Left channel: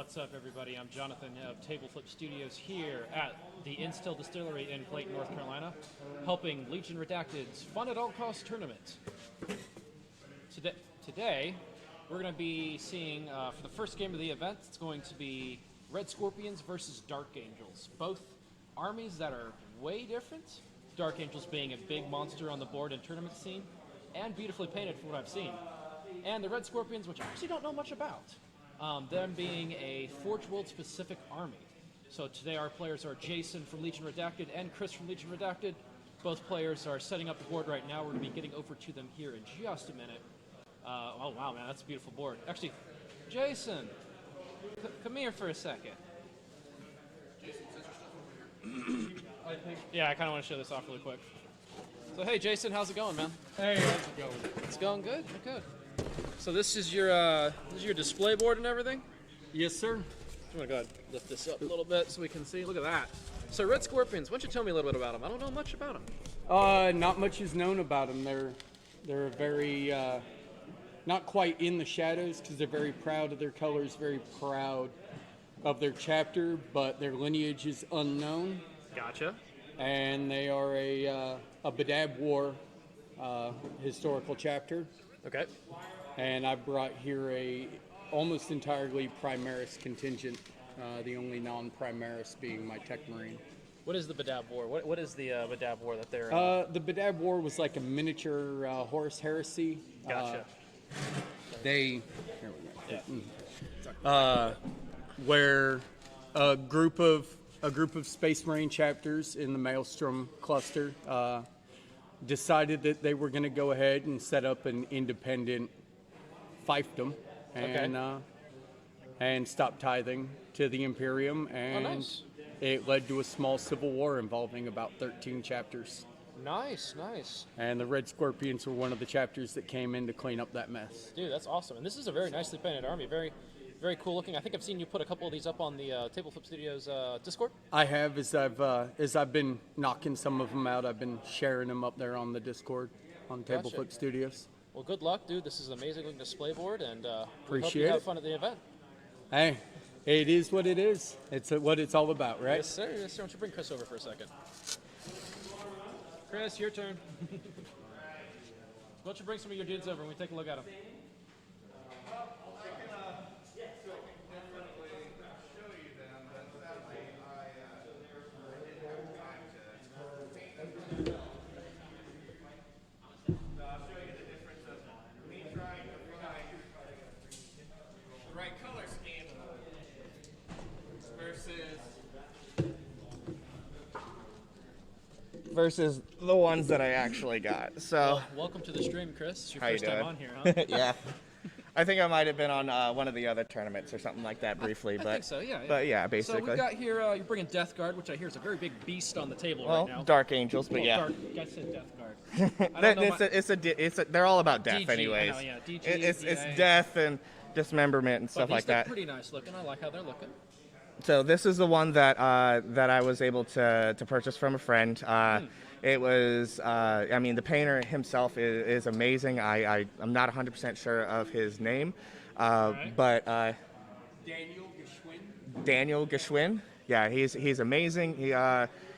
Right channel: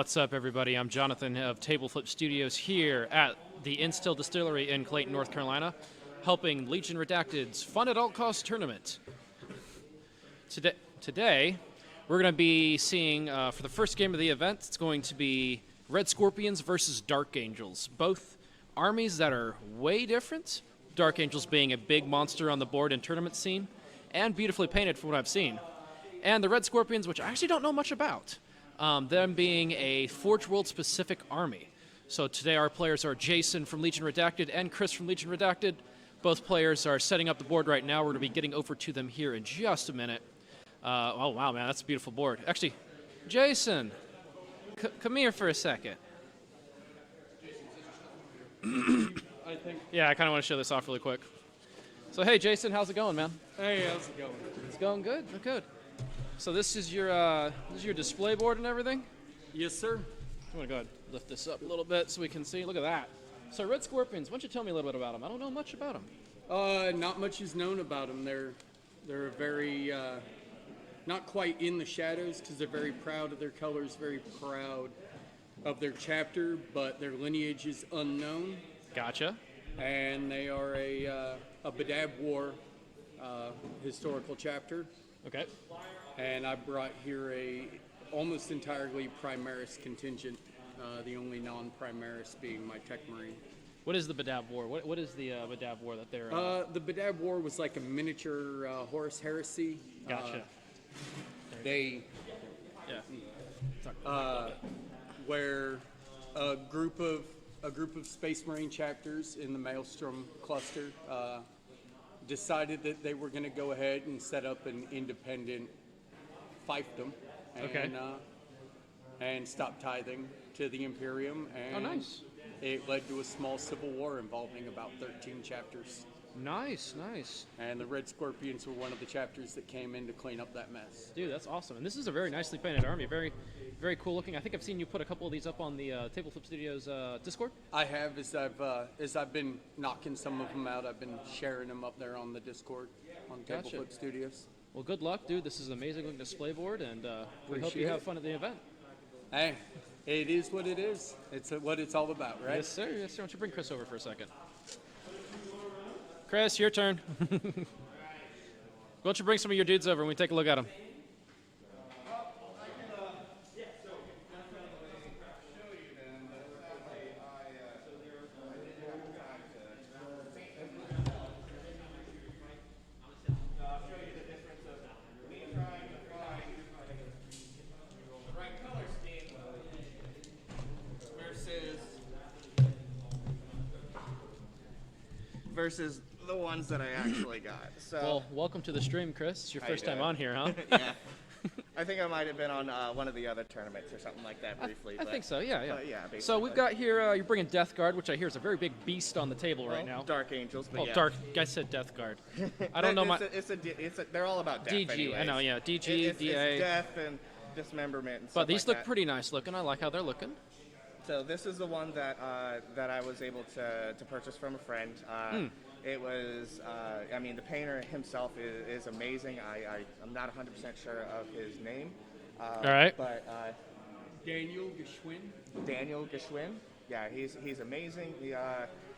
What's up, everybody? I'm Jonathan of Table Flip Studios here at the Instill Distillery in Clayton, North Carolina, helping Legion Redacteds Fun at All Costs tournament. Today we're going to be seeing, for the first game of the event, it's going to be Red Scorpions versus Dark Angels. Both armies that are way different. Dark Angels being a big monster on the board and tournament scene, and beautifully painted from what I've seen. And the Red Scorpions, which I actually don't know much about. Them being a Forge World specific army. So today our players are Jason from Legion Redacted and Chris from Legion Redacted. Both players are setting up the board right now. We're going to be getting over to them here in just a minute. Oh wow, man, that's a beautiful board. Actually, Jason, come here for a second. Yeah, I kind of want to show this off really quick. So hey, Jason, how's it going, man? Hey, how's it going? It's going good. Good. So this is your display board and everything? Yes, sir. I'm gonna go ahead and lift this up a little bit so we can see. Look at that. So Red Scorpions, why don't you tell me a little bit about them? I don't know much about them. Not much is known about them. They're very not quite in the shadows because they're very proud of their colors, very proud of their chapter, but their lineage is unknown. Gotcha. And they are a Badab War historical chapter. Okay. And I brought here a almost entirely Primaris contingent, the only non-Primaris being my Tech Marine. What is the Badab War? What is the Badab War that they're... The Badab War was like a miniature Horus Heresy. Gotcha. Where a group of Space Marine chapters in the Maelstrom cluster decided that they were going to go ahead and set up an independent fiefdom and stop tithing to the Imperium, and nice. It led to a small civil war involving about 13 chapters. Nice. And the Red Scorpions were one of the chapters that came in to clean up that mess. Dude, that's awesome. And this is a very nicely painted army. Very, very cool looking. I think I've seen you put a couple of these up on the Table Flip Studios Discord. I have, as I've been knocking some of them out, I've been sharing them up there on the Discord on Table Flip Studios. Well, good luck, dude. This is an amazing looking display board, and we hope you Appreciate have it. fun at the event. Hey, it is what it is. It's what it's all about, right? Yes, sir. Yes, sir. Why don't you bring Chris over for a second? Chris, your turn. Why don't you bring some of your dudes over and we take a look at them? Versus the ones that I actually got. So, Well, welcome to the stream, Chris. It's your How you first time doing? on here, huh? yeah. I think I might have been on one of the other tournaments or something like that briefly. I think so, yeah. But yeah, basically. So we've got here, you're bringing Death Guard, which I hear is a very big beast on the table well, right now. Dark Angels, but Well, yeah. Dark. I said Death Guard. I don't know. They're all about death, DG, anyways. I know, yeah. DG, It's DA. death and dismemberment and But stuff these like look that. pretty nice looking. I like how they're looking. So this is the one that I was able to purchase from a friend. It was, I mean, the painter himself is amazing. I'm not 100% sure of his name. All right. But Daniel Geschwin. yeah, he's amazing.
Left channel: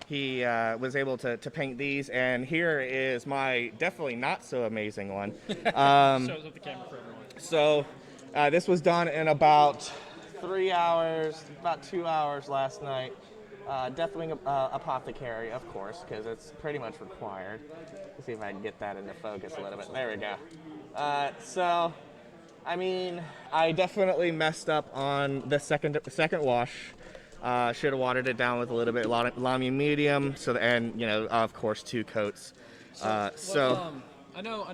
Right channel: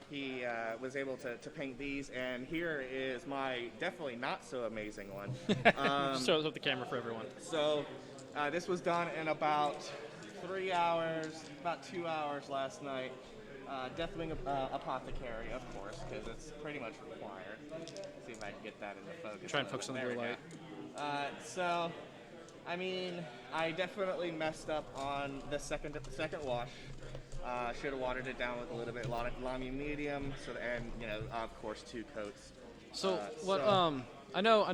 He was able to paint these, and here is my definitely not so amazing one. Shows up the camera for everyone. So this was done in about 3 hours, about 2 hours last night. Deathwing Apothecary, of course, because it's pretty much required. Let's see if I can get that into focus Try a and little focus bit. on There the we go. light. So, I mean, I definitely messed up on the second wash. Should have watered it down with a little bit Lamy medium, and of course 2 coats. I know.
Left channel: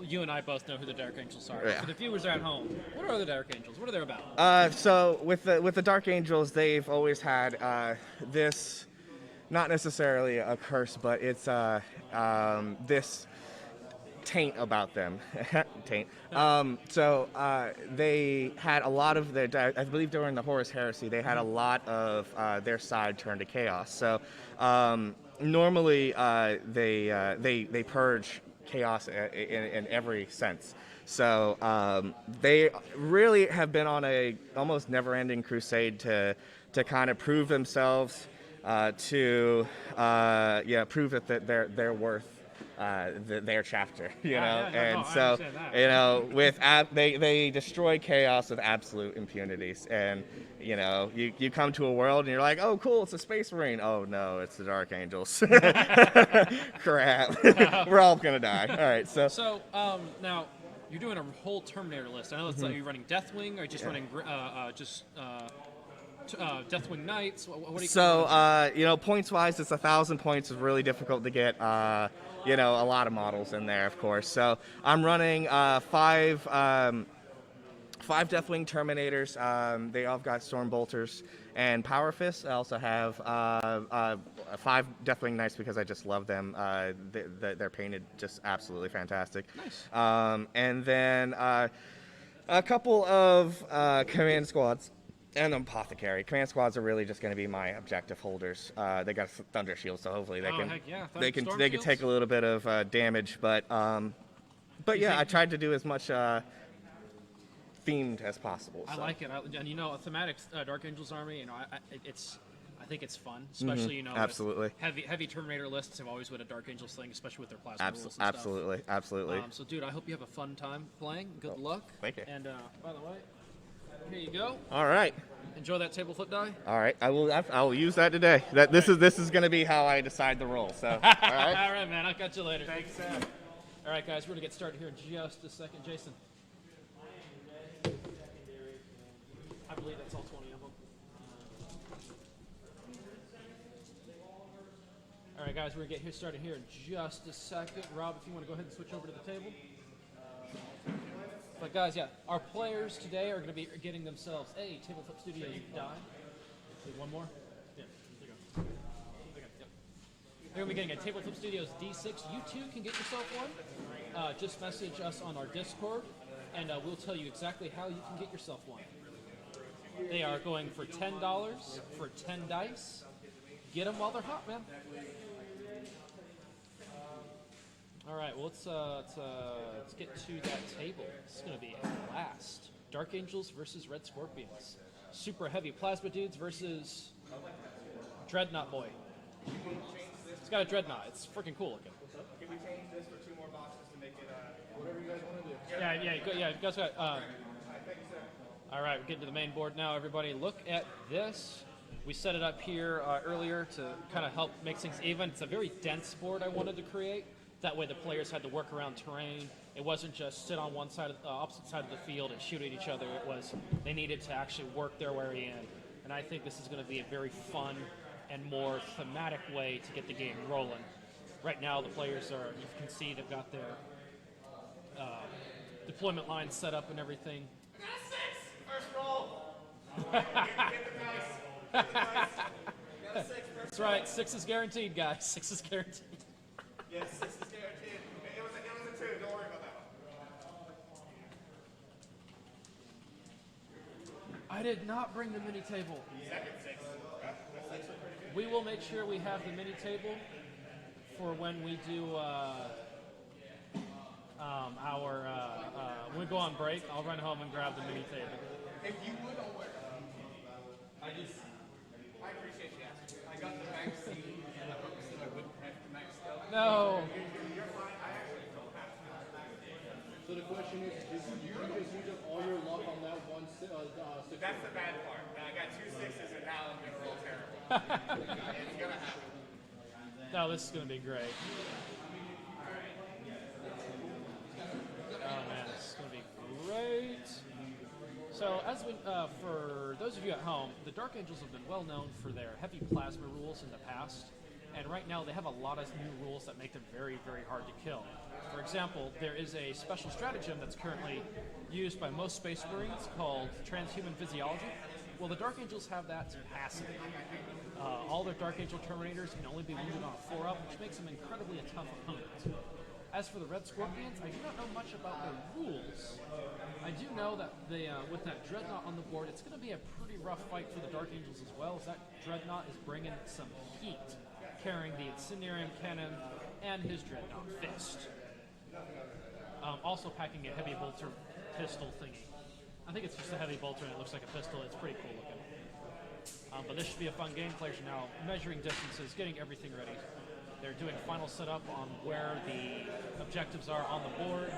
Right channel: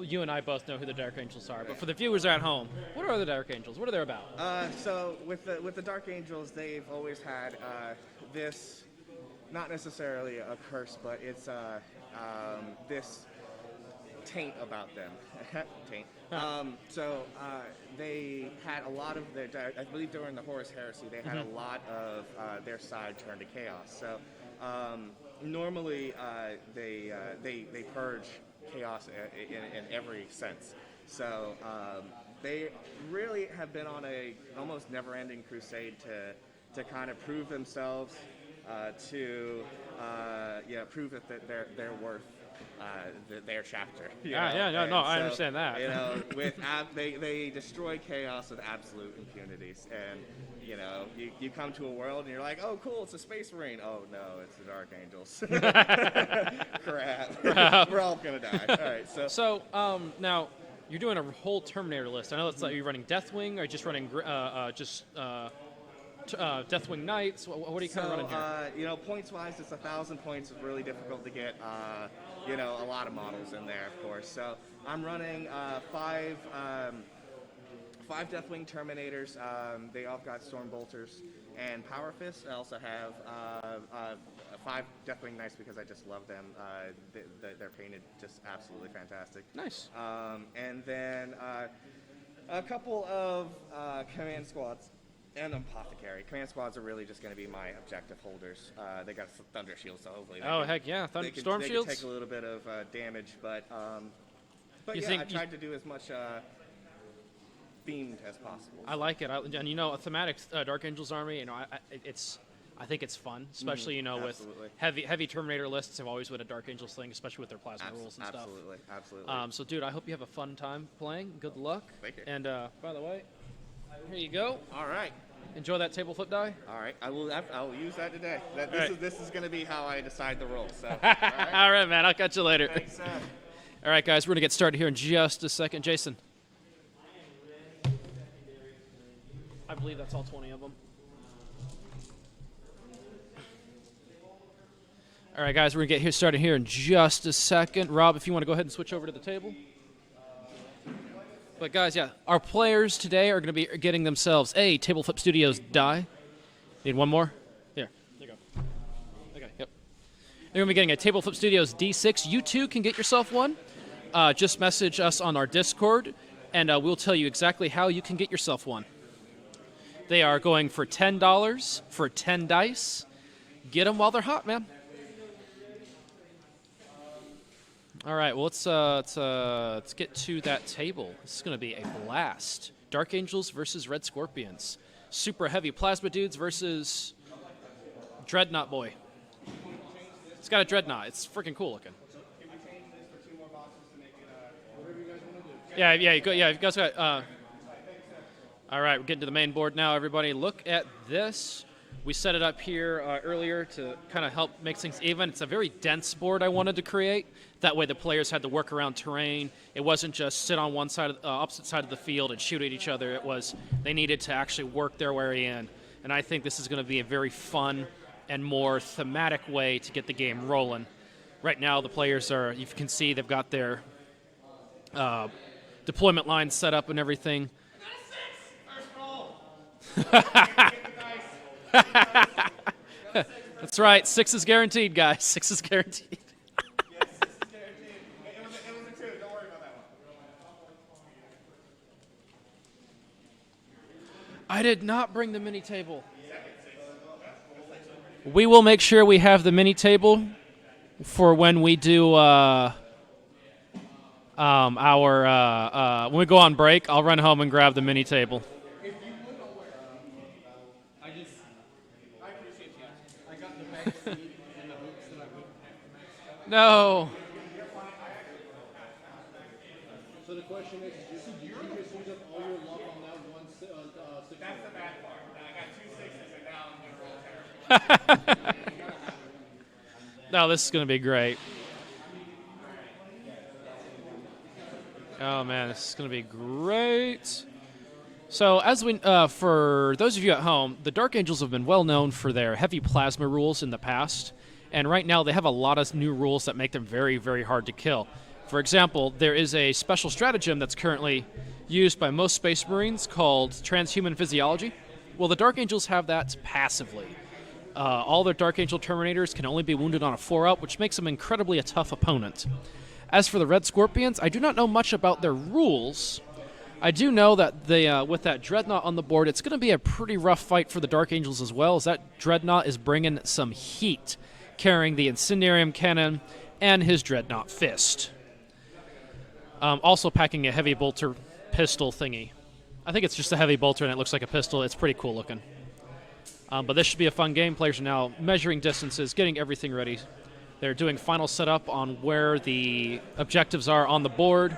You and I both know who the Dark Angels are. Yeah. For the viewers at home, what are the Dark Angels? What are they about? So with the Dark Angels, they've always had this, not necessarily a curse, but it's this taint about them. Taint. So they had a lot of their, I believe during the Horus Heresy, they had a lot of their side turned to chaos. So normally they purge chaos in every sense. So they really have been on a almost never-ending crusade to kind of prove themselves, to prove that they're worth their chapter. You know? I understand that. You know, they destroy chaos with absolute impunities, and you know, you come to a world and you're like, oh, cool, it's a Space Marine. Oh no, it's the Dark Angels. Crap, we're all gonna die. All right, So now you're doing a whole Terminator list. I know it's like you're running Deathwing, or just running Deathwing Knights. What do you? So you know, points wise, it's 1,000 points is really difficult to get. You know, a lot of models in there, of course. So I'm running five Deathwing Terminators. They all got Storm Bolters and Power Fists. I also have 5 Deathwing Knights because I just love them. They're painted just absolutely fantastic. Nice. And then a couple of command squads and Apothecary. Command squads are really just going to be my objective holders. They got Thunder Shield, so hopefully they can take a little bit of damage. But yeah, I tried to do as much themed as possible. I like it, and you know, a thematic Dark Angels army. You know, I think it's fun, especially you know, absolutely. With heavy Terminator lists have always been a Dark Angels thing, especially with their plasma rules and absolutely, stuff. Absolutely. So, dude, I hope you have a fun time playing. Good luck. Thank you. And by the way, here you go. All right. Enjoy that table flip die. All right, I will use that today. This is going to be how I decide the rules. So, all right. All right, man. I'll catch you later. Thanks, All right, guys, we're gonna get started here in just a second. Jason. I believe that's all 20 of them. All right, guys, we're going to get started here in just a second. Rob, if you want to go ahead and switch over to the table. But, guys, yeah, our players today are going to be getting themselves a Table Flip Studios die. Need one more? Here. There you go. Okay, yep. They're going to be getting a Table Flip Studios D6. You, too, can get yourself one. Just message us on our Discord, and we'll tell you exactly how you can get yourself one. They are going for $10 for 10 dice. Get them while they're hot, man. All right, well, let's get to that table. This is going to be a blast. Dark Angels versus Red Scorpions. Super heavy plasma dudes versus Dreadnought boy. It's got a Dreadnought. It's freaking cool looking. Can we change this for 2 more boxes to make it whatever you guys want to do? Yeah, you guys got. All right, we're getting to the main board now, everybody. Look at this. We set it up here earlier to kind of help make things even. It's a very dense board I wanted to create. That way the players had to work around terrain. It wasn't just sit on one side, of opposite side of the field and shoot at each other. It was they needed to actually work their way in. And I think this is going to be a very fun and more thematic way to get the game rolling. Right now the players are, you can see they've got their deployment lines set up and everything. That's right. 6 is guaranteed, guys. 6 is guaranteed. Yes, 6 is guaranteed. It was a 2. Don't worry about that one. I did not bring the mini table. We will make sure we have the mini table for when we do when we go on break. I'll run home and grab the mini table. No. So the question is, you're going to use up all your luck on that one. That's the bad part. I got 2 6s and now I'm going to roll terrible. No, this is going to be great. Oh man, this is going to be great. So, as we, for those of you at home, the Dark Angels have been well known for their heavy plasma rules in the past. And right now, they have a lot of new rules that make them very, very hard to kill. For example, there is a special stratagem that's currently used by most Space Marines called Transhuman Physiology. Well, the Dark Angels have that passively. All their Dark Angel Terminators can only be wounded on a 4-up, which makes them incredibly a tough opponent. As for the Red Scorpions, I do not know much about their rules. I do know that they, with that Dreadnought on the board, it's going to be a pretty rough fight for the Dark Angels as well, as that Dreadnought is bringing some heat, carrying the Incendiarium Cannon and his Dreadnought Fist. Also packing a heavy bolter pistol thingy. I think it's just a heavy bolter and it looks like a pistol. It's pretty cool looking. But this should be a fun game. Players are now measuring distances, getting everything ready. They're doing final setup on where the objectives are on the board.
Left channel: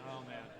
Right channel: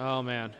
Oh, man.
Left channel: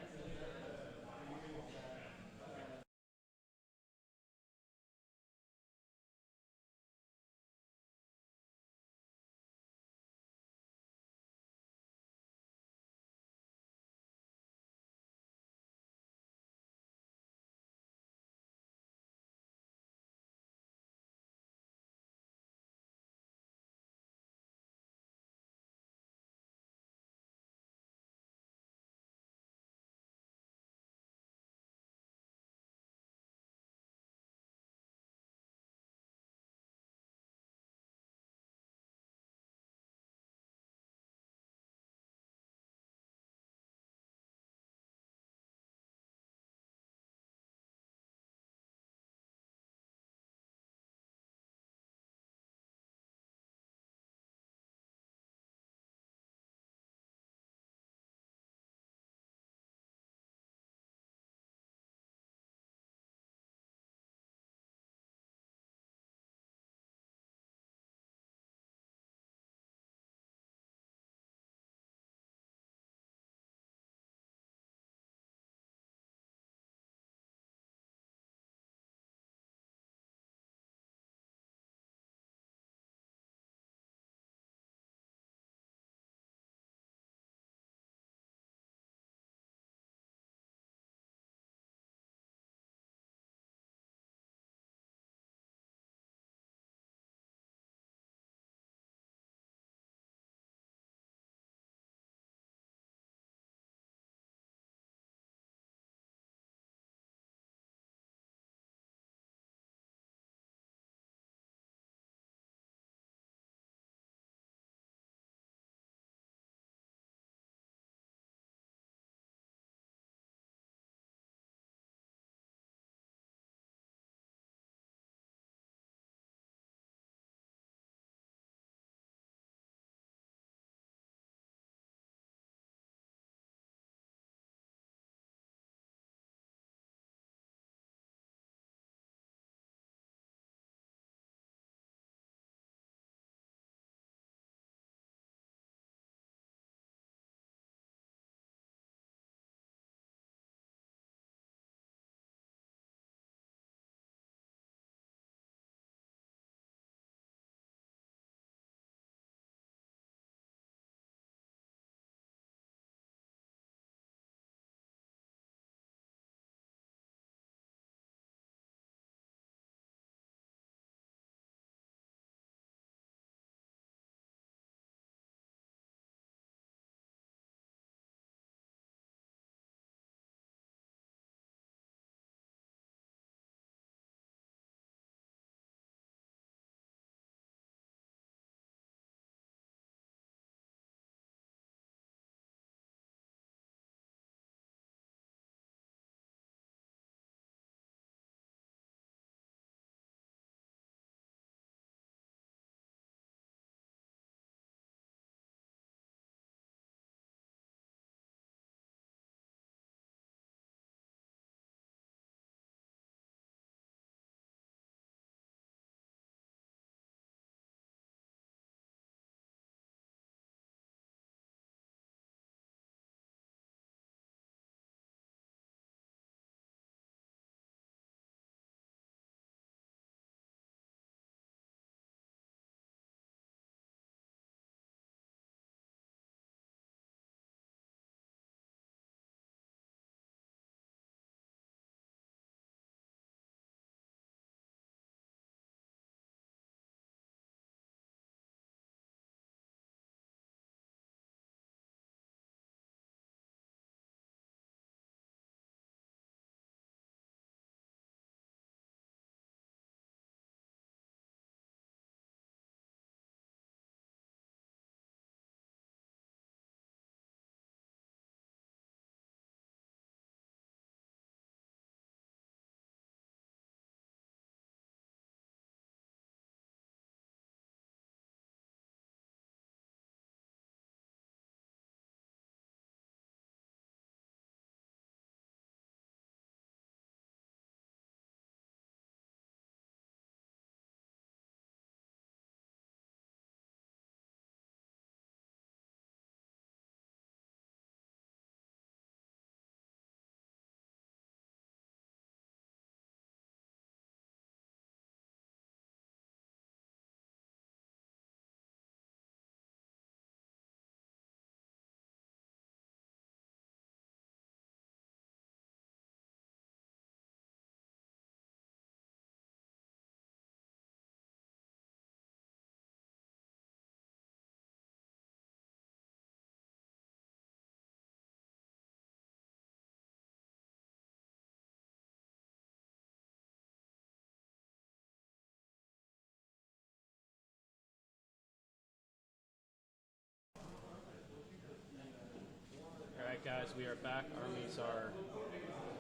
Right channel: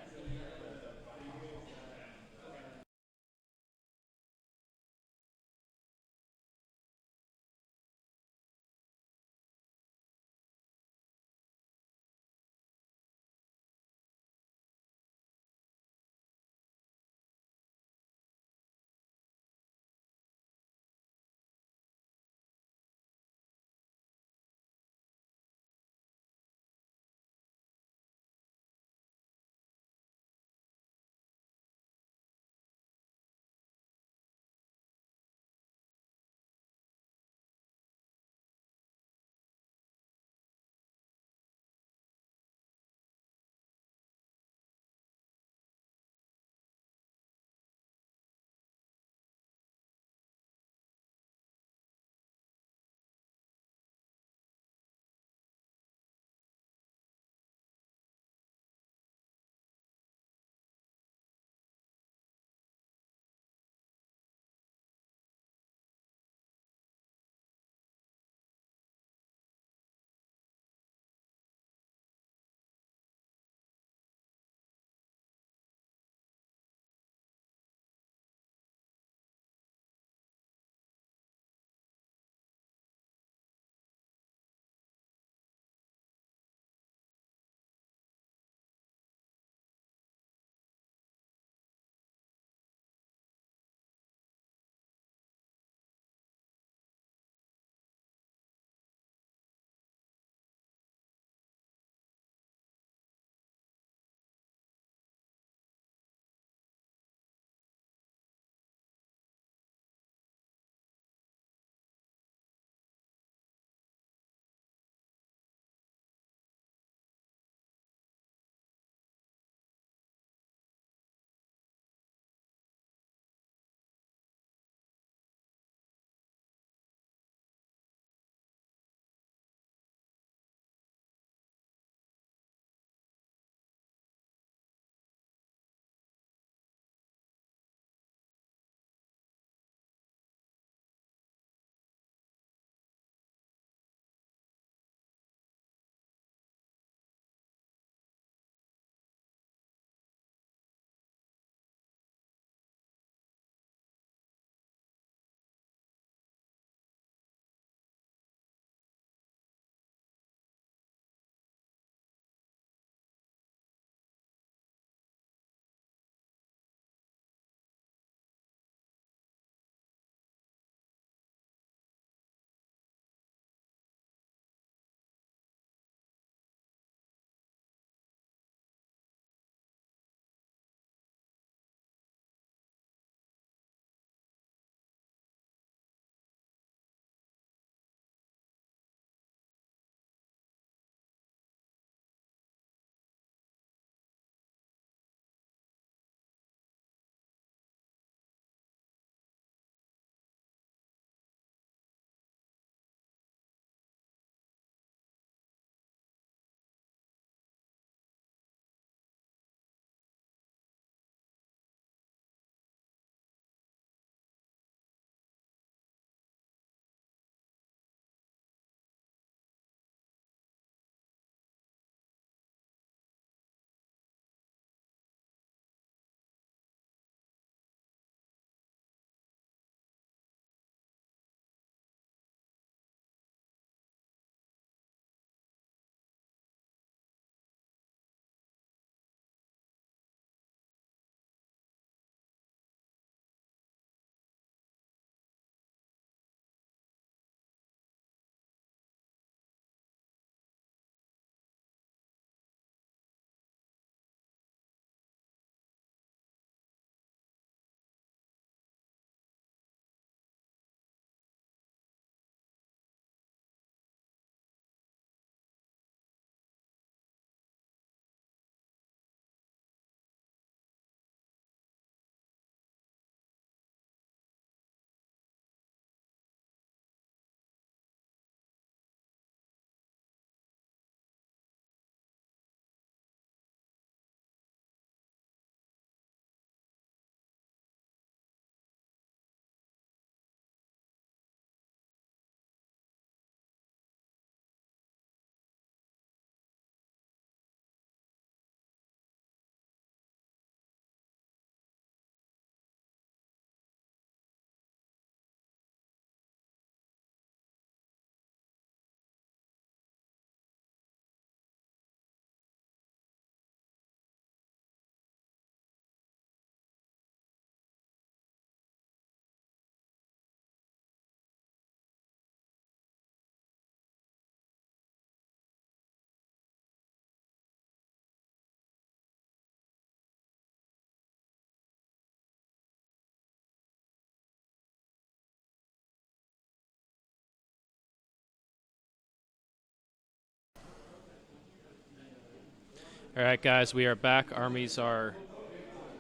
All right, guys, we are back. Armies are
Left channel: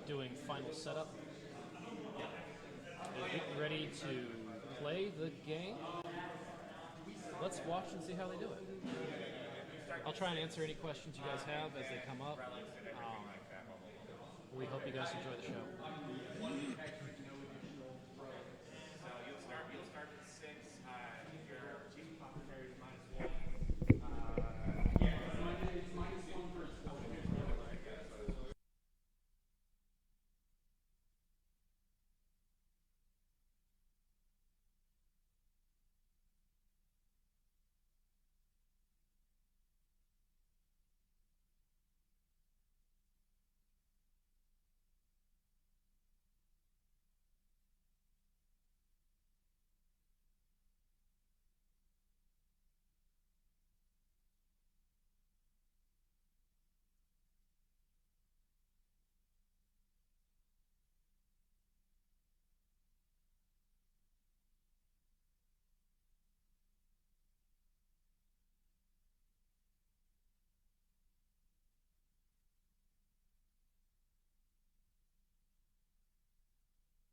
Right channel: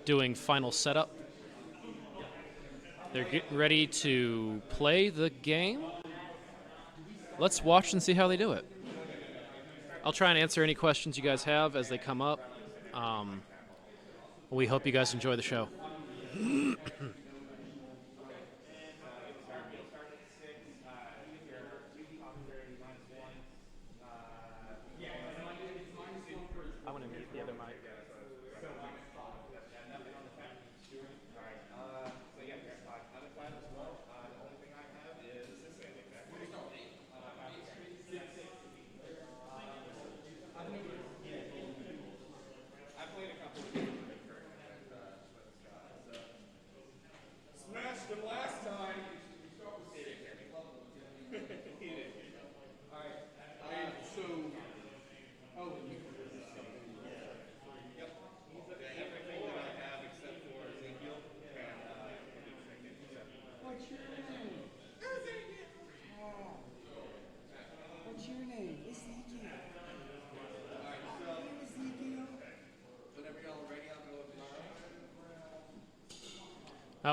doing final setup. They're getting ready to play the game. Let's watch and see how they do it. I'll try and answer any questions you guys have as they come up. We hope you guys enjoy the show.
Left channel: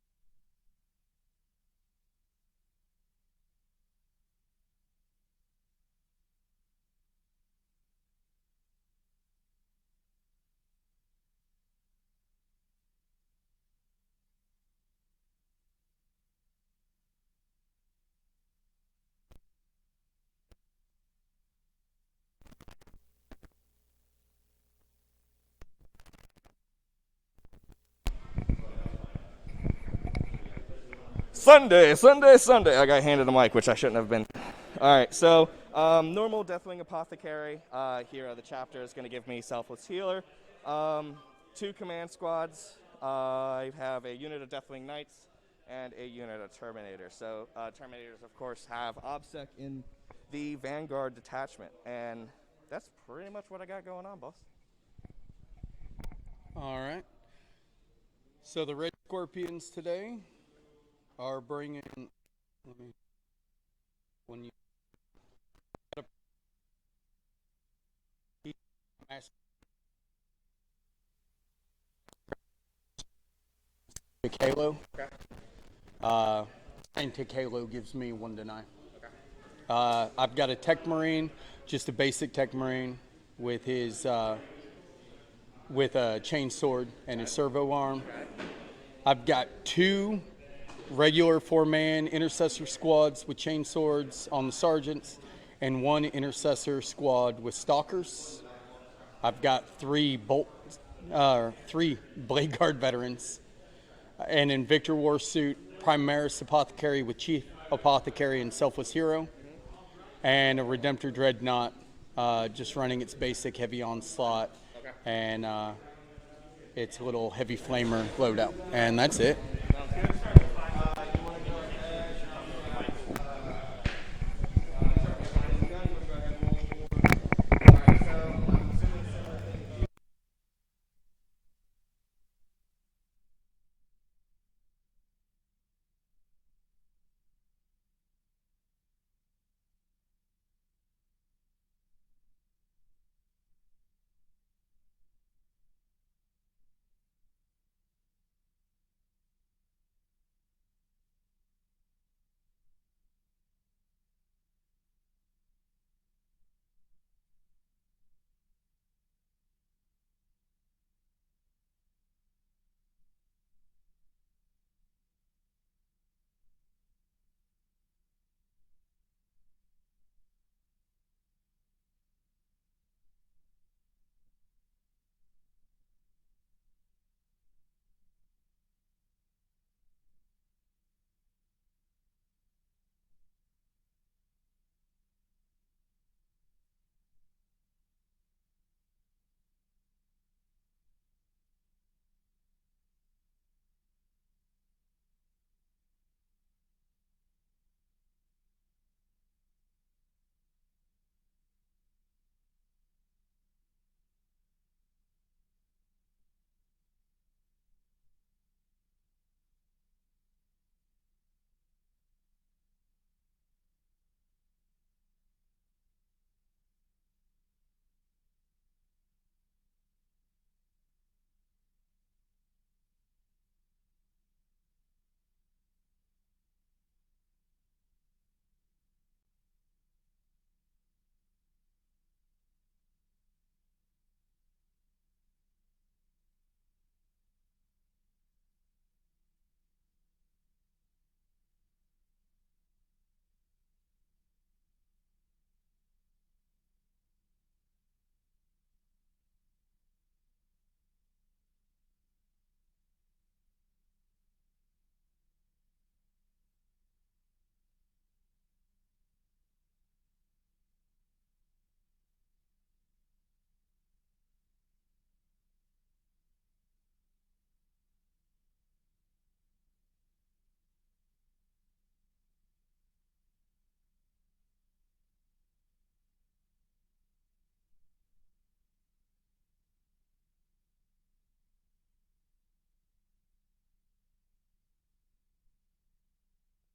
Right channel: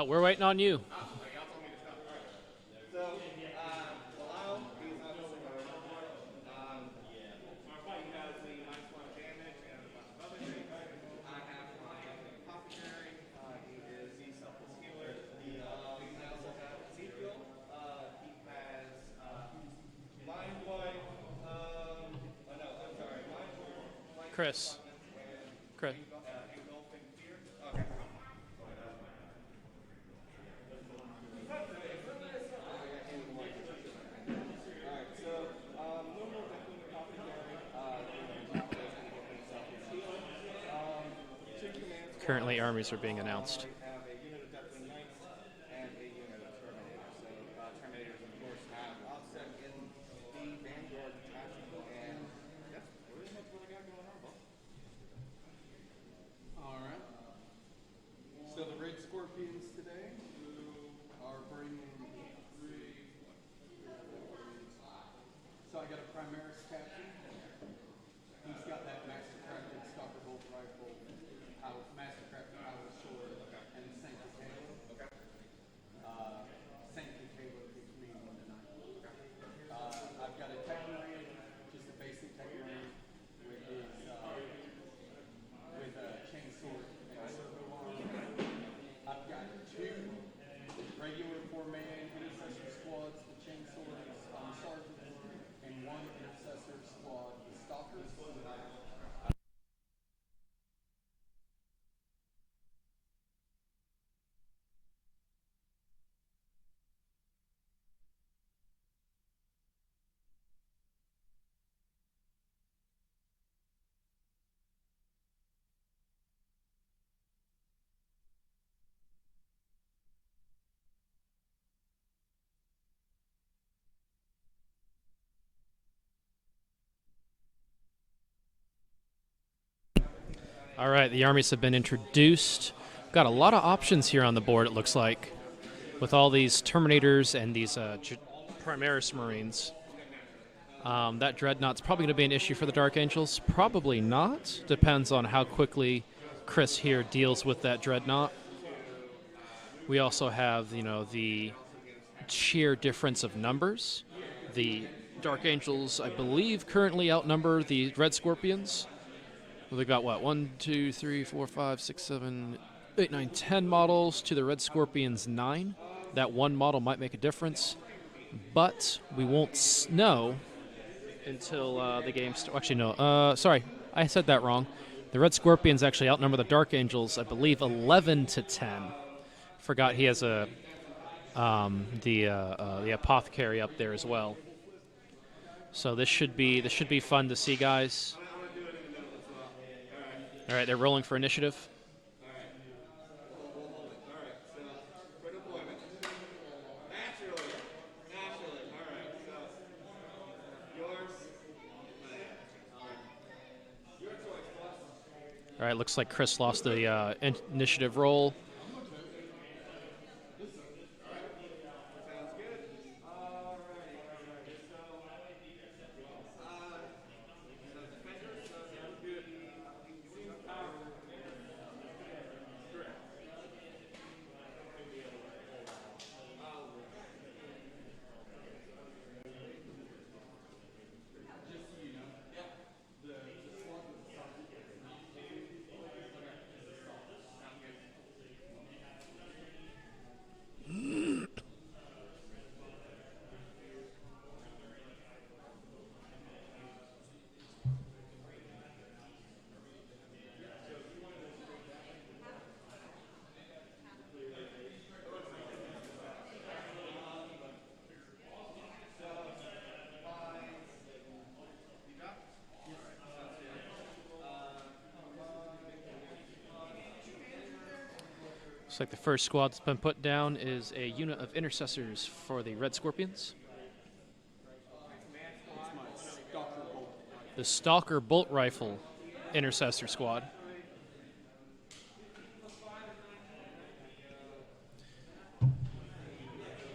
We're waiting on you. Chris. Sunday. I got handed a mic, which I shouldn't have been. All right, so normal Deathwing Apothecary here at the chapter is going to give me Selfless Healer. 2 command squads. Currently, armies are being announced. I have a unit of Deathwing Knights and a unit of Terminators. So Terminators, of course, have offset in the Vanguard detachment, and that's pretty much what I got going on, boss. All right. So the Red Scorpions today are bringing one. So I got a Primaris captain. He's got that Mastercrafted Stalker Bolt rifle, Mastercrafted power sword, and the Saint Halo. Okay. Saint Halo gives me 1 to 9. Okay. I've got a Tech Marine, just a basic Tech Marine with his with a chain sword and a servo arm. I've got 2 regular 4-man intercessor squads with chain swords on the sergeants and 1 intercessor squad with stalkers. I've got 3 Blade Guard veterans, an Invictor War suit, Primaris Apothecary with Chief Apothecary and Selfless Hero, and a Redemptor Dreadnought, just running its basic heavy onslaught and its little heavy flamer loadout, and that's it. All right, the armies have been introduced. Got a lot of options here on the board, it looks like, with all these Terminators and these Primaris Marines. That Dreadnought's probably going to be an issue for the Dark Angels. Probably not. Depends on how quickly Chris here deals with that Dreadnought. We also have, the sheer difference of numbers. The Dark Angels, I believe, currently outnumber the Red Scorpions. Well, they've got, 1, 2, 3, 4, 5, 6, 7, 8, 9, 10 models to the Red Scorpions 9. That 1 model might make a difference, but we won't know until the game starts. Actually, no. Sorry, I said that wrong. The Red Scorpions actually outnumber the Dark Angels, I believe, 11 to 10. Forgot he has the Apothecary up there as well. So this should be fun to see, guys. All right, they're rolling for initiative. All right, looks like Chris lost the initiative roll. Looks like the first squad that's been put down is a unit of intercessors for the Red Scorpions. The Stalker Bolt Rifle Intercessor Squad.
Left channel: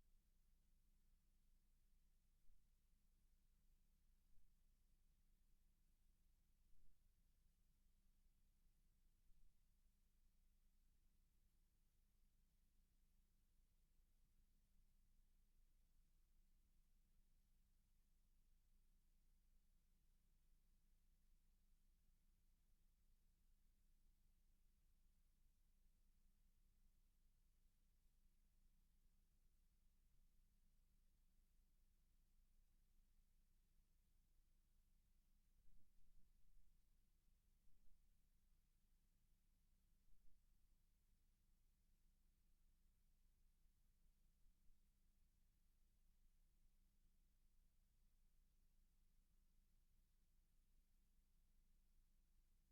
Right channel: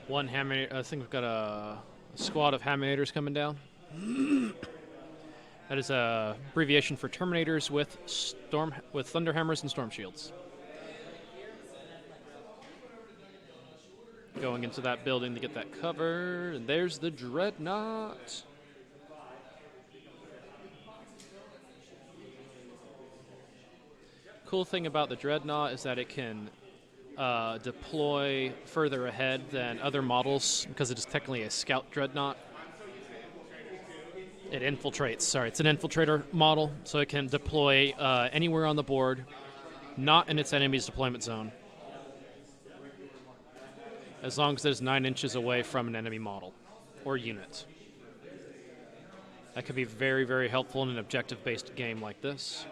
One hammer. I think we've got a squad of Hamminators coming down. That is a abbreviation for Terminators with Thunder Hammers and Storm Shields. Going into that building to get that cover, and there's the Dreadnought. Cool thing about the Dreadnought is that it can deploy further ahead than other models because it is technically a scout Dreadnought. It infiltrates. Sorry, it's an infiltrator model, so it can deploy anywhere on the board, not in its enemy's deployment zone, as long as it's 9 inches away from an enemy model or unit. That could be very, very helpful in an objective-based game like this.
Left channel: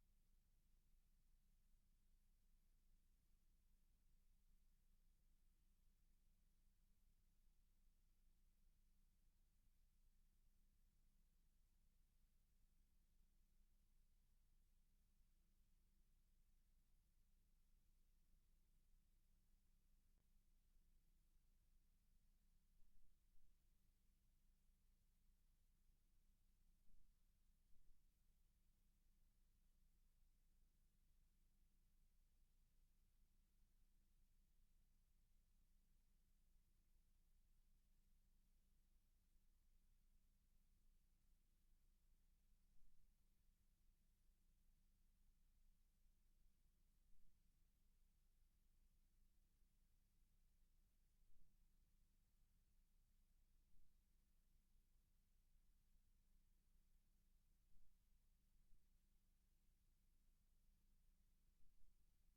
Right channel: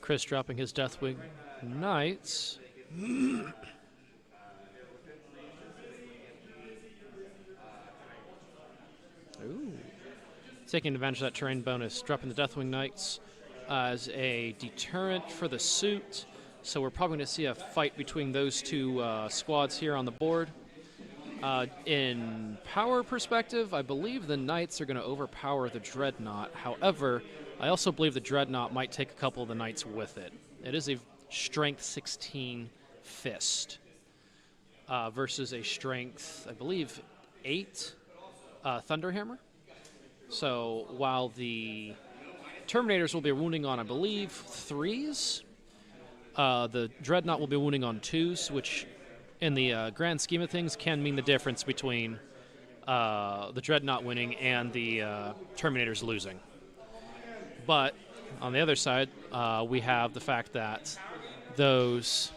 Chris dropping his Deathwing Knights. Ooh. Taking advantage of that terrain bonus, dropping the Deathwing Knights as a deterrent for the suit. So we're probably going to see a fight between those two squads here on the board. In power perspective, I believe the Knights are going to overpower the Dreadnought. However, I also believe the Dreadnought might take a couple of the Knights with it. It is a strength 16 fist versus a strength, I believe, 8 Thunderhammer. So while the Terminators will be wounding on, I believe, 3s, the Dreadnought will be wounding on 2s, which in the grand scheme of things can mean the difference between the Dreadnought winning and the Terminators losing. But on the other side, we have the fact that those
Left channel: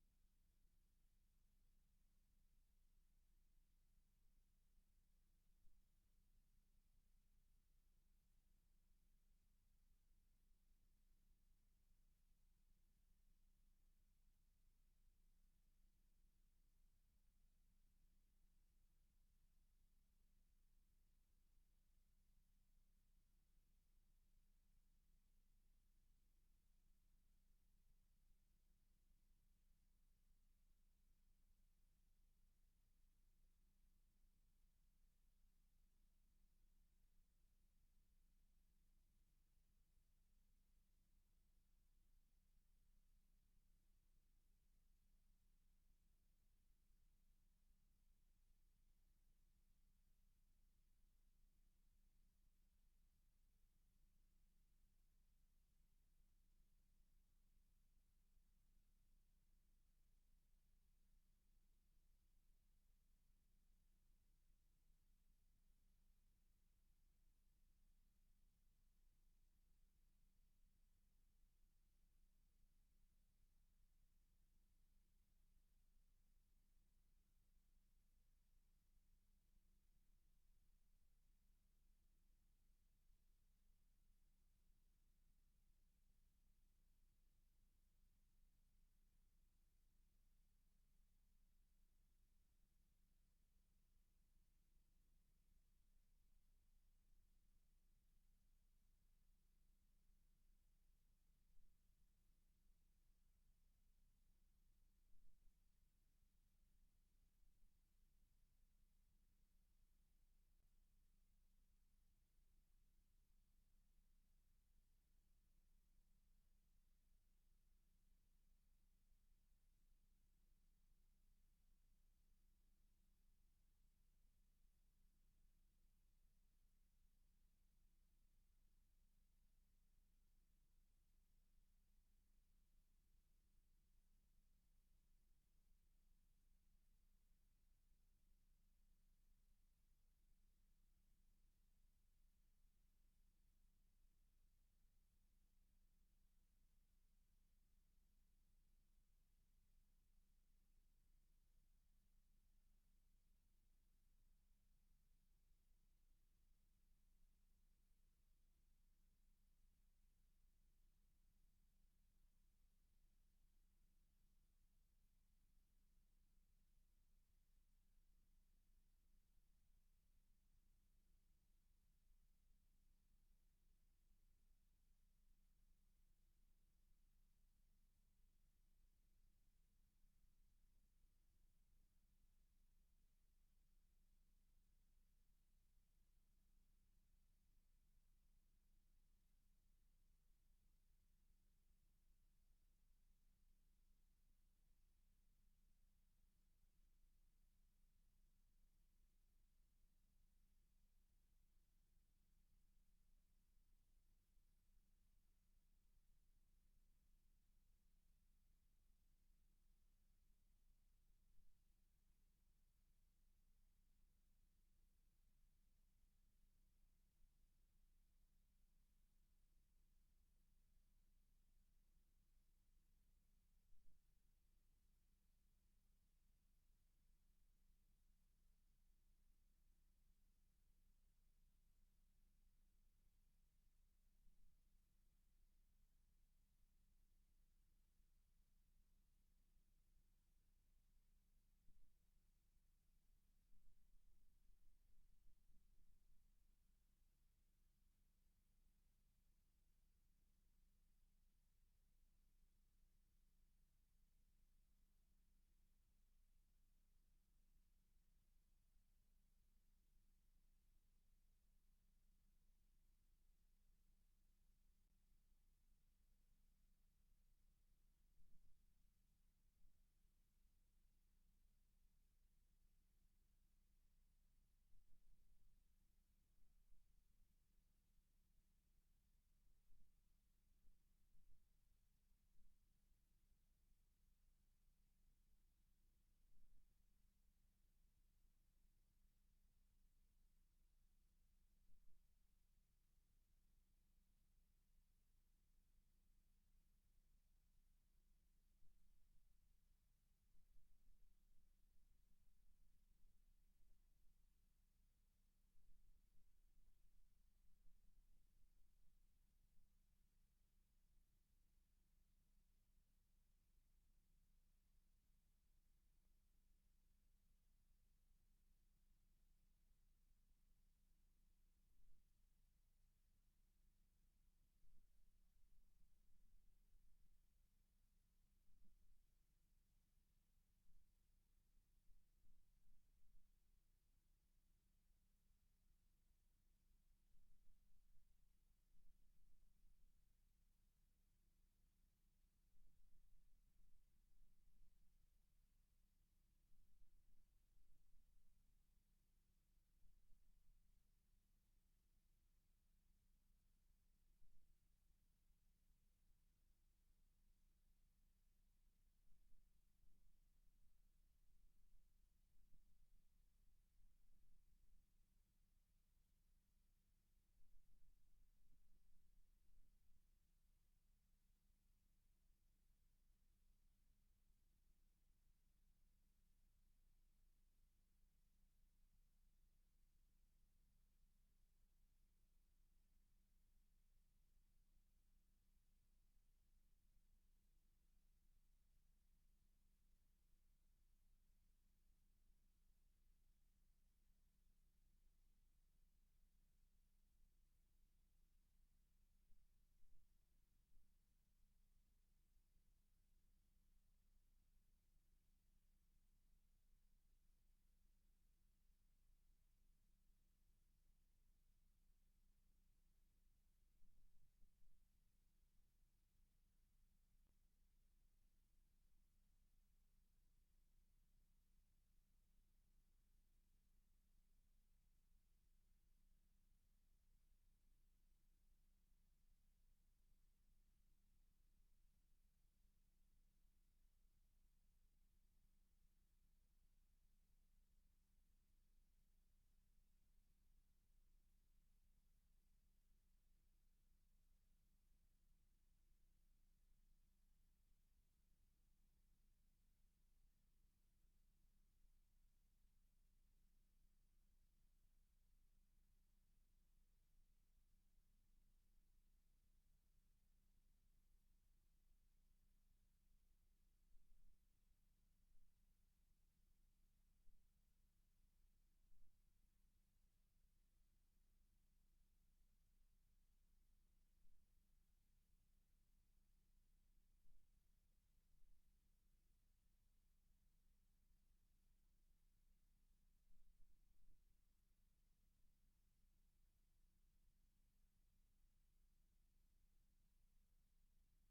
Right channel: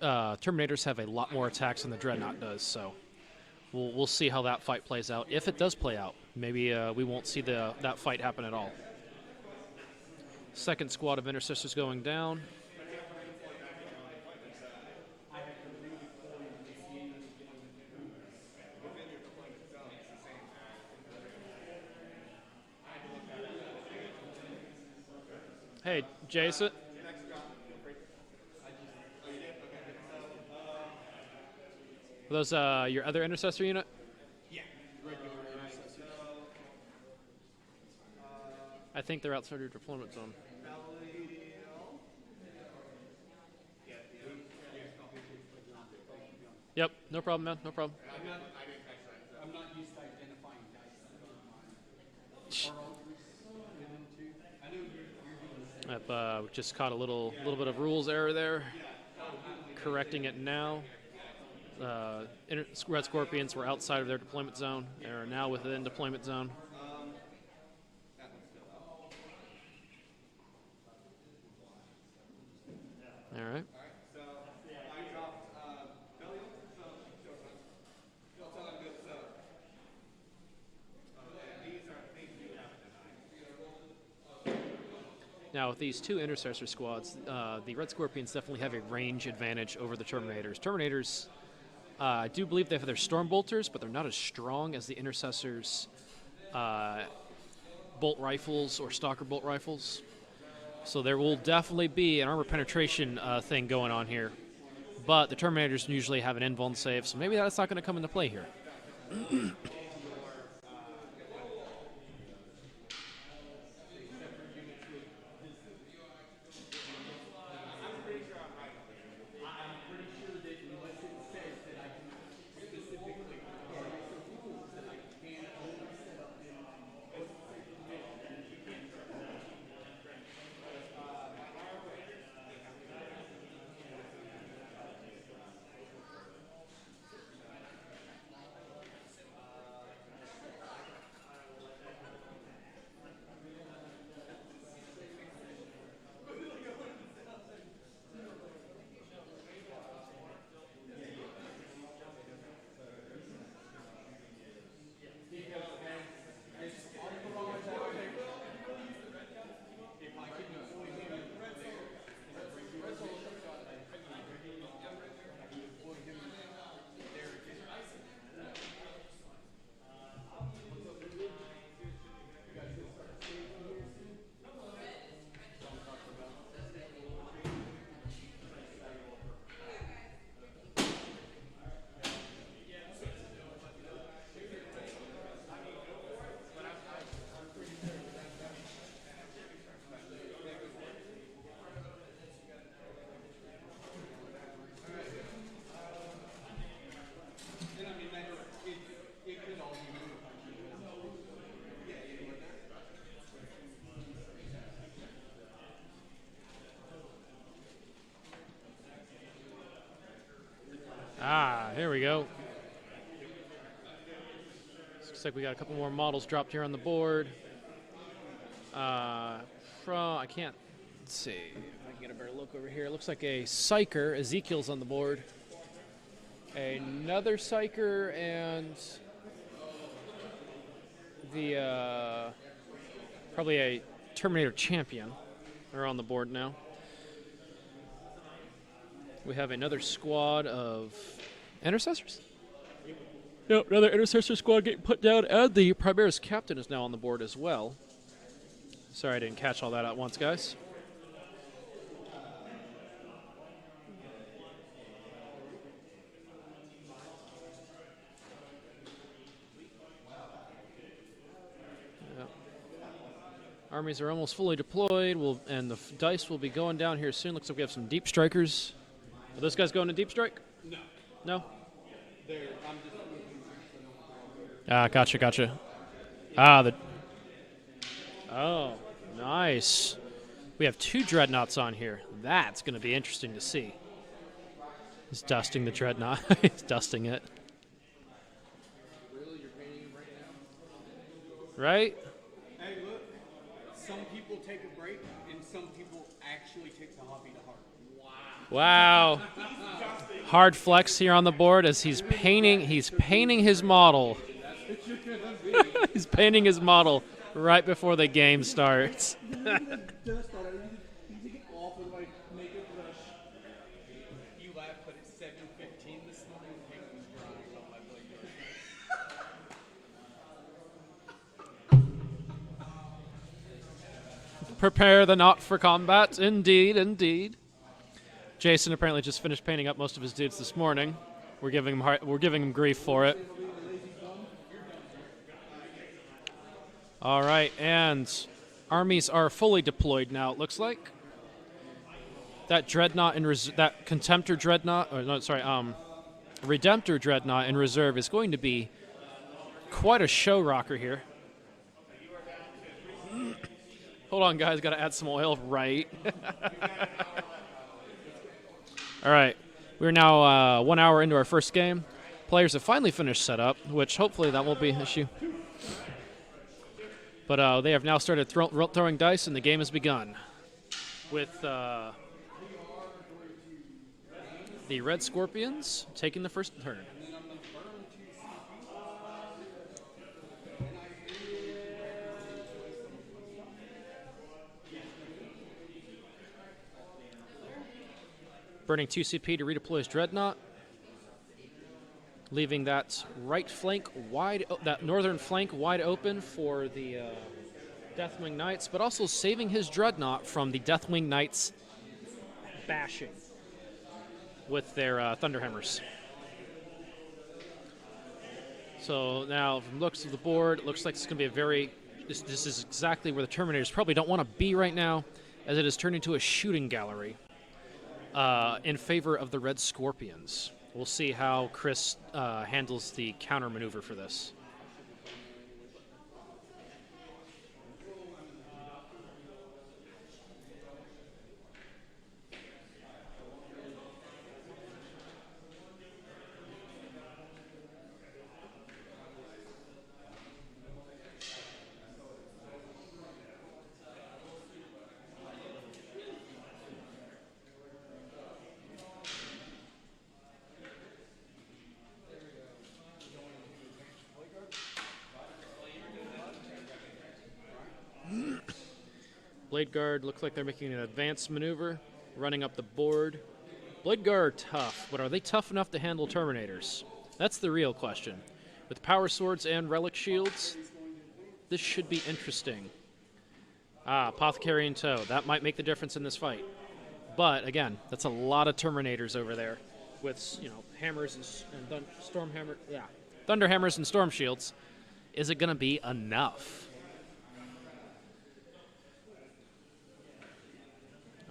Terminators have a lot more attacks than the Dreadnought does. So we'll see how that fight plays out. If it does play out, maybe we won't see that fight happen at all. Second squad of Intercessors going down. Hey, Jason. Are those your other intercessor unit? Yeah, regular intercessors. I think they're outside your deployment zone. Yep, no problem, man. No problem. I'm not used to identifying dice. I've just caught a little bit of rules error there. Correcting it now. Red Scorpions were outside of their deployment zone. They are now within deployment zone. All right. Now, with these two Intercessor squads, the Red Scorpions definitely have a range advantage over the Terminators. Terminators, I do believe they have their Storm Bolters, but they're not as strong as the Intercessors' bolt rifles or Stalker bolt rifles. So there will definitely be an armor penetration thing going on here. But the Terminators usually have an invuln save, so maybe that's not going to come into play here. like we got a couple more models dropped here on the board. I can't see if I can get a better look over here. It looks like a Psyker. Ezekiel's on the board. Another Psyker and the probably a Terminator Champion are on the board now. We have another squad of Intercessors. Yep, another Intercessor squad getting put down, and the Primaris Captain is now on the board as well. Sorry I didn't catch all that at once, guys. Yep. Armies are almost fully deployed, and the dice will be going down here soon. Looks like we have some Deep Strikers. Are those guys going to Deep Strike? No. No? Gotcha. Oh, nice. We have 2 Dreadnoughts on here. That's going to be interesting to see. He's dusting the Dreadnought. He's dusting it. Right? Hey, look. Some people take a break, and some people actually take the hobby to heart. Wow. Hard flex here on the board as he's painting his model. He's painting his model right before the game starts. You laugh, but it's 7:15 this morning. Paint was drying on my blade. Prepare the knot for combat. Indeed, indeed. Jason apparently just finished painting up most of his dudes this morning. We're giving him grief for it. All right, and armies are fully deployed now. It looks like that Dreadnought in that Contemptor Dreadnought, or no, sorry, Redemptor Dreadnought in reserve is going to be quite a show rocker here. Hold on, guys. Got to add some oil. Right. All right. We're now 1 hour into our first game. Players have finally finished setup, which hopefully that won't be an issue. But they have now started throwing dice, and the game has begun. With the Red Scorpions taking the first turn. Burning 2 CP to redeploy his Dreadnought, leaving that right flank that northern flank wide open for the Deathwing Knights, but also saving his Dreadnought from the Deathwing Knights bashing with their Thunderhammers. So now, from looks of the board, it looks like it's going to be a very. This is exactly where the Terminators probably don't want to be right now, as it has turned into a shooting gallery. In favor of the Red Scorpions. We'll see how Chris handles the counter maneuver for this. Blade Guard looks like they're making an advanced maneuver, running up the board. Blade Guard are tough, but are they tough enough to handle Terminators? That's the real question. With power swords and relic shields, this should be interesting. Apothecary in tow. That might make the difference in this fight. But again, that's a lot of Terminators over there, with hammers and thunder hammers and storm shields. Is it going to be enough?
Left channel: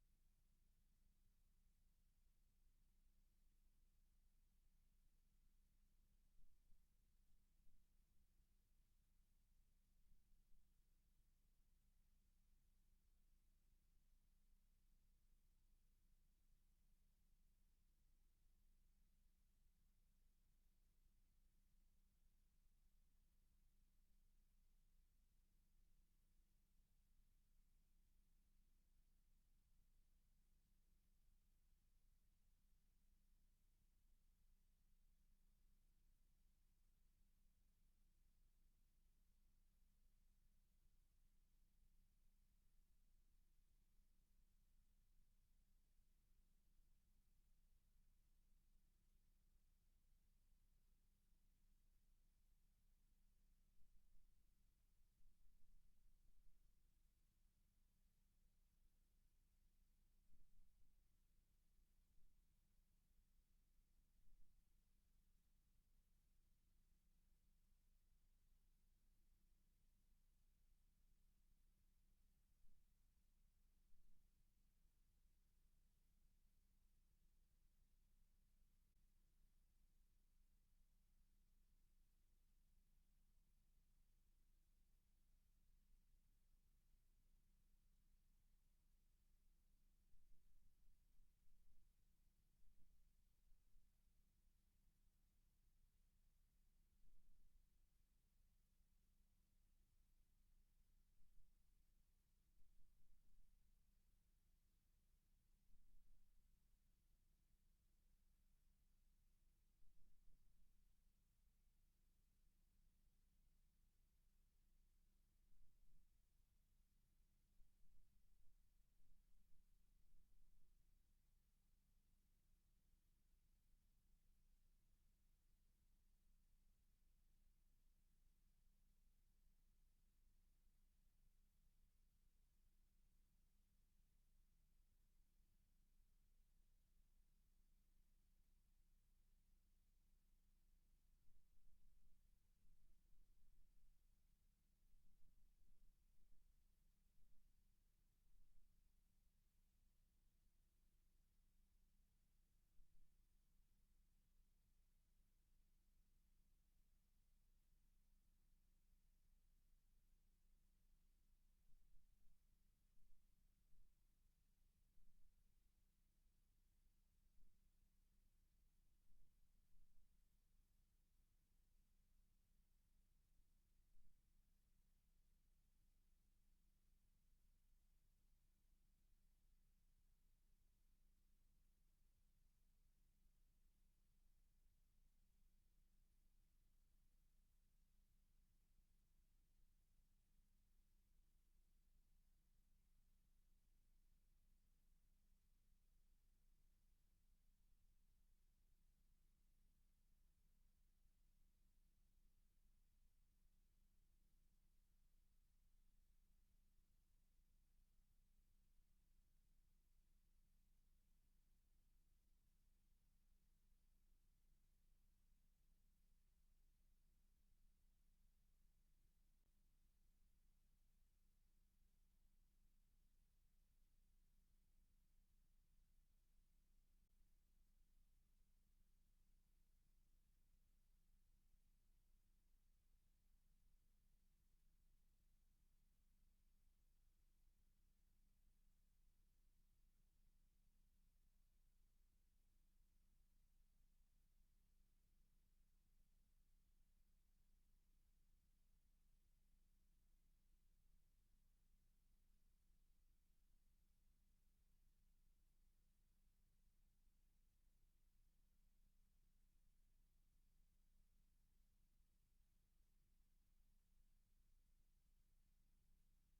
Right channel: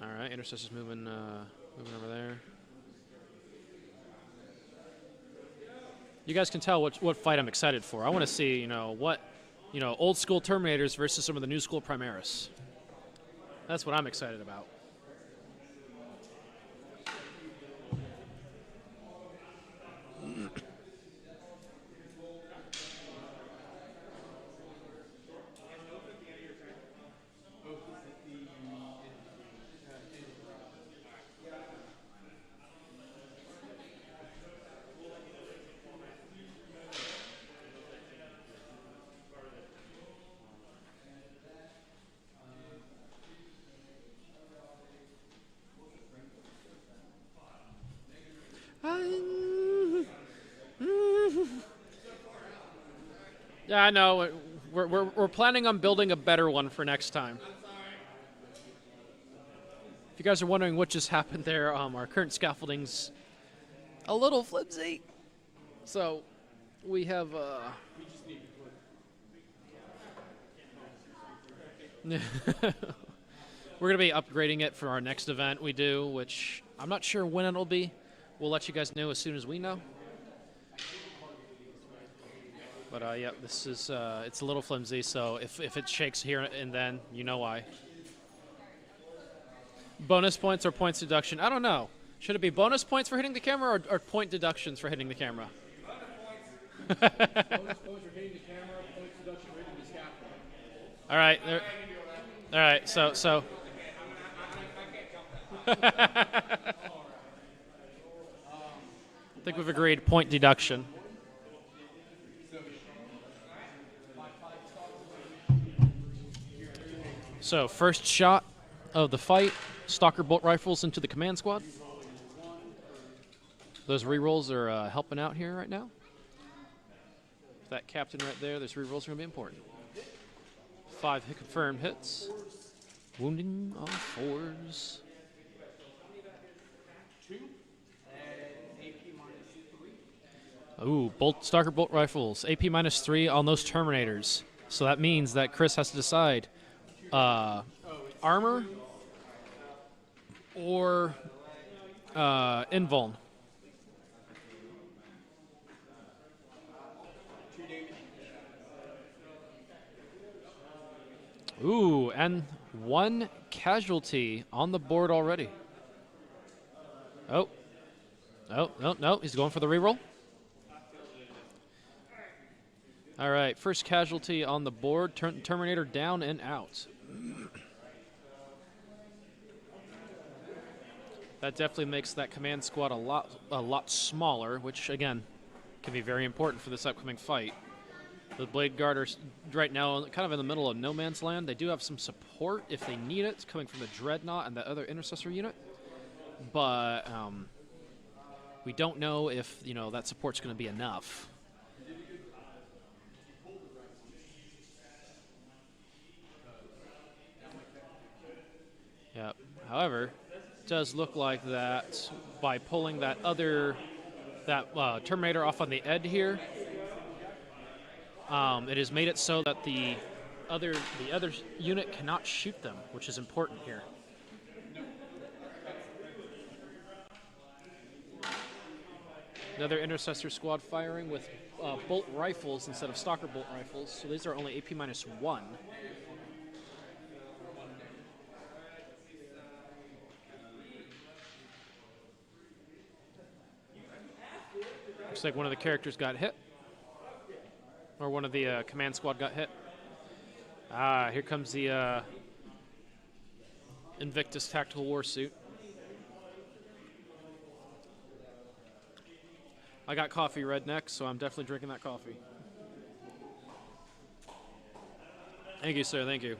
All right, Intercessor's moving over there. You guys can tell what fight I'm excited for. I want to see, old school Terminators versus some of the new school Primaris. That's what I'm excited about. Yeah, I know. We're planning on building a better one for next time. If you guys are wondering what just happened there, our current scaffolding's a little flimsy. So we have we're gonna be upgrading it for our next event we do, which I'm not sure when it'll be. We'll let you guys know as soon as we know. But yeah, this is it's a little flimsy, so if it shakes here and then, you know why. Bonus points or points deduction? I don't know. Should it be bonus points for hitting the camera or point deductions for hitting the camera? Bonus points for hitting the camera, points deduction for hitting the scaffold. All right. All right. So. I think we've agreed point deduction. So first shot of the fight, Stalker bolt rifles into the command squad. Those rerolls are helping out here right now. That captain right there, those rerolls are going to be important. 5 confirmed hits. Wounding on 4s. Ooh, Stalker bolt rifles. AP -3 on those Terminators. So that means that Chris has to decide armor or invuln. Ooh, and 1 casualty on the board already. Oh, no, he's going for the reroll. All right, first casualty on the board. Terminator down and out. That definitely makes that command squad a lot smaller, which again can be very important for this upcoming fight. The Blade Guard are right now kind of in the middle of no man's land. They do have some support if they need it, coming from the Dreadnought and the other Intercessor unit, but we don't know if that support's going to be enough. Yep. However, it does look like that by pulling that Terminator off on the edge here, it has made it so that the other unit cannot shoot them, which is important here. Another Intercessor squad firing with bolt rifles instead of Stalker bolt rifles, so these are only AP -1. Looks like one of the characters got hit. Or one of the command squad got hit. Ah, here comes the Invictus Tactical War Suit. I got coffee redneck, so I'm definitely drinking that coffee. Thank you, sir. Thank you.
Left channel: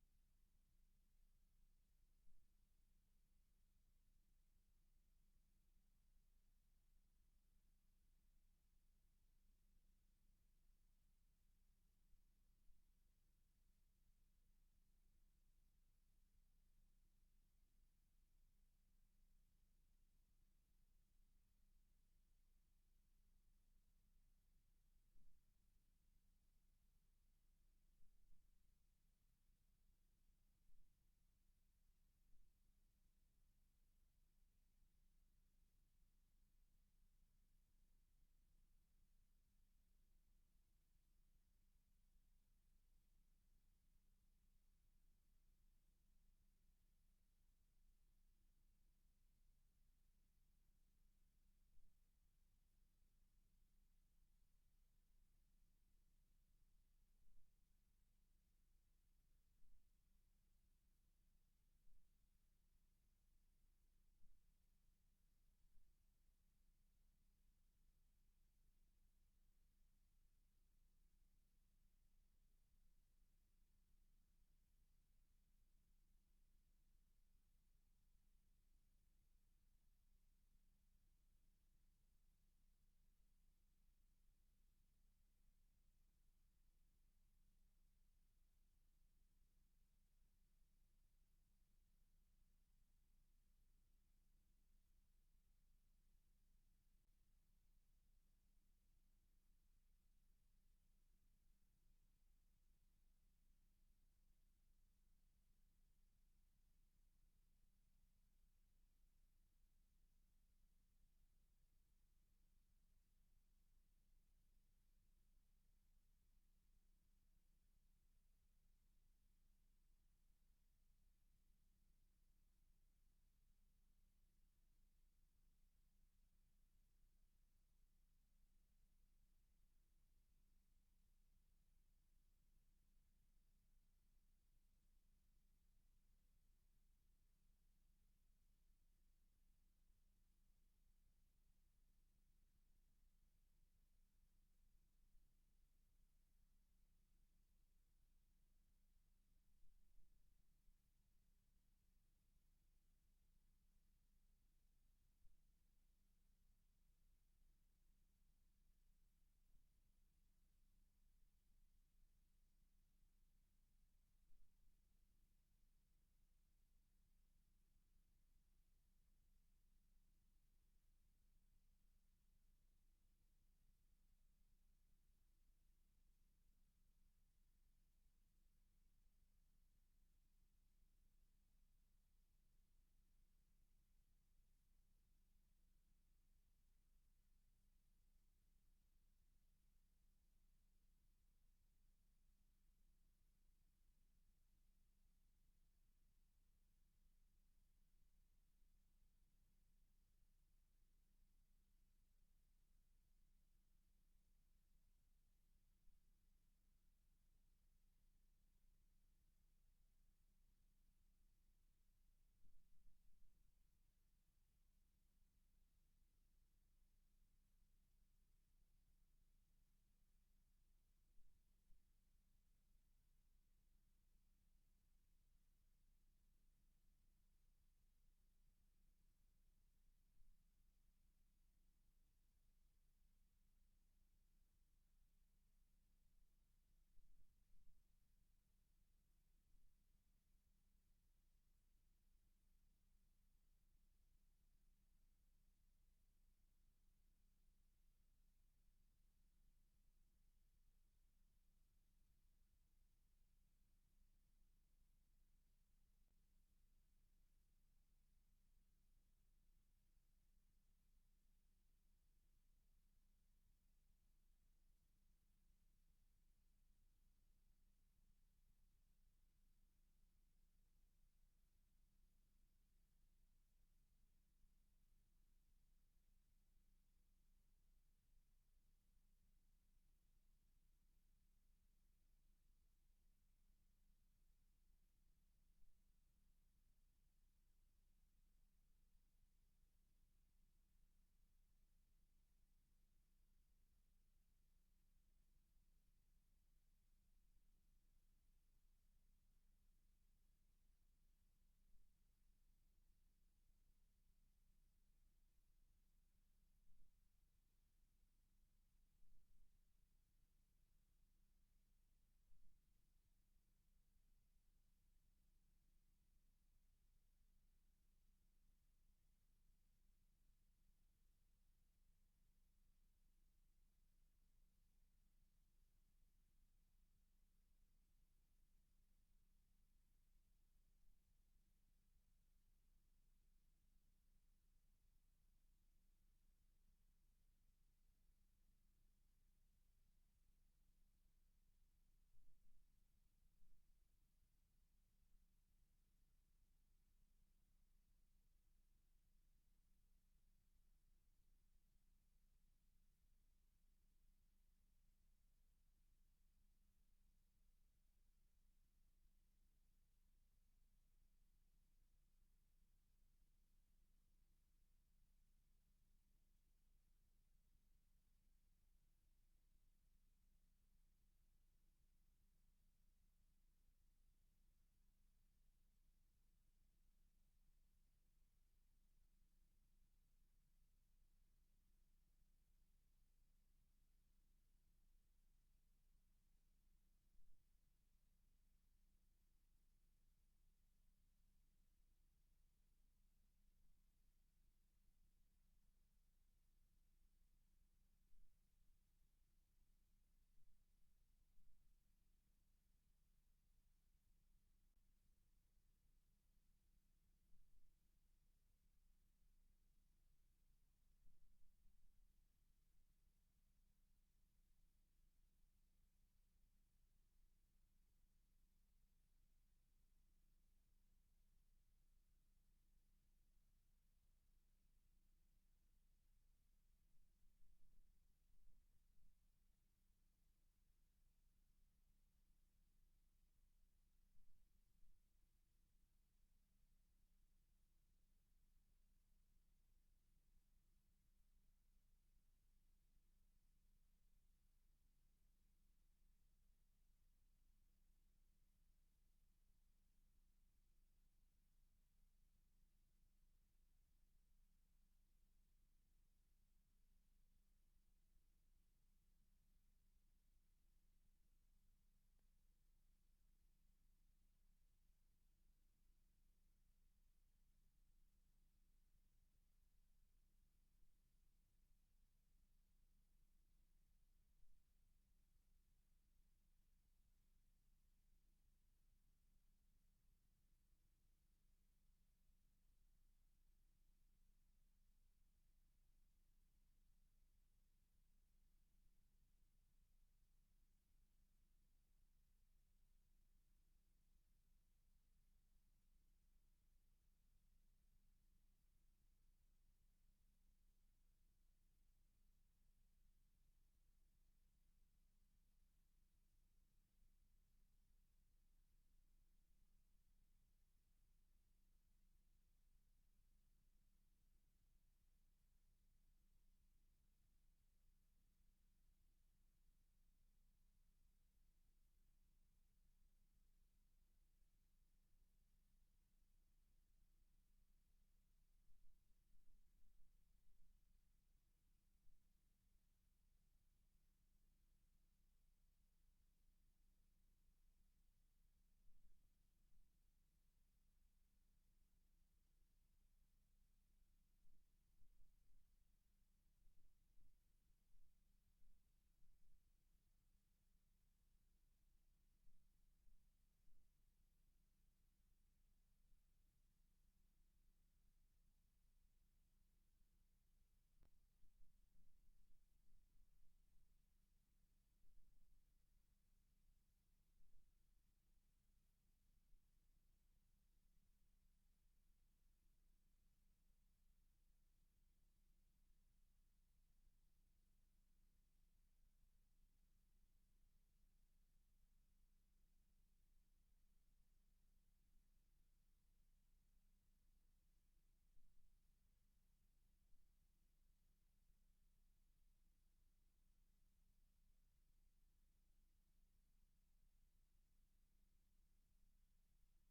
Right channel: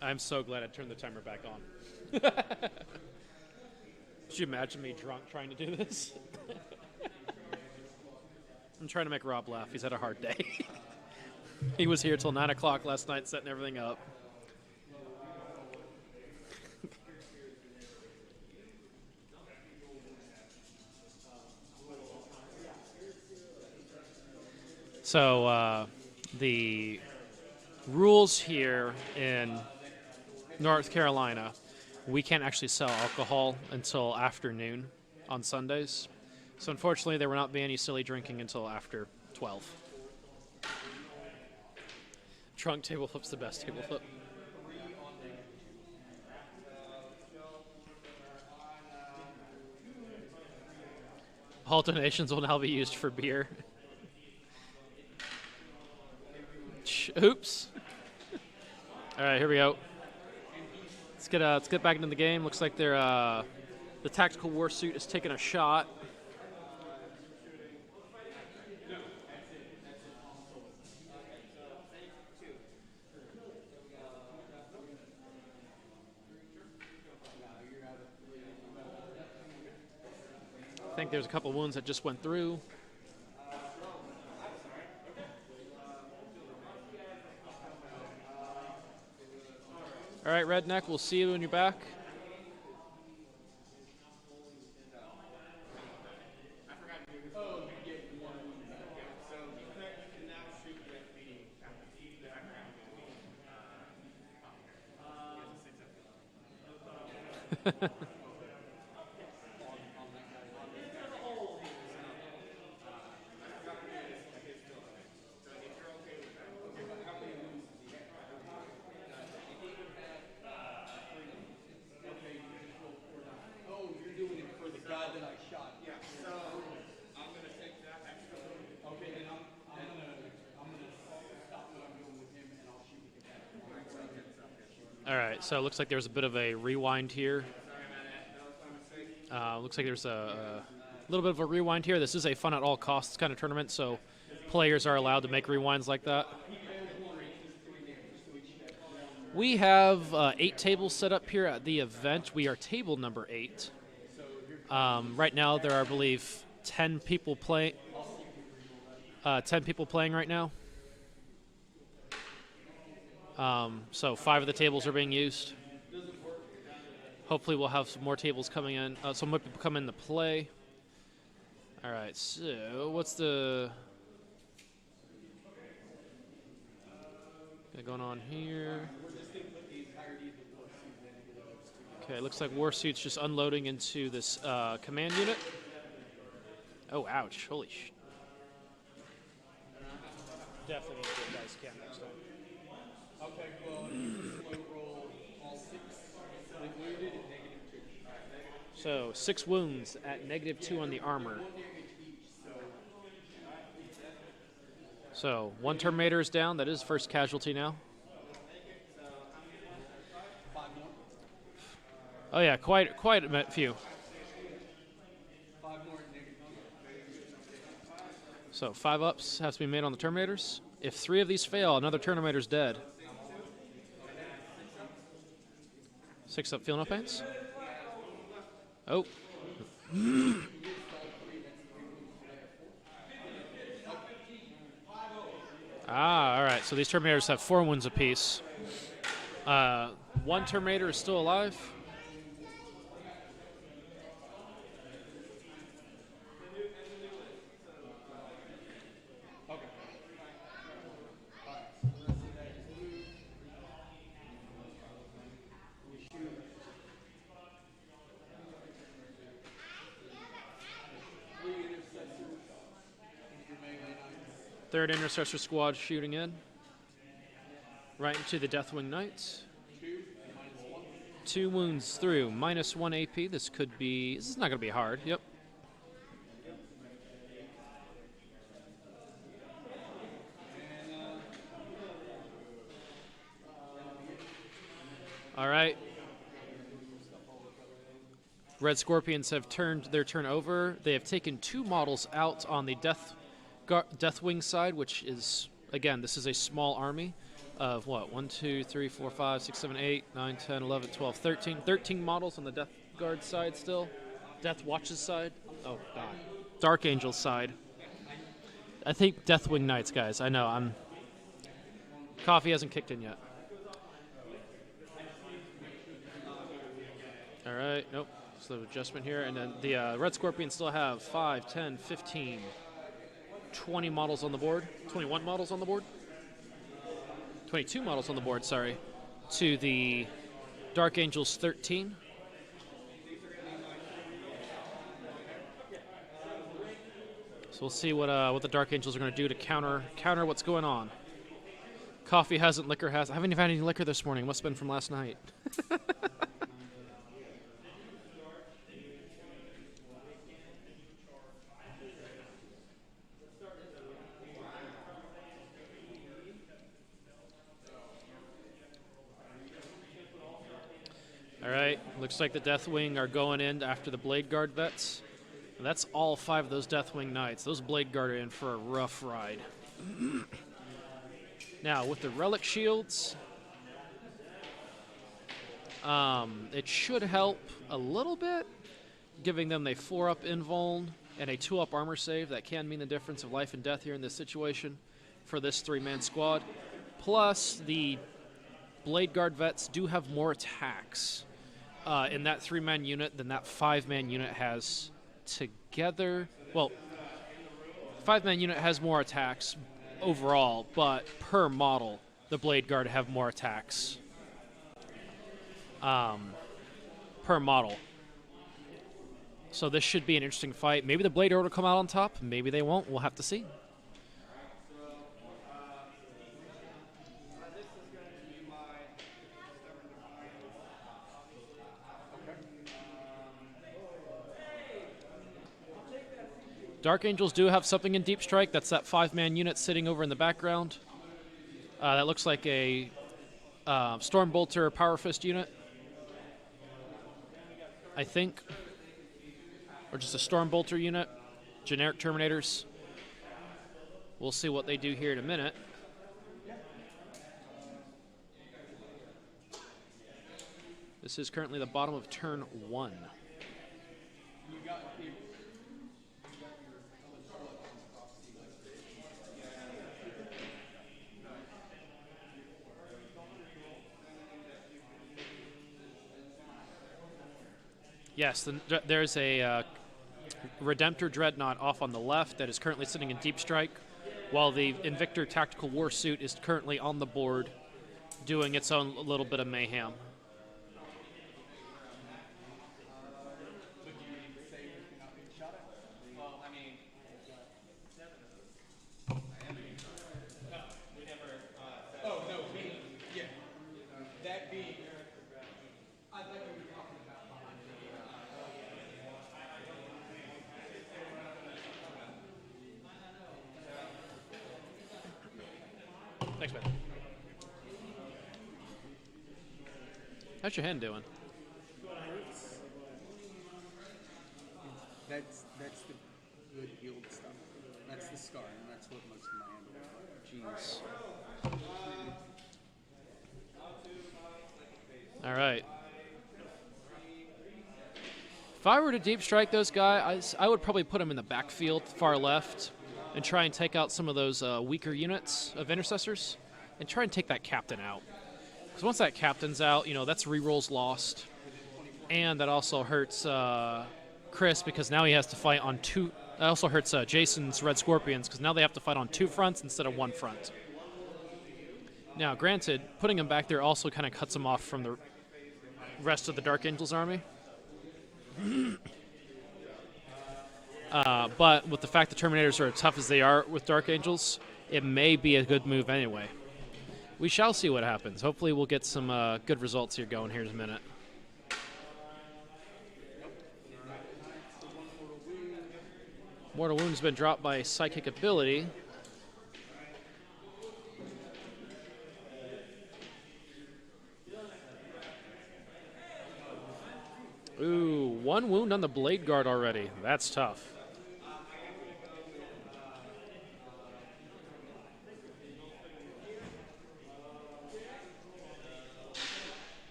I'm so glad I turned the timer back on. Could you imagine me drunk trying to do this? I'm trying to make Rob laugh. He's had a hard day. He was here till 9 o'clock last night setting everything up. So the rules here in North Carolina, we can't actually sell alcohol until afternoon on Sundays. So unfortunately, there will not be any silly drinking until after 12. Trunk table flip's the best table flip. All donations will now be used for beer. Oops. All right, here we go. Let's get back into the game. Looks like the Tactical War Suit is taking a shot. think there's a couple wounds that just went through. All right, Redneck, we'll see you when you're back. All right, so it looks like there's a bit of a rewind here. Looks like there's a little bit of a rewind here. This is a fun at all costs kind of tournament, so players are allowed to make rewinds like that. We have 8 tables set up here at the event. We are table number 8. Right now, there are, I believe, 10 people playing. 10 people playing right now. So 5 of the tables are being used. Hopefully we'll have some more tables coming in. Some more people come into play. All right, so what's the... going on here? Okay, looks like Warsuit's just unloading into this command unit. Oh, ouch. Holy sh... Definitely need to get dice cam next time. Okay, well, roll all 6 wounded at -2. So 6 wounds at -2 on the armor. So 1 Terminator is down. That is first casualty now. Oh yeah, quite a few. 5 more at -2. So 5 ups has to be made on the Terminators. If 3 of these fail, another Terminator's dead. 6 up, feel no pains. Oh. All right. So these Terminators have 4 wounds apiece. 1 Terminator is still alive. Third Intercessor Squad shooting in. Right into the Deathwing Knights. 2 wounds through, -1 AP. This is not going to be hard. Yep. All right. Red Scorpions have turned their turn over. They have taken 2 models out on the Deathwing side, which is, again, this is a small army of what? 1, 2, 3, 4, 5, 6, 7, 8, 9, 10, 11, 12, 13. 13 models on the Death Guard side still. Death Watch's side. Oh, God. Dark Angel's side. I think Deathwing Knights, guys. I know. Coffee hasn't kicked in yet. All right. Nope. Slow adjustment here. And then the Red Scorpions still have 5, 10, 15, 20 models on the board. 21 models on the board. 22 models on the board, sorry. To the Dark Angels 13. So we'll see what the Dark Angels are going to do to counter what's going on. Coffee hasn't, liquor has. I haven't even had any liquor this morning. Must have been from last night. All right, looks like the Deathwing are going in after the Blade Guard vets. And that's all 5 of those Deathwing Knights. Those Blade Guard are in for a rough ride. Now, with the Relic Shields, it should help a little bit. giving them a 4-up invuln and a 2-up armor save. That can mean the difference of life and death here in this situation for this 3-man squad. Plus, the Blade Guard vets do have more attacks in that 3-man unit than that 5-man unit has together. Well, 5-man unit has more attacks overall, but per model, the Blade Guard have more attacks per model. So this should be an interesting fight. Maybe the Blade Guard will come out on top. Maybe they won't. We'll have to see. Dark Angels do have something in Deep Strike. That's that 5-man unit sitting over in the background. That looks like a Stormbolter Power Fist unit, I think. Or just a Stormbolter unit. Generic Terminators. We'll see what they do here in a minute. This is currently the bottom of turn 1. Yes, there's a Redemptor Dreadnought off on the left that is currently sitting in Deep Strike, while the Invictor Tactical Warsuit is currently on the board doing its own little bit of mayhem. Thanks, man. How's your hand doing? That's the good healed stuff. That's the scar, and that's what most of my hand looks like. Jeez. All right. If I were to deep strike those guys, I would probably put them in the backfield, far left, and try and take out some of those weaker units of intercessors, and try and take that captain out. Because once that captain's out, you know, that's rerolls lost, and that also hurts Chris because now he has to fight on two. That also hurts Jason's Red Scorpions because now they have to fight on 2 fronts instead of 1 front. Now, granted, putting him back there also kind of cuts him off from the rest of the Dark Angels army. But with the fact the Terminators are as tough as they are with Dark Angels, it may be a good move anyway. We shall see what happens. Hopefully we'll get some good results here going here in a minute. Mortal Wound's been dropped by Psychic Ability. Ooh, 1 wound on the Blade Guard already. That's tough.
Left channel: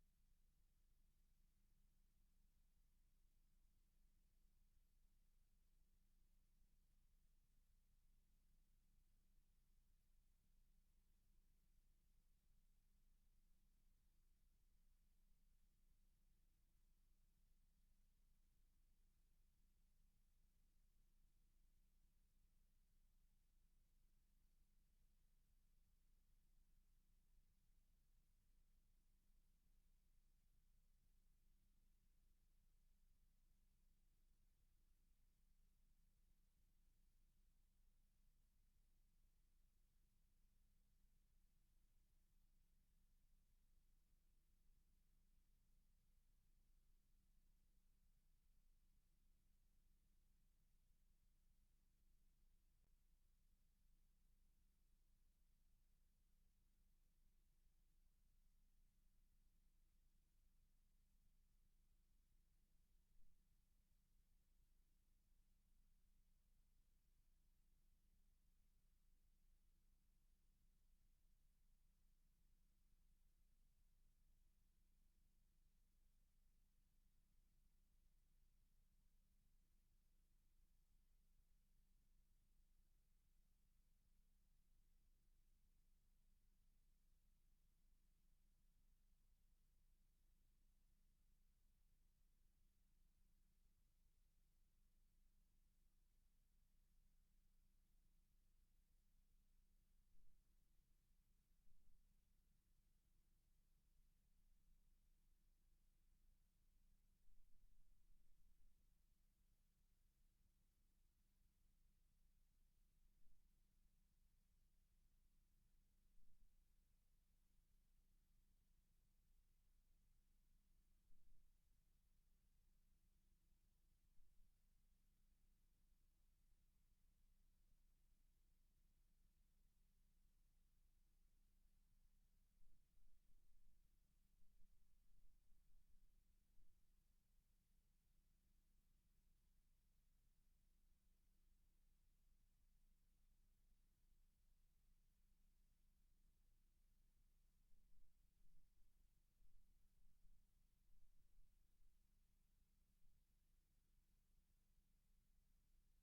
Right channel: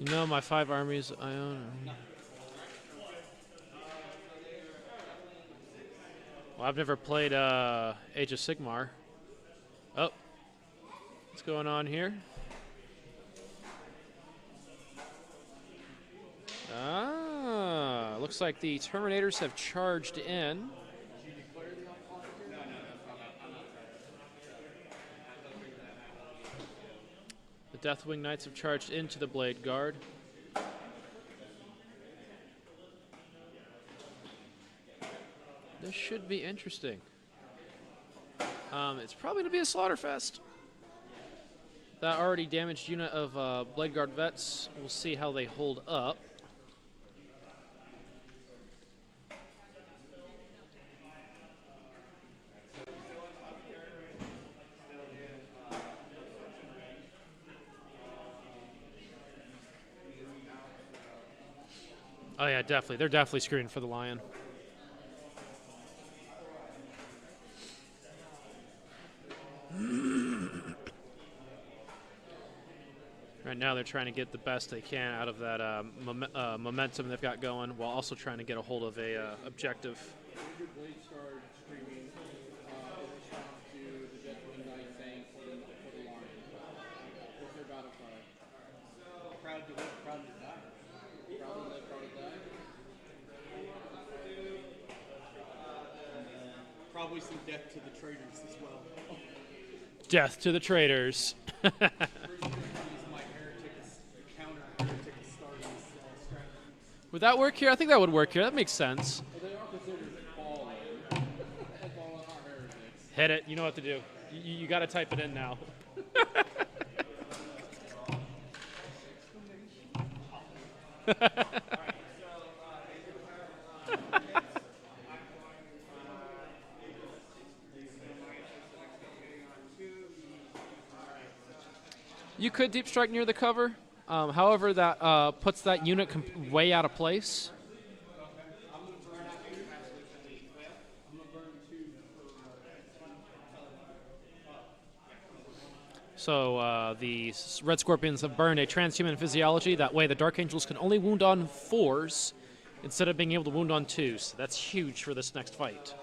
You know my 5 armies I own. Well, I've never played Age of Sigmar. Oh, what's going on here? Looks like the Terminators have charged in. The Deathwing Knights have charged into the Blade Guard. This should be interesting. It's probably going to be a slaughterfest. That already damaged unit of Blade Guard vets. We'll see how they hold up. Oh yeah, definitely. They're definitely screening for the Lion. Right now they're trying to get the best they can out of that momentum they've got going, while also trying to get a hold of a objective. Your blade started screaming in response to the Deathwing Knight saying for the Lion. What's their battle cry? Proud to live, proud to die. Proud to live, proud to die. Probably some death to the traitors as well. Death to the traitors. Would that work here? I think that would work here. That makes sense. Well, they are considered fallen. Fallen are heretics. Hit it. You know what to do. You got to type it in now. You could deep strike near the cover. However, that puts that unit way out of place. So the Red Scorpions have burned a transhuman physiology. That way the Dark Angels can only wound on 4s instead of being able to wound on 2s. That's huge for this next fight.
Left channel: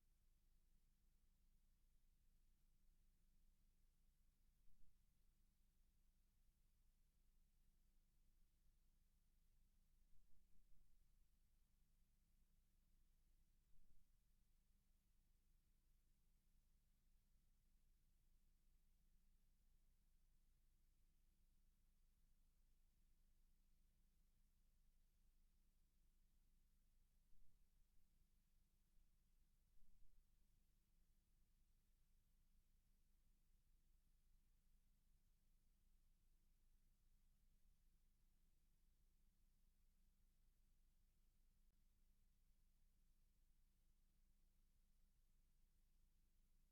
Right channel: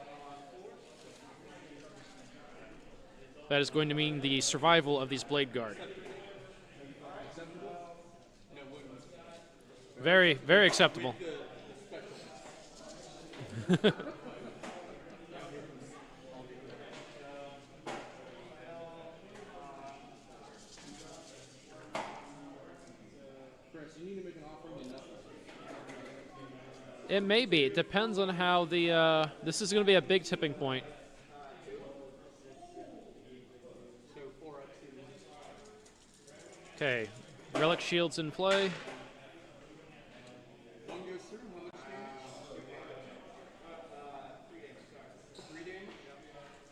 That is going to mean the survival of these Blade Guard. Very, very acceptable. It may be. It depends on how the. This is going to be a big tipping point. Okay, relic shields in play.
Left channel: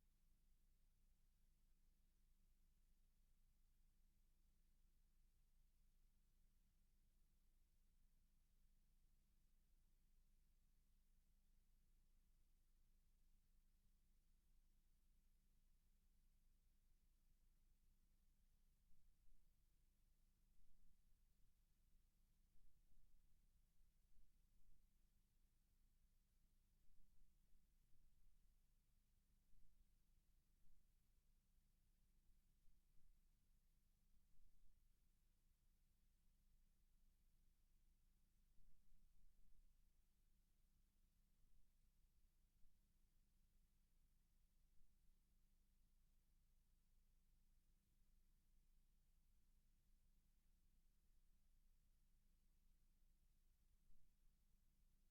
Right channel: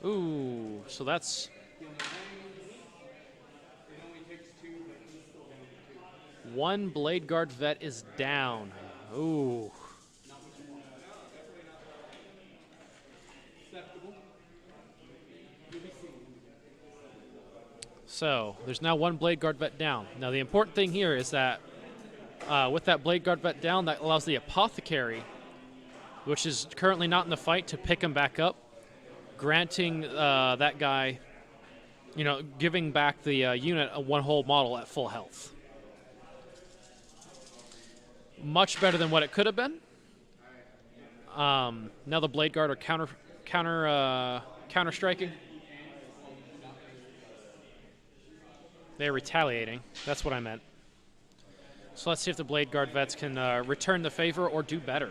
Ooh, so that's one Blade Guard vet is down. Ooh. So there's now one Blade Guard vet down. Now the important thing here is that with that Blade Guard vet down, that allows the Apothecary, which is currently not in the fight, to pick him back up, granting that guy, you know, giving back the unit a one whole model at full health. Much better than what it could have been. Now the Blade Guard are counter striking. They're retaliating. That's what I meant. So let's see if the Blade Guard vets can return the favor or do better.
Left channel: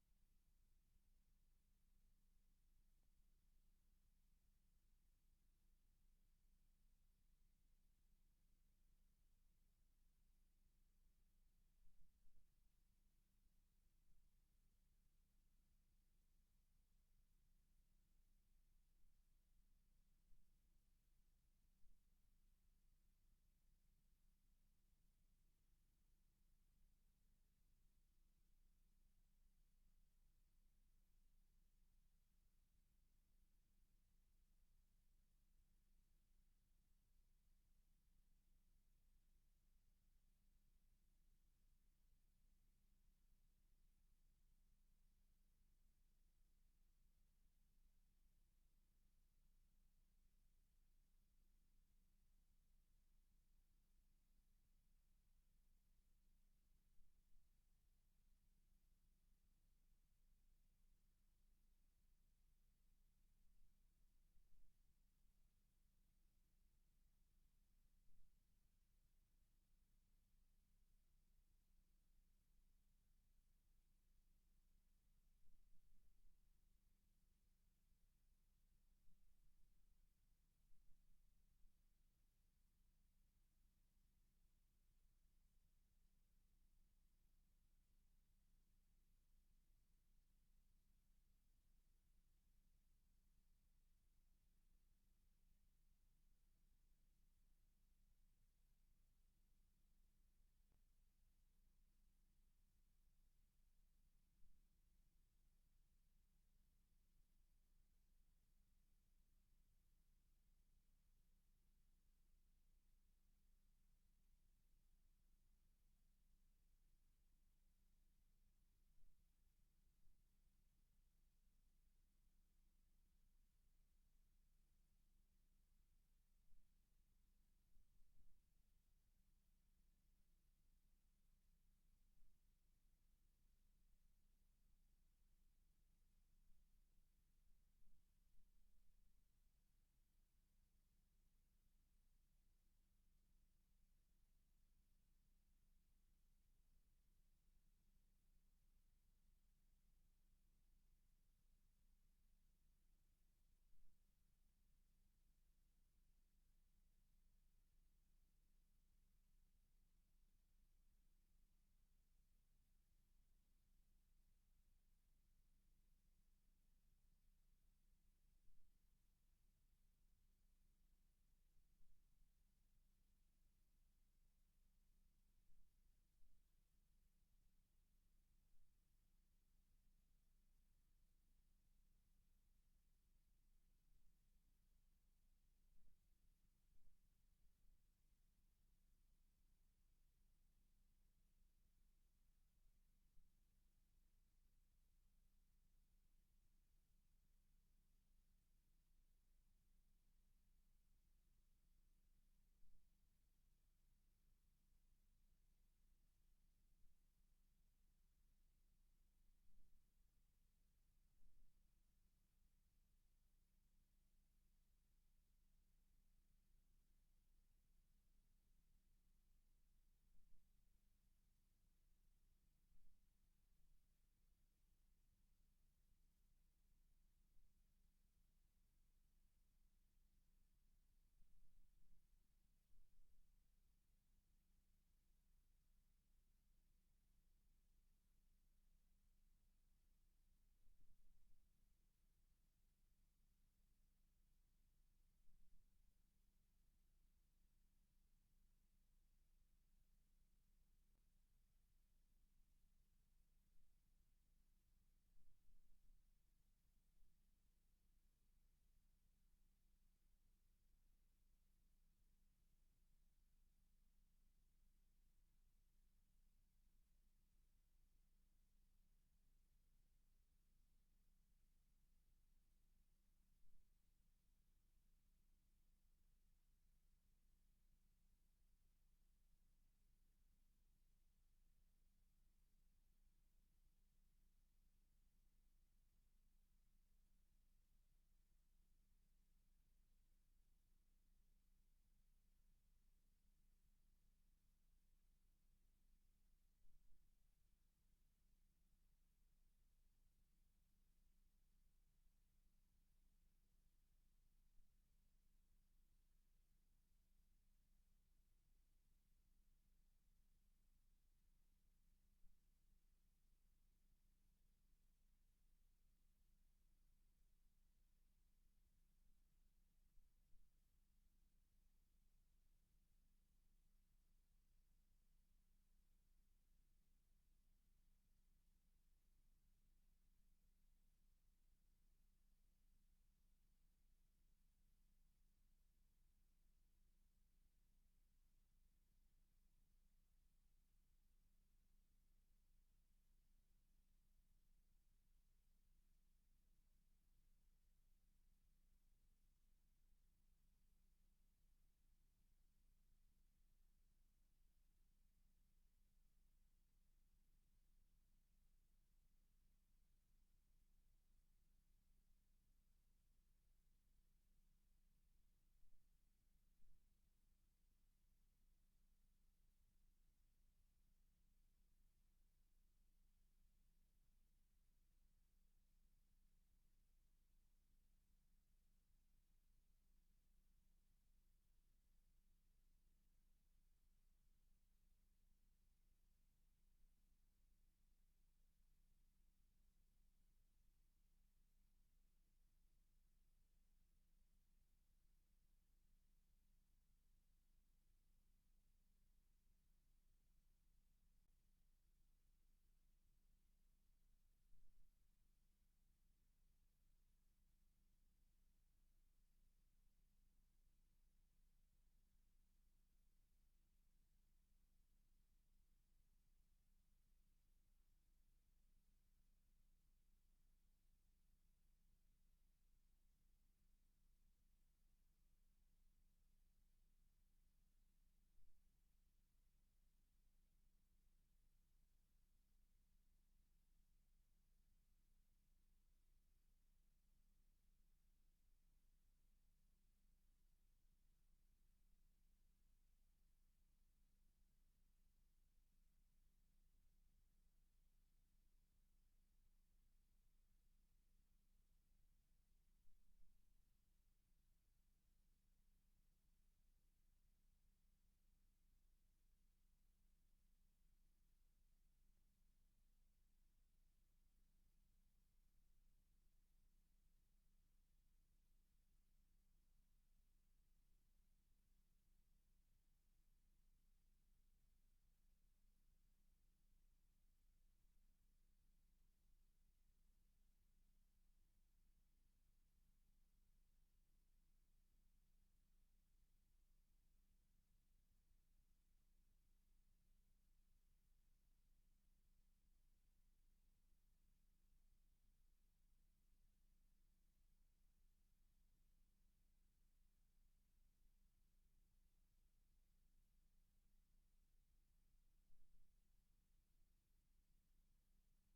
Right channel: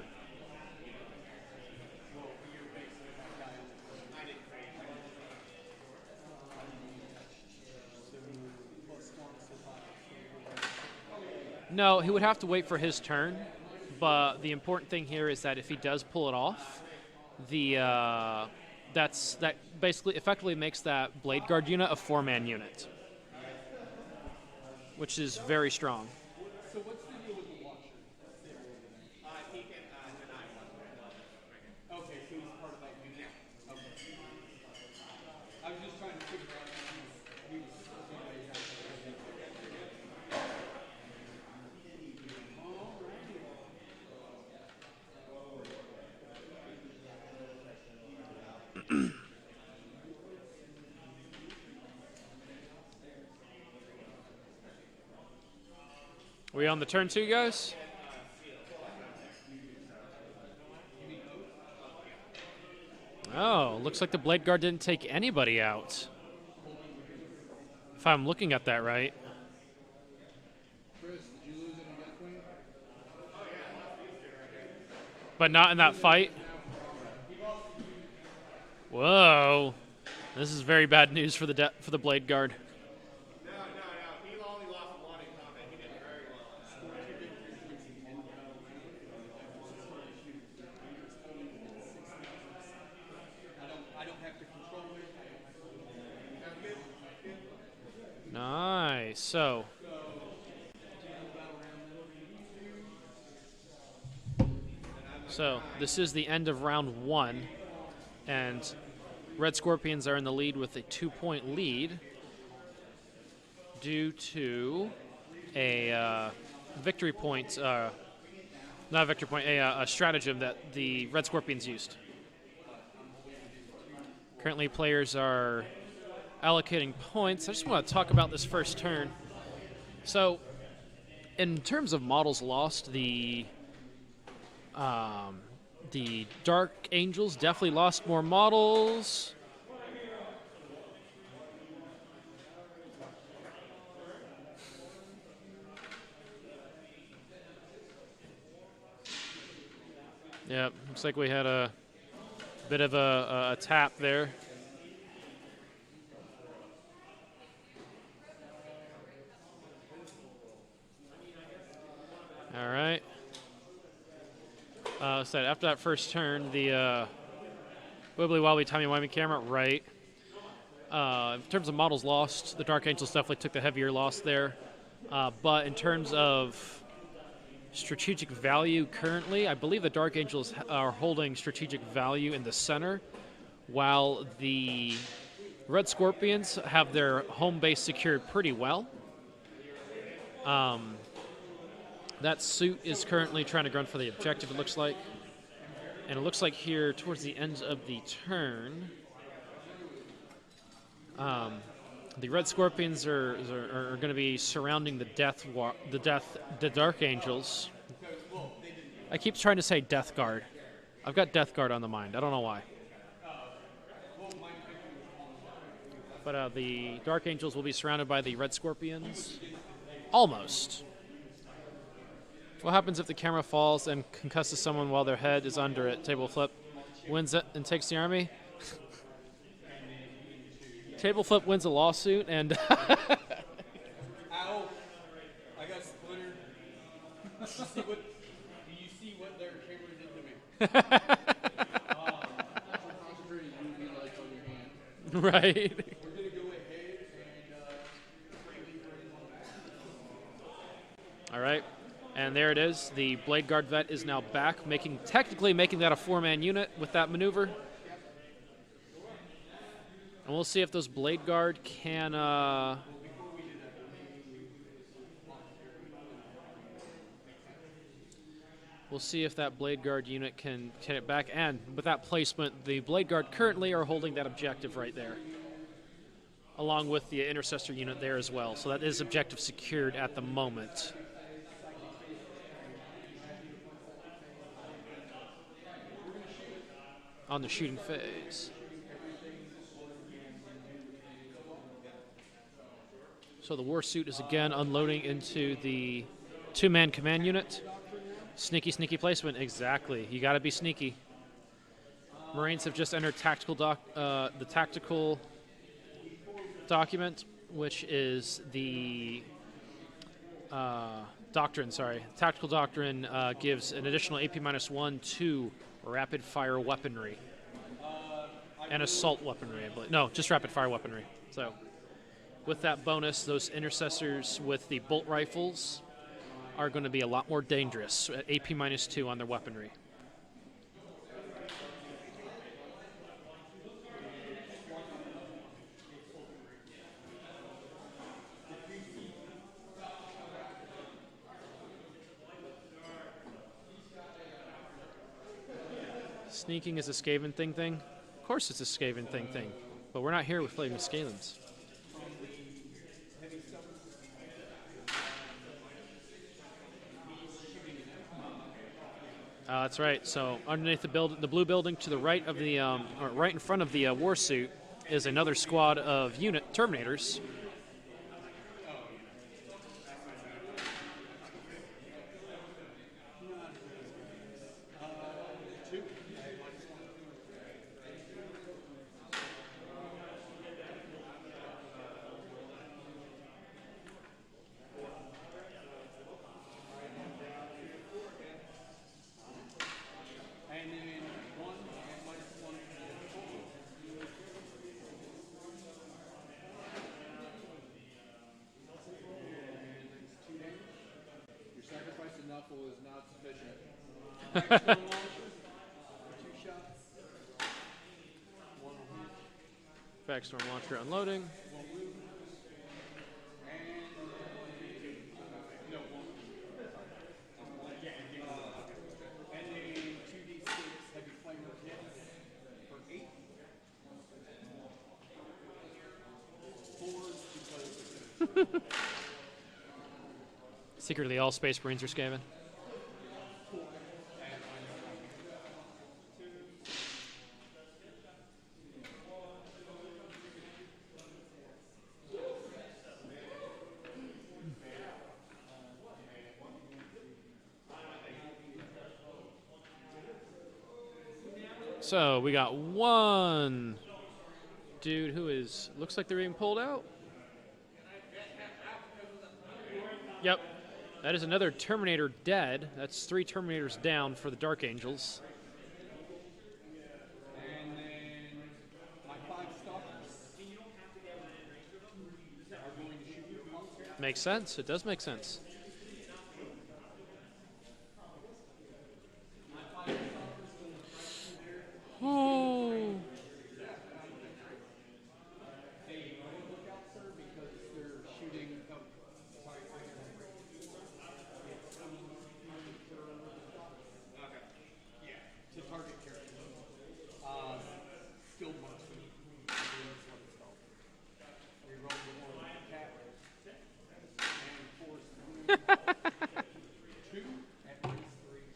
No, he would have to wait for his turn, but the important thing here is that if he does pull it off, that basically effectively makes that Blade Guard unit a 4-man unit, which is very strong. So what's the deal with the Watcher? He can deny one. Okay, so he's part of that unit. Okay. I was just trying to figure out if he was We on the turn 2, guys? Oh, looks like the Blade Guard didn't take anybody out. If I'm looking at that right. Chris, did you lose any Deathwing? But not in that fight. Whoa. This is very bad news for the Blade Guard. No. He only lost one in combat. He did very well. I don't have to control it. Nice. So this is the end of round 1, and Red Scorpions are in the lead with a 2-point lead due to a victory point, not a victory point, a stratagem that the Red Scorpions used. Currently, players are allocating points. I just want to talk about this first turn. So, in terms of models lost, the Dark Angels definitely lost more models. Yep, looks like we had a bit of a tap there. All right. So after that first turn, the wibbly wobbly timey wimey camera, right. In terms of models lost, the Dark Angels definitely took the heavier loss there. But in terms of strategic value currently, I believe the Dark Angels are holding strategic value in the center, while the Red Scorpions have their home base secured pretty well. That suit is currently trying to run for the objective, it looks like. And it looks like here, towards the end of the turn, the Red Scorpions are going to be surrounding the Dark Angels. I keep trying to say Death Guard. I've got Death Guard on the mind. I don't know why. But the Dark Angels will be surrounded by the Red Scorpions. Almost. What happens if the camera falls and concusses someone while their head is under it? Table flip. Wins it and takes the army. Table flip wins a lawsuit and... Ow! I got splintered. Do you see what their camera did to me? Concentrated UV lights on your hand. Right. We're gonna go ahead and All right. And there it is. The Blade Guard vet is now back, technically making that a 4-man unit with that maneuver. And we'll see if those Blade Guard can... We'll see if that Blade Guard unit can get it back. And with that placement, the Blade Guard currently are holding that objective right there, along with the Intercessor unit there as well. So that is objective secured at the moment. On the shooting phase. So the war suit is again unloading into the 2-man command unit. Sneaky, sneaky placement. Exactly. You got to be sneaky. Marines have just entered the tactical document, which is the doctrine. Sorry, tactical doctrine gives an additional AP-1 to rapid fire weaponry and assault weaponry, I believe. No, just rapid fire weaponry. So with that bonus, those intercessors with the bolt rifles are going to be a lot more dangerous at AP-2 on their weaponry. Sneaking is a Skaven thing. Of course it's a Skaven thing. But we're not here with Flaming Skavens. That's right. So underneath the blue building to the right of the, or right in front of the war suit, is another squad of unit Terminators. And then one and -1. And that's 2 damage. Your sacrifice to Knuckle is not sufficient. Storm launcher, 2 shots. One on hit. Backstorm launcher unloading. One wound. And no, one. And then 2d6 heavy flamer hits for 8. 4s because Secretly, all Space Marines are Skaven. So we got one dude who is looks like they're being pulled out. Yep, that is another Terminator dead. That's 3 Terminators down for the Dark Angels. And then my 5 stalkers are going to shoot your monster. Makes sense. It does make sense. Oh. Look out, sir, because they're shooting. Oh, sorry. Okay. Yeah, to target character. Skilled marksman. We rolled the one with the cat. And force wound. 2 at least 3.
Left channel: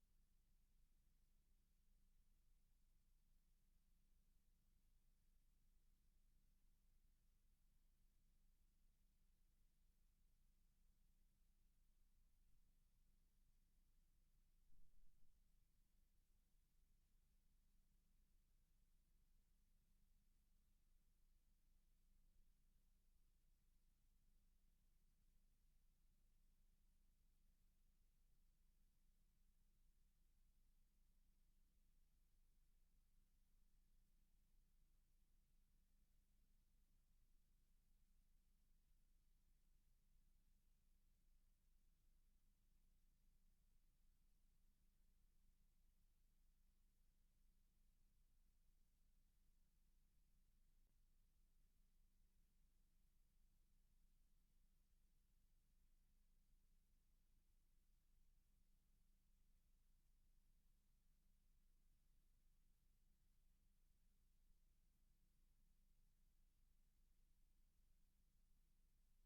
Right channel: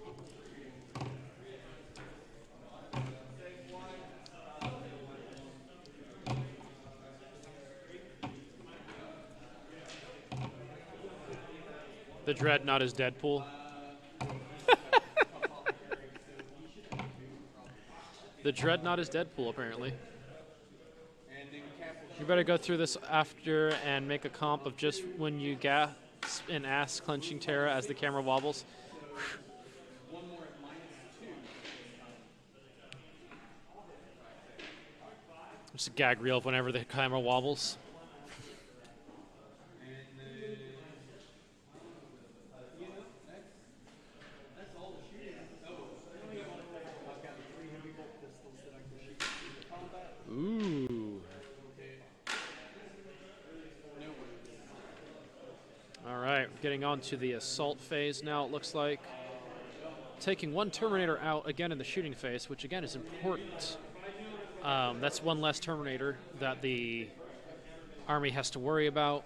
The Dreadnought is Deadpool. The Dreadnought is Deadpool, apparently. And then cap will You better go through this after and make a comp of just when you gasp in ass-clenching terror as the camera wobbles. one more at -2. Just a gag reel of whenever the camera wobbles. And then, that's all the shooting. Oh, I've got 3 heavy bolt pistols that I can shoot into combat. Ooh. No wounds. All right, getting on to the assault phase now, it looks like. Taking one Terminator out again in the shooting phase, which again is important. That's one less Terminator that the army has to worry about.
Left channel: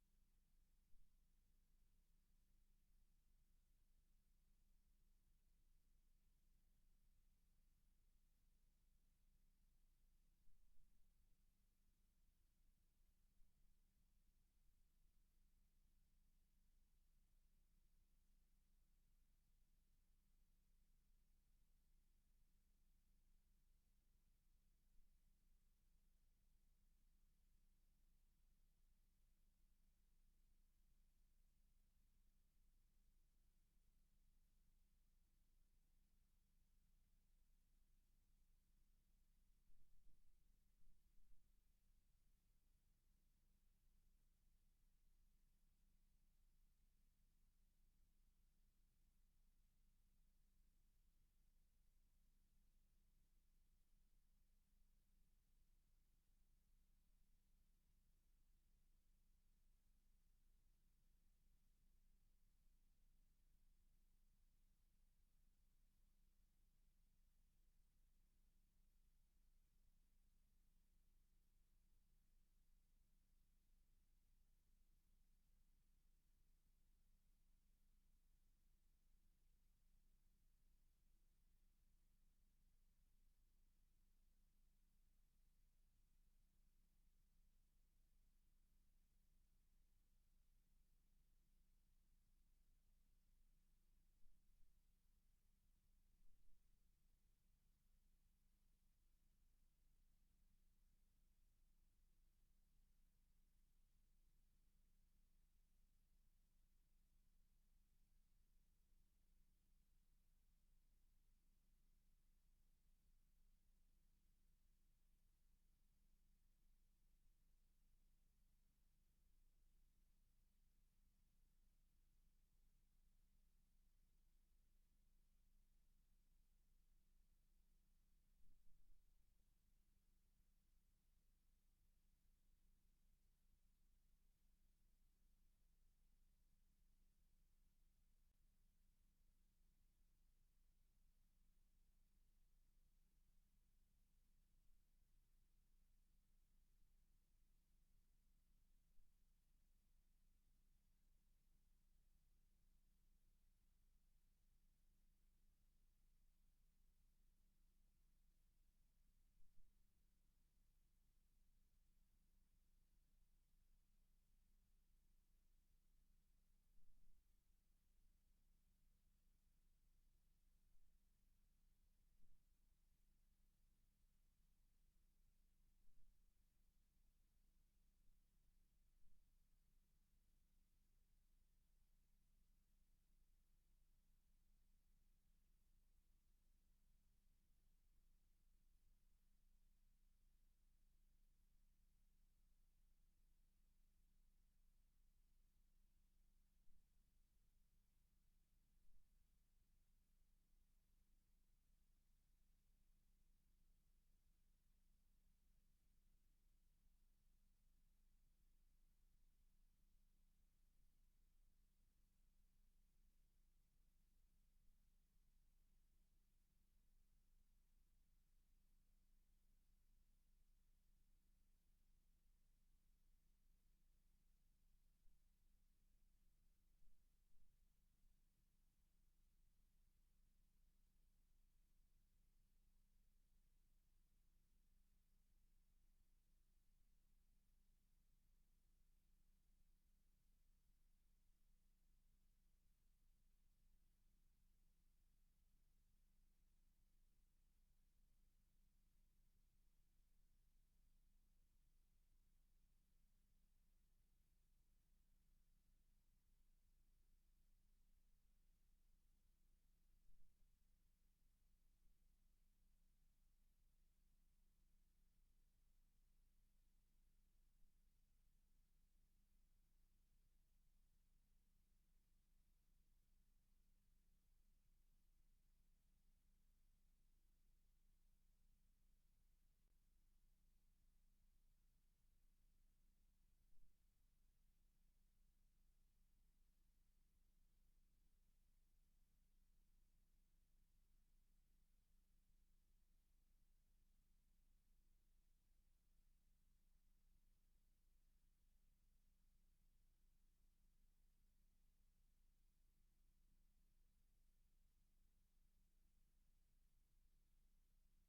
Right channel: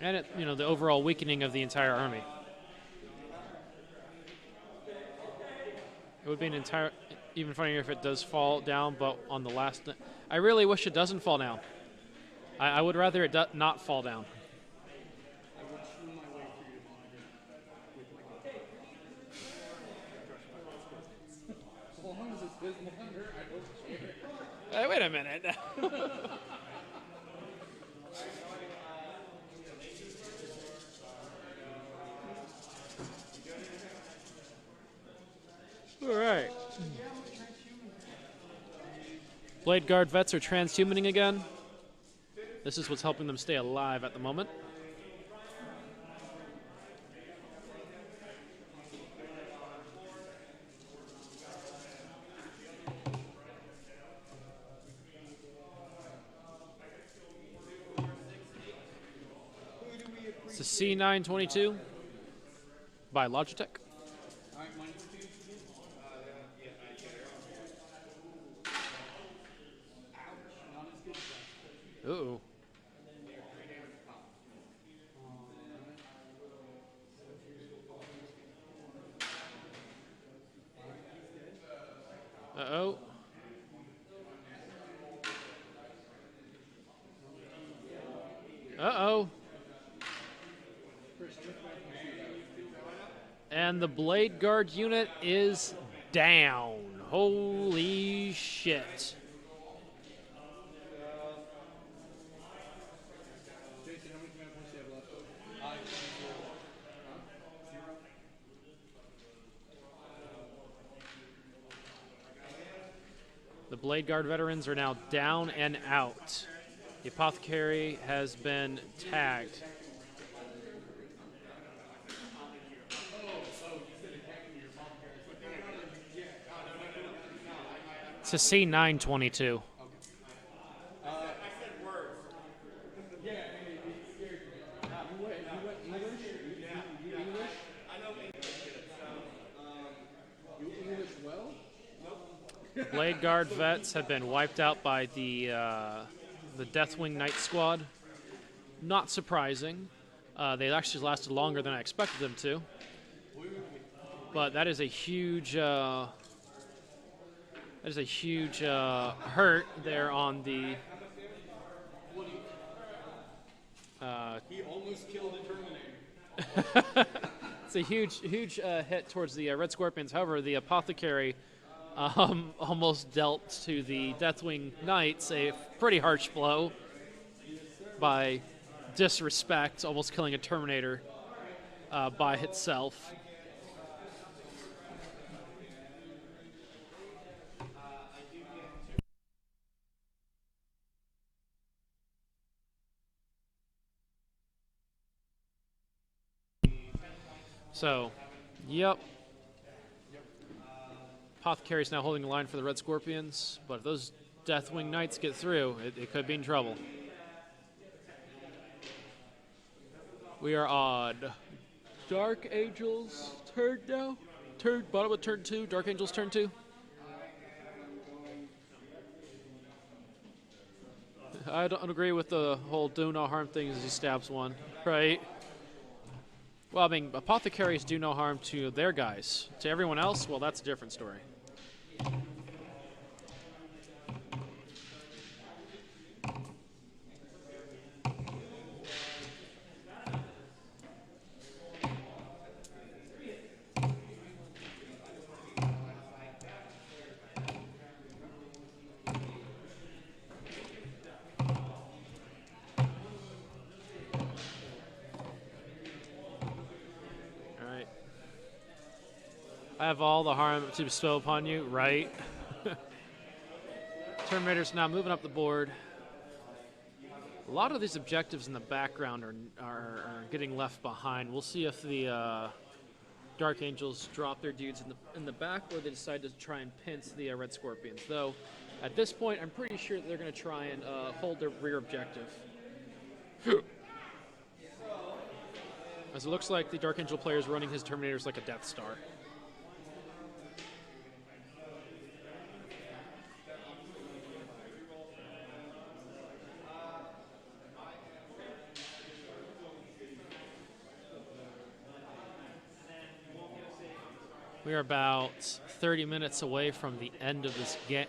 And it, the overall weakening of the entire army. It would be even funnier if it does fall down, but on the last... I really wish it doesn't fall down. I would rather it not fall down. I would swing my way through your monitor with my gun. As long as it's his monitor, I don't care. Hey, wait a minute. All right. Blade Guard vets are transhumaning again. This is what's helping them stay alive at the moment. It's a C922 by Logitech. All right, -2. Ouch, not as good as that. Ooh. And the Blade Guard unit is down. Holy shit. Jason, how many command points do you have left? The Blade Guard veterans are now down and out. The Apothecary has been tagged. It's a C922. Blade Guard vets have been wiped out by the Deathwing Knight Squad. Not surprising. They actually lasted longer than I expected them to. But that is a huge hurt there on the. He almost killed a Terminator. It's a huge hit towards the Red Scorpions. However, the Apothecary almost dealt to the Deathwing Knights a pretty harsh blow by disrespect, almost killing a Terminator by itself. So, yep. Apothecary's now holding the line for the Red Scorpions, but if those Deathwing Knights get through, it could be in trouble. We are on Dark Angels turn now. Bottom of turn 2, Dark Angels turn 2. I don't agree with the whole do no harm thing as he stabs one, right? Well, I mean, Apothecaries do no harm to their guys. To everyone else, well, that's a different story. I have all the harm to bestow upon you, right? Terminator's now moving up the board. A lot of these objectives in the background are getting left behind. We'll see if the Dark Angels drop their dudes in the back, or they decide to try and pinch the Red Scorpions. Though, at this point, I'm pretty sure that they're going to try and hold their rear objective. As it looks like the Dark Angel player is running his Terminators like a Death Star. We are about 30 minutes away from the end of this game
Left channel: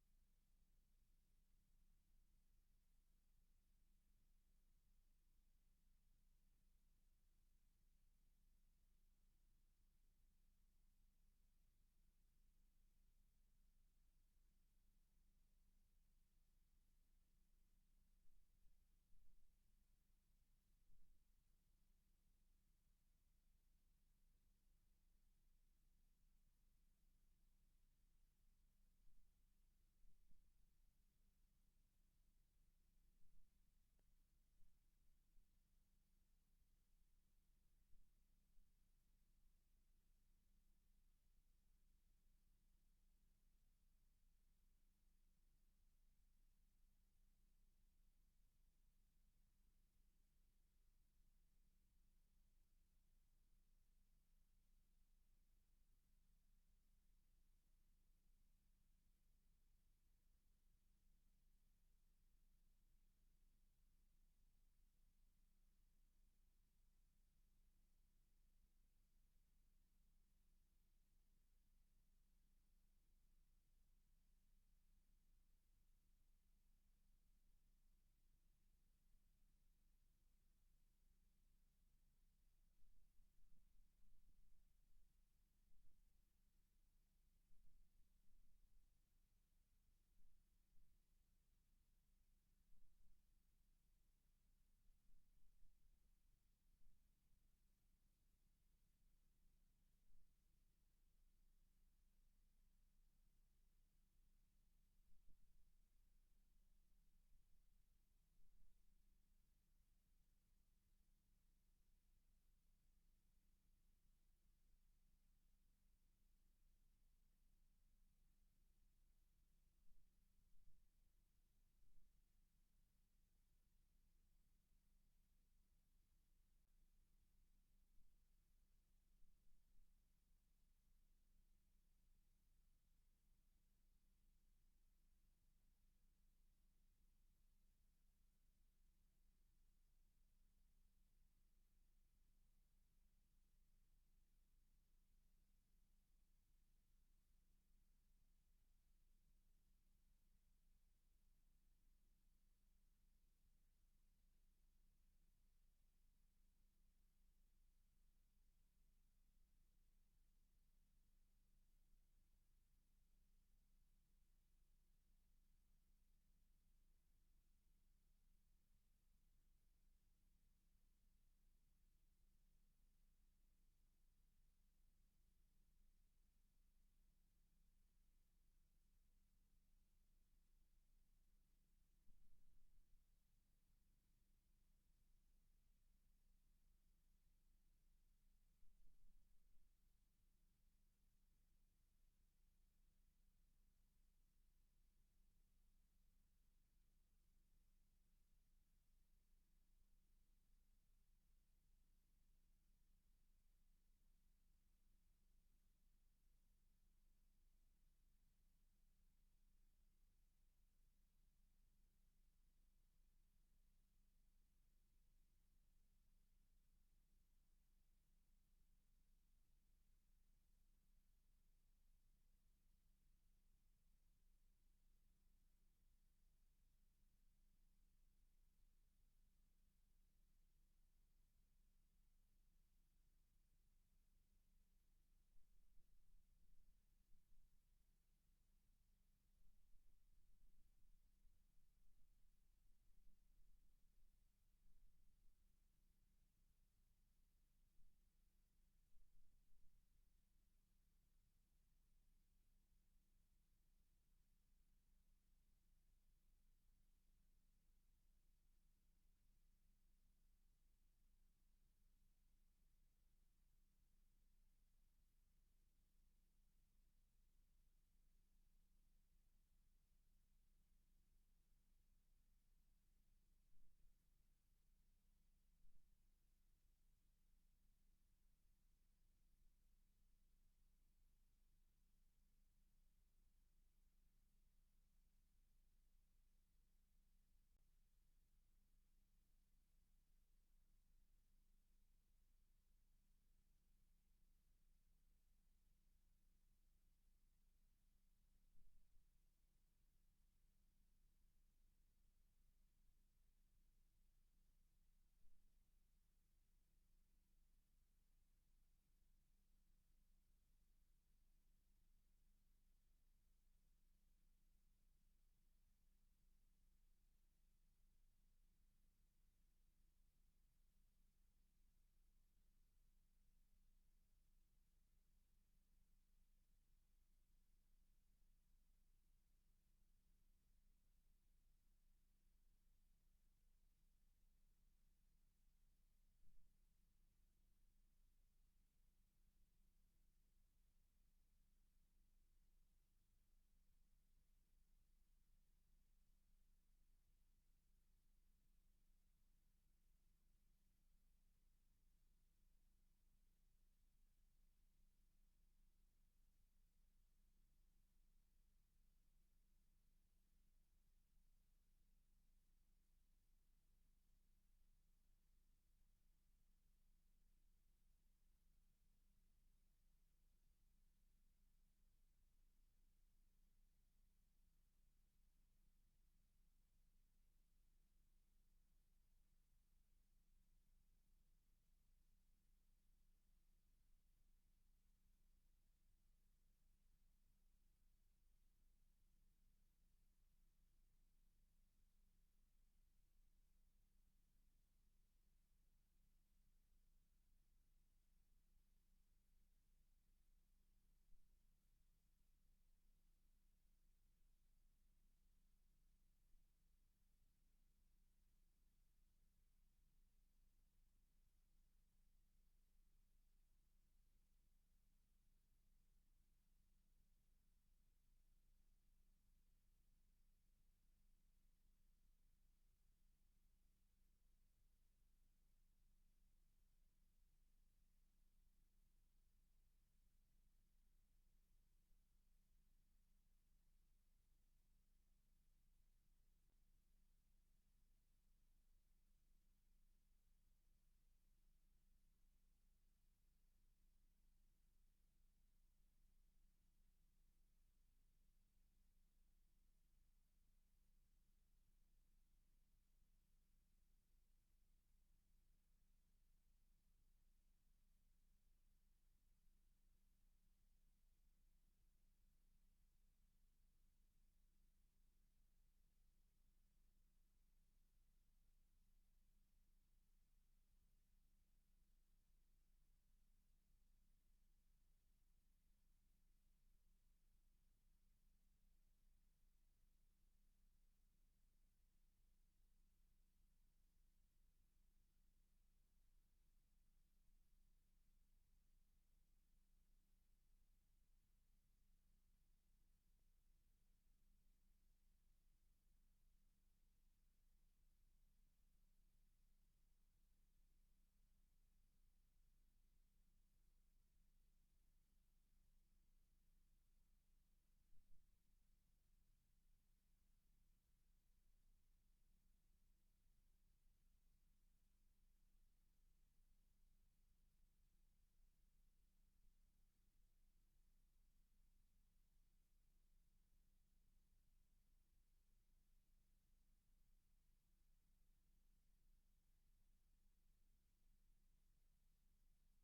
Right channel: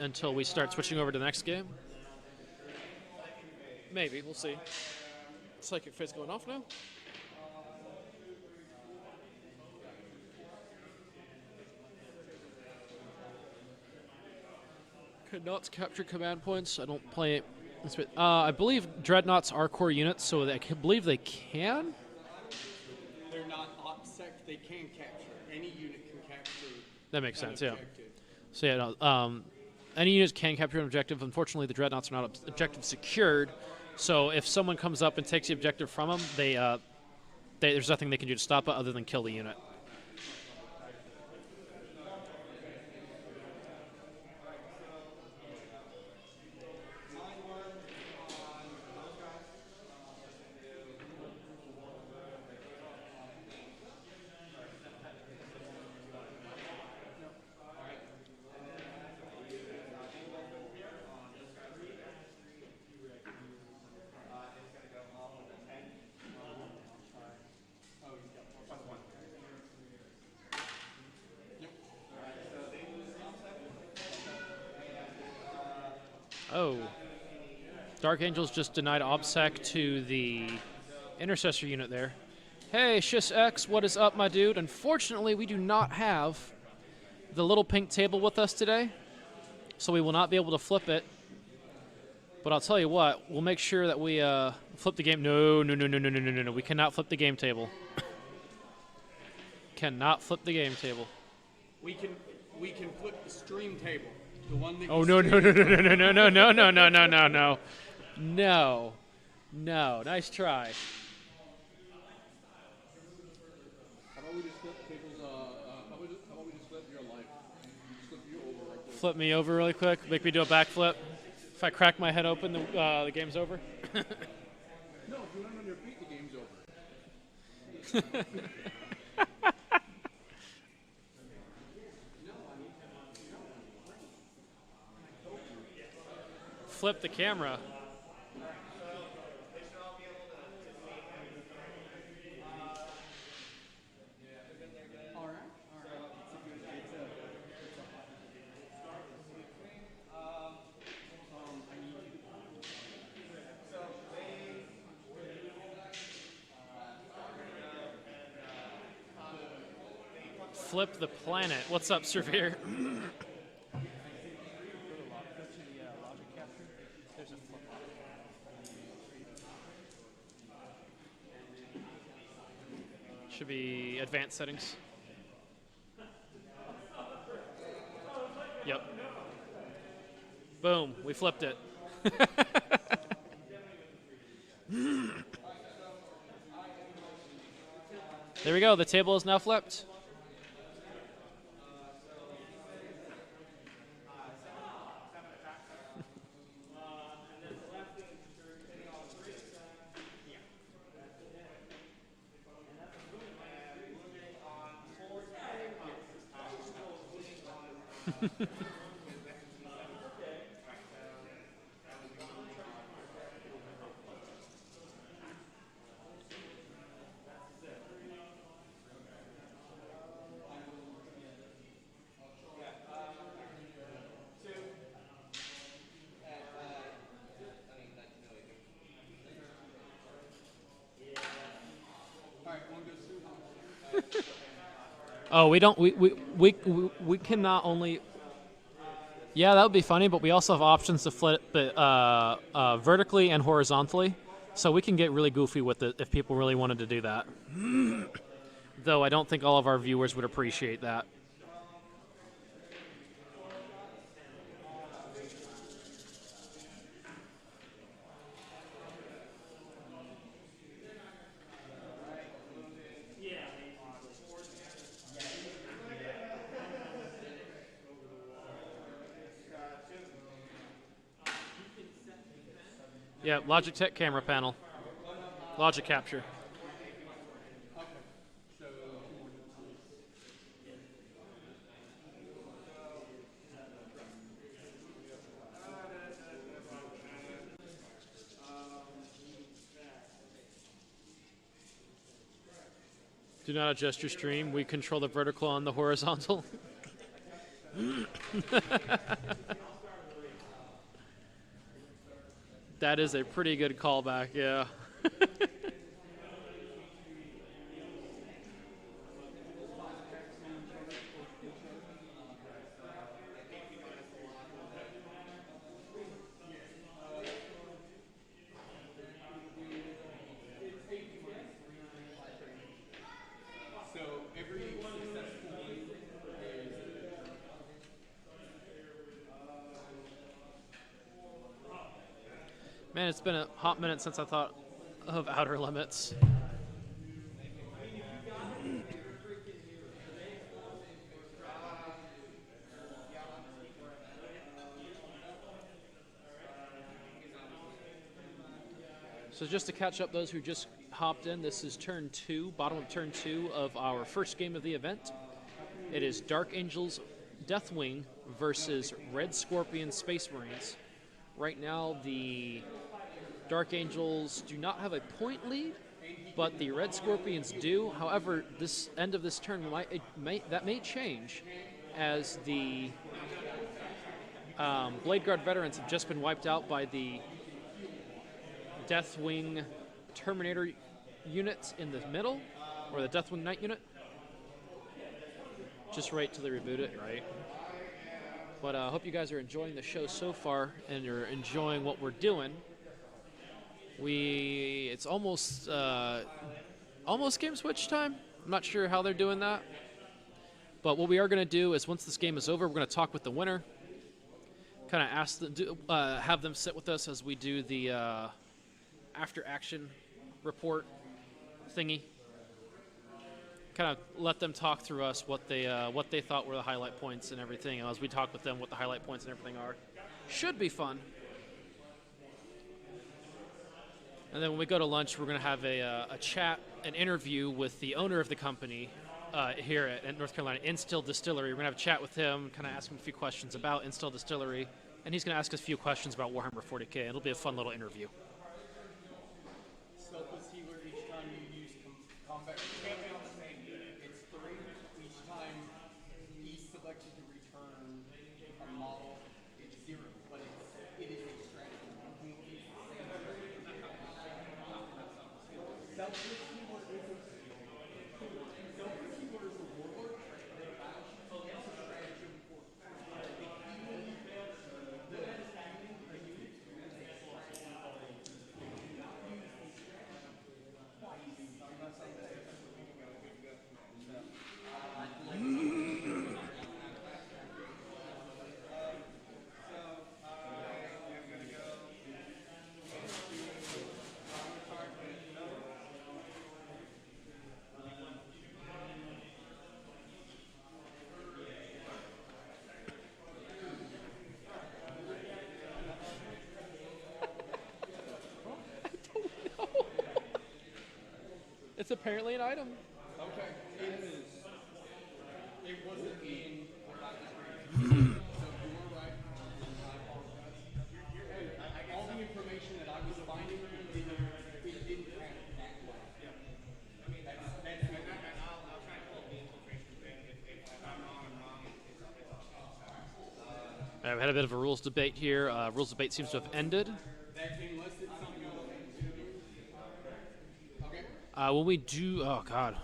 until we start switching over to the next game. Maybe, we'll see. Psychic Face going off now. Could not capture command points. I don't play it. I believe Dreadnoughts are core units, so I believe they can. They're not OPSEC, they can capture. Any unit can capture. That makes sense, objective. yeah. So yeah, no, any units can capture an objective. Unfortunately, the Dreadnoughts are not objective secured. So if someone comes up and takes the objective from them, there's nothing they can do to stop it other than kill the unit. Oh. Dark Angels just denied OBSEC to the Intercessor unit there. Hey, Shish X, what is up, my dude? Unfortunately, we do not have the little pink table with us today, so we will not be able to flip it. But I'll tell you what, we'll make sure that we flip the game. No. We cannot flip the game table. Cannot flip the game table. We can flip the stream table. The one that Oh, you no. stream. No, nice try. How about we just flip tables? How about we just flip your life? Just flip you over right there. Flip me over really quick. Make me do a backflip. If I crack my head open, the game's over. No, if you land on your feet, the game's over. Flip the camera. Flip the planet. What's up, Severe? Should be advanced settings. Yep. Boom, we flipped it. There we go, the table is now flipped. Oh, we don't. We can not only. Yeah, that would be funny, but we also have options to flip it vertically and horizontally, so we can get really goofy with it if people really wanted to do that. Though I don't think all of our viewers would appreciate that. Yeah, Logitech camera panel. Logic capture. Do not adjust your stream. We control the vertical and the horizontal. That is a pretty good callback, yeah. So every successful one is Man, it's been a hot minute since I thought of Outer Limits. So just to catch up those who just hopped in, this is turn 2, bottom of turn 2 of our first game of the event. It is Dark Angels Deathwing versus Red Scorpion Space Marines. Right now, the Dark Angels do not have a point lead, but the Red Scorpions do. However, this end of this turn that may change, as the Blade Guard veterans have just been wiped out by the Deathwing Terminator units in the middle, or the Deathwing Knight unit. Just right till they reboot it, right? But I hope you guys are enjoying the show so far, and you're enjoying what we're doing. It's almost game switch time. I'm not sure how they're doing that. But what we are going to do is once this game is over, we're going to talk with the winner. Kind of have them sit with us as we do the after action report thingy. Kind of let them talk through us what they thought were the highlight points and everything. And as we talk with them, what the highlight points and everything are. Should be fun. And then when we go to lunch, we're going to have a chat, an interview with the owner of the company here at North Carolina, Instill Distillery. We're going to have a chat with him, kind of ask him a few questions about Instill Distillery, and he's going to ask us a few questions about Warhammer 40K. It'll be a fun little interview. Selfless healer each time you use combat. It's 3 each time he's selected to return a model. It's 0, but it is a strategy. You can use the same strategy. Selfless healer is a warlord. It's a stratagem for It's apparently an item. Okay, it wasn't in what I was reading. So you were right. I apologize. All the information that I was finding, it didn't have it that way. That's the only thing. I'll try and pull the infiltration thing. If I'm wrong, I'm wrong. All right, we had a bit of a rules debate here. Rules debate seems to have ended. Unless it's something else. Okay. When we do, oh god.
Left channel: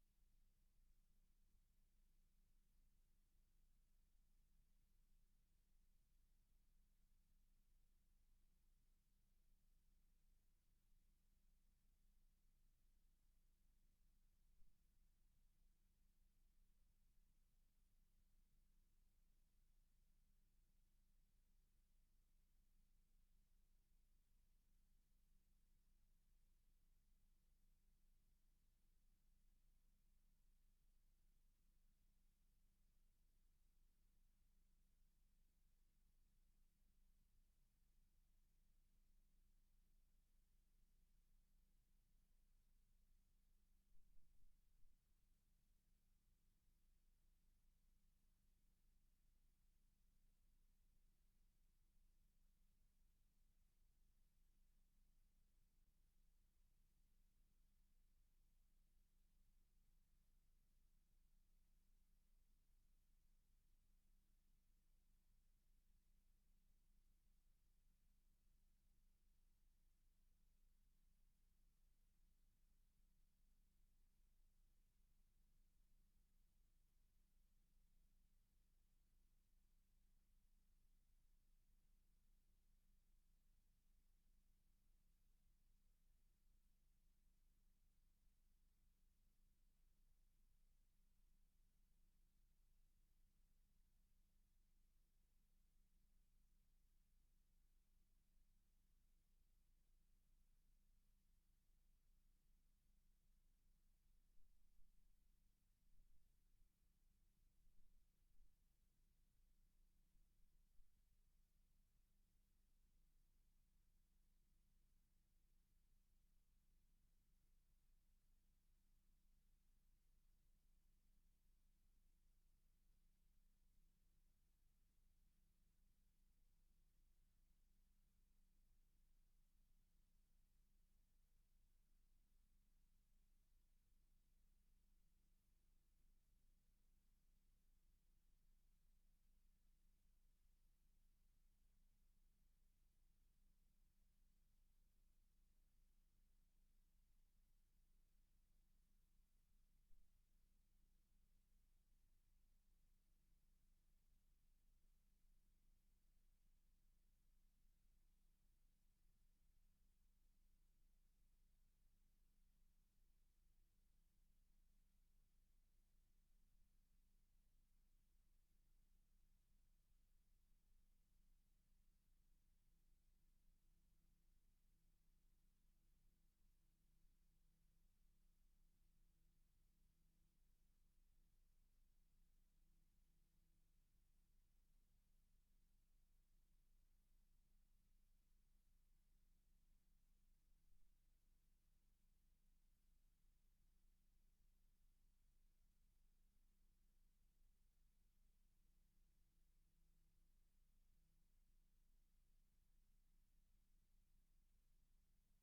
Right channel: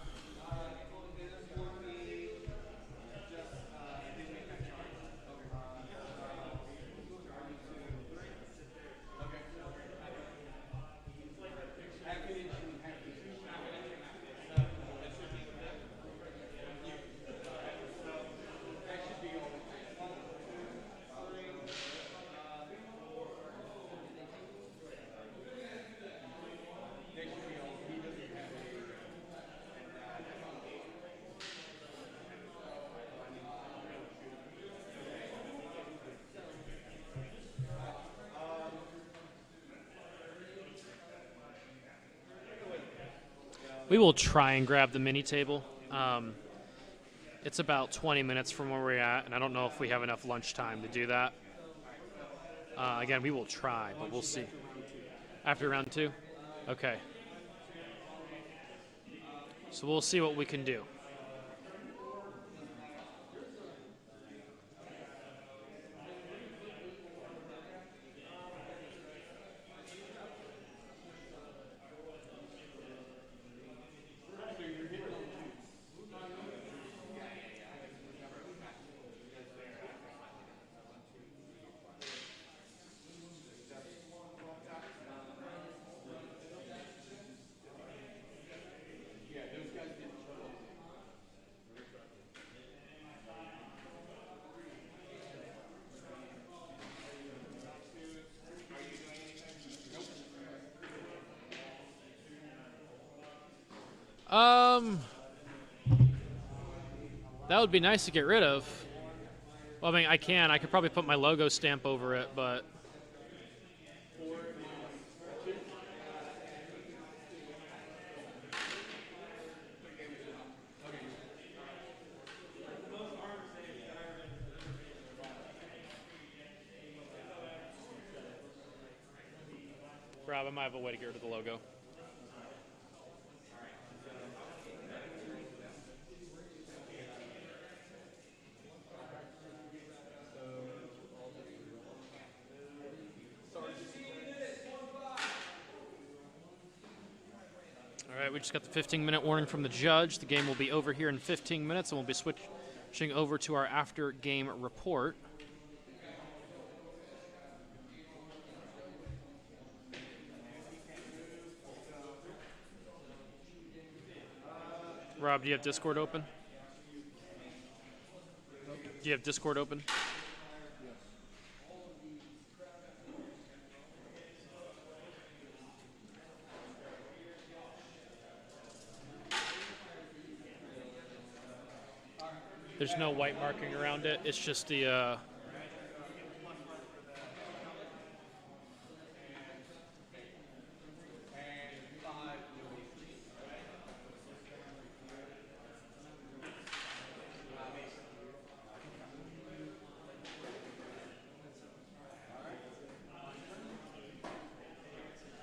We will try and grab the mini table. It's about 20 minutes from where we're at, and I don't know if we have enough lunch time to do that. Again, we will try, but we'll see. After round 2? Okay. So we'll see what we can do. That would be nice to get rid of. Well, I mean, I could probably put my logo stamp over it, but Rob, I might have a way to get rid of the logo. we just got the 15-minute warning from the judge. The game will be over here in 15 minutes, and we'll be switching over to our after-game report. Rob, do you have Discord open? Do you have Discord open? There's no white marking around it. It's just the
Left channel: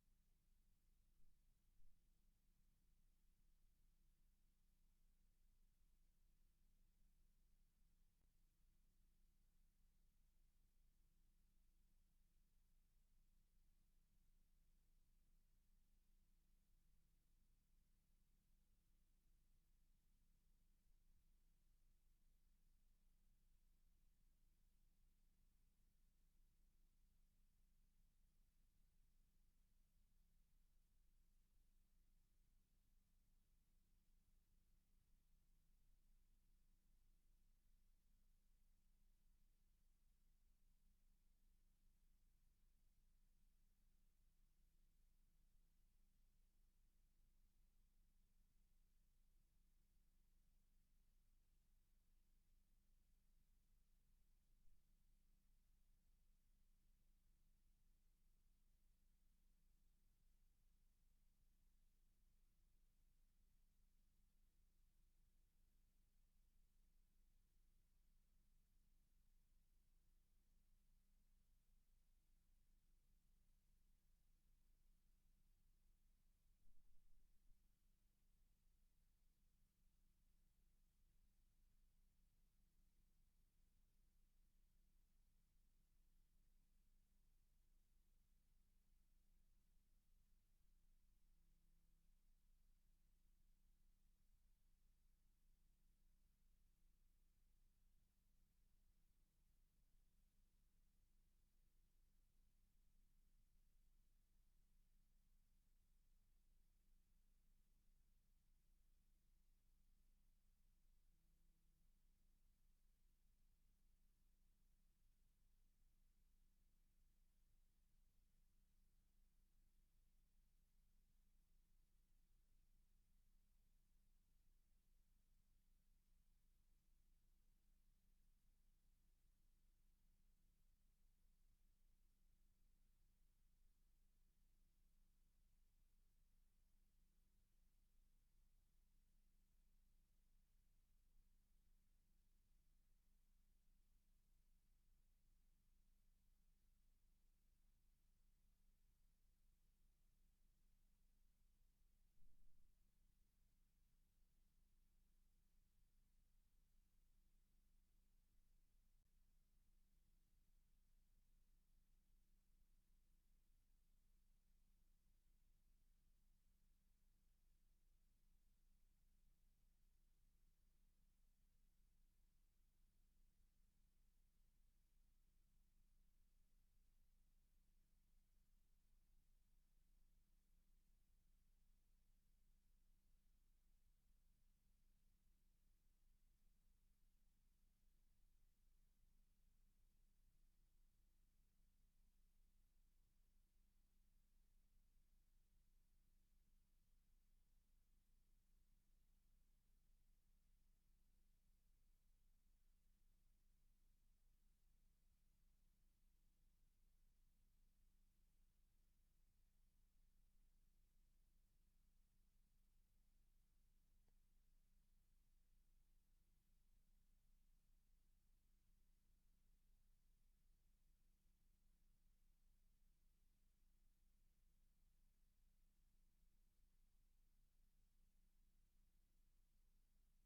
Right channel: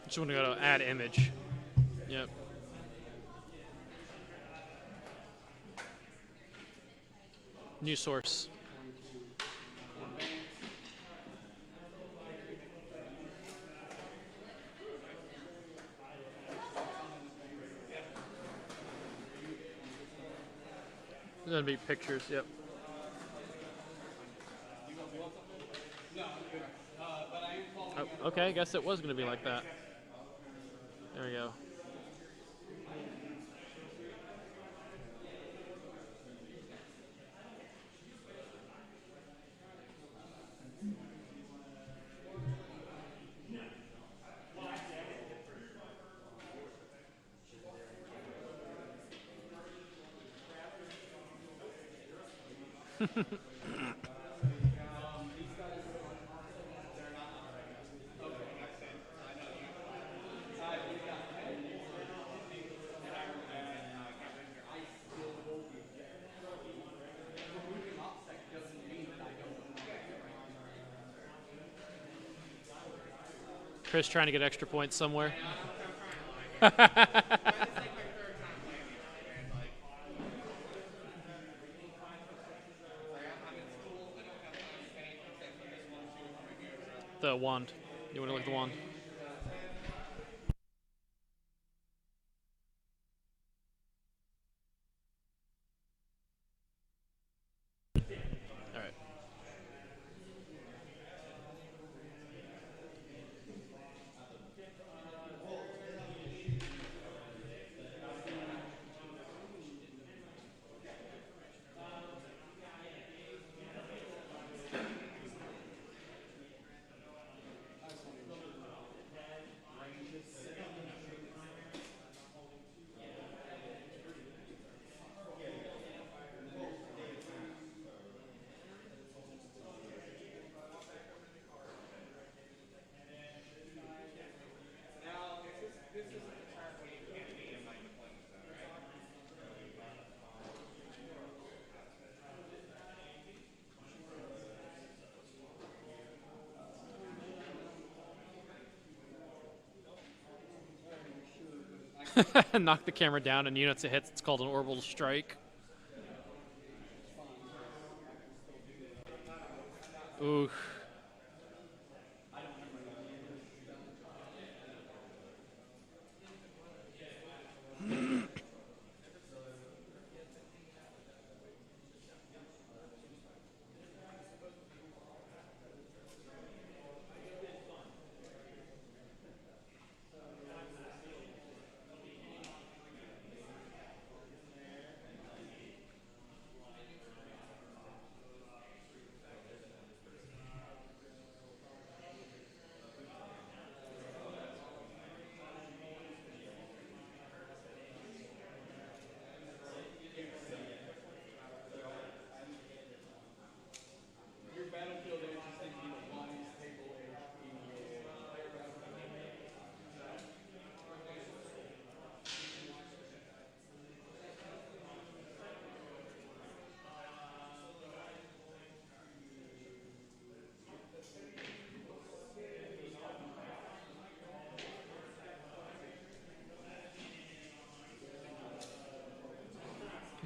just want to go to add image. Yep. New source. There's gonna be pictures. Yep. Oh, okay, I guess it was gonna be like that. There we go. Chris trying to get extra points somewhere. The wand. You want to look at the wand? All right. Knock the camera down and units it hits. It's called an orbital strike. Ooh.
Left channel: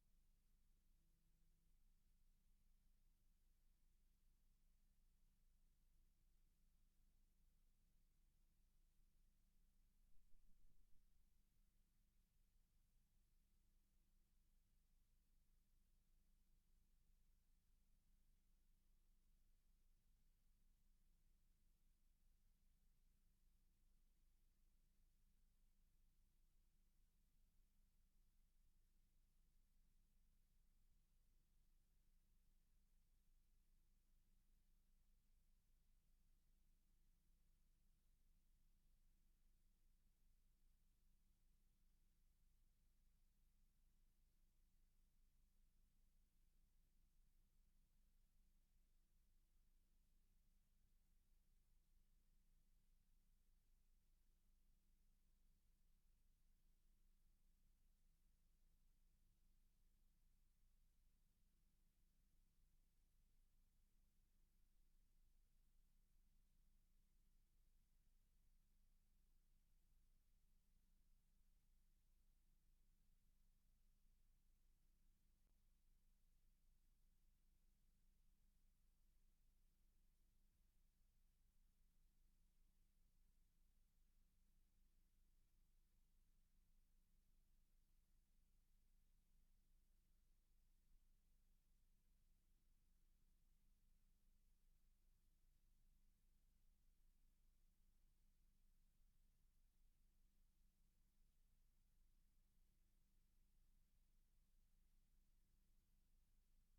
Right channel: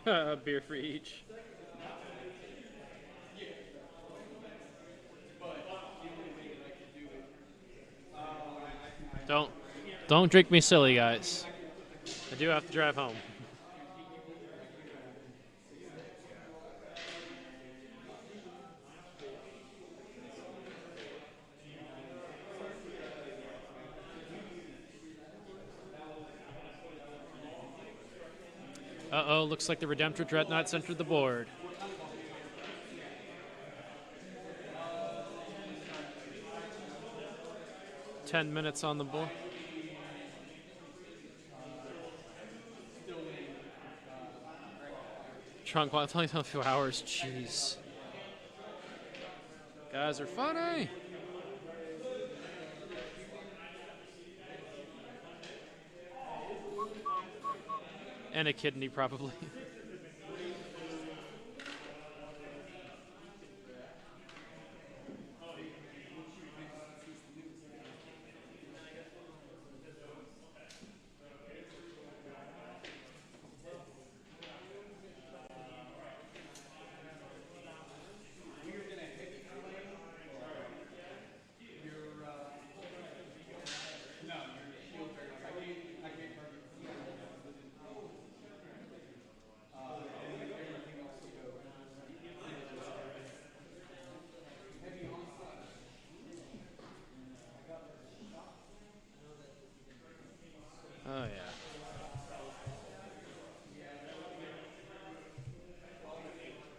A beer for each. Don't drink me silly, guys. I do have to drive home. Uh-oh, looks like the Redemptor Dreadnoughts entered the board. Ten minutes on the board. Trunk, well, it's only a few hours. Jeez. Guys are funny. And a kidney, probably. Oh,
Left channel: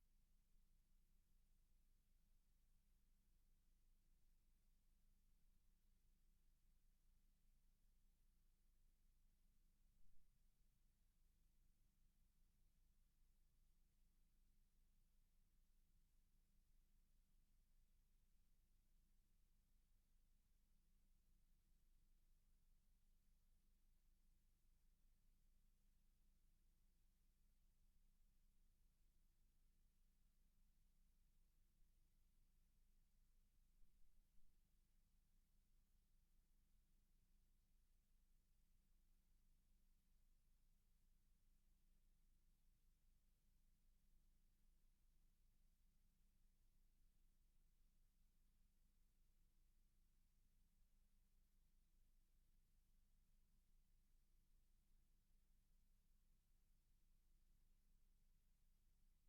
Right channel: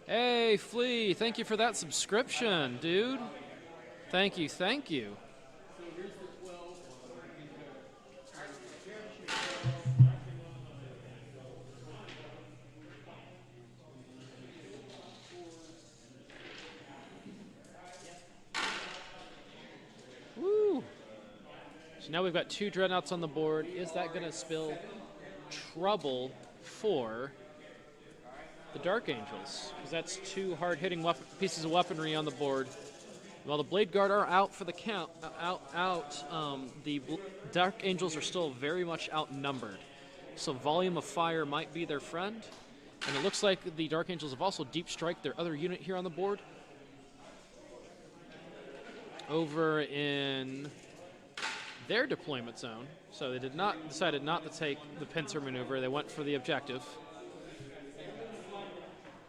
yeah. Hey, Flea, thank you for that subscription, dude. Thank you, thank you. Woo! So now we've got 2 Dreadnoughts on the board. Is that going to spell trouble for the Dark Angels? Because that's 2 hard-hitting pieces of weaponry on the board. While the Blade Guard are out for the count, the Dark Angels are still very much outnumbered. So volume of fire might be their friend. And it looks like the Dark Angels have also deep strike their other unit here on the board. Over in their deployment zone. So they decided not to take the pincer maneuver. They went for the objective.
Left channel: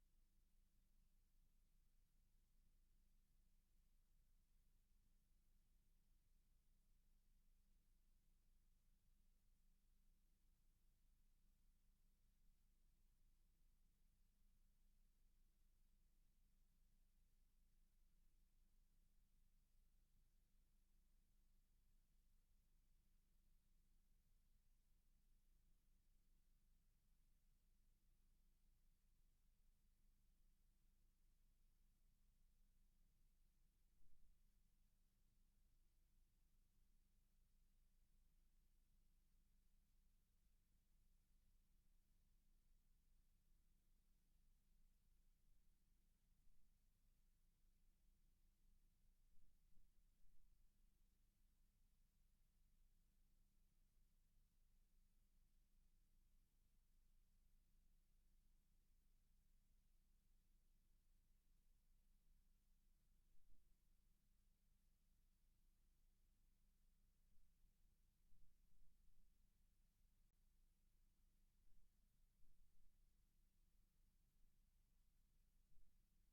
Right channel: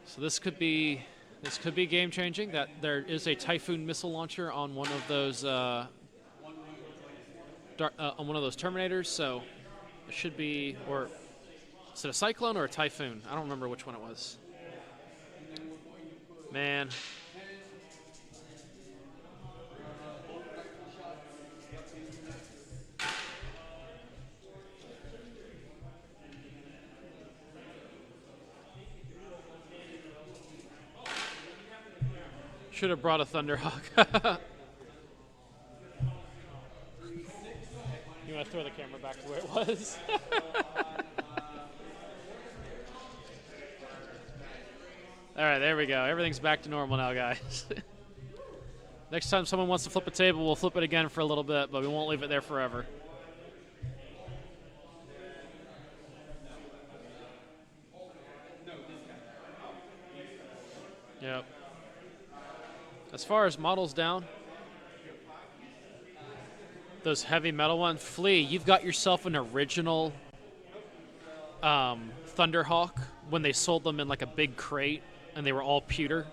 So this could be game changing. That there is a Typhoon missile launcher on one of those on one of those Terminators. So it should be, or is it a Cyclone or a Typhoon? I don't remember which one it was. Man. Should have brought a Thunderhawk. You want to throw the camera back to where it was? All right, there we go. Everything's back to normal now, guys. Next time someone wants to flip a table, we'll flip it again for a little bit, but we won't leave it there forever. Yep. As far as models down, those heavy metal ones, Flea, you've got yourself an original Thunderhawk when they sold them in like a big crate and they were all pewter,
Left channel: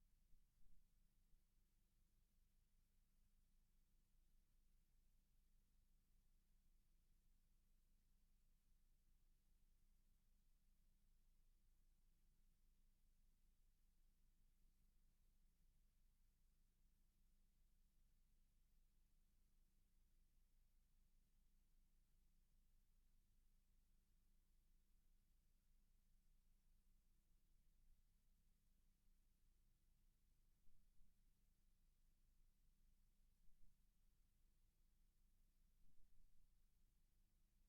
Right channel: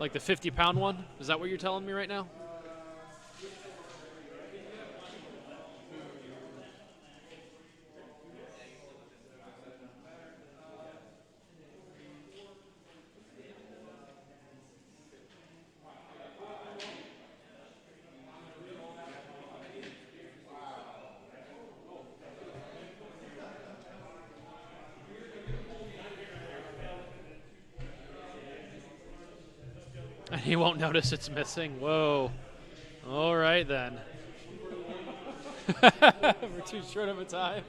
like the 50-pound one. Is that what you're telling me right now? He won't notice it's missing. Whoa. All right, then. We're too short of a time.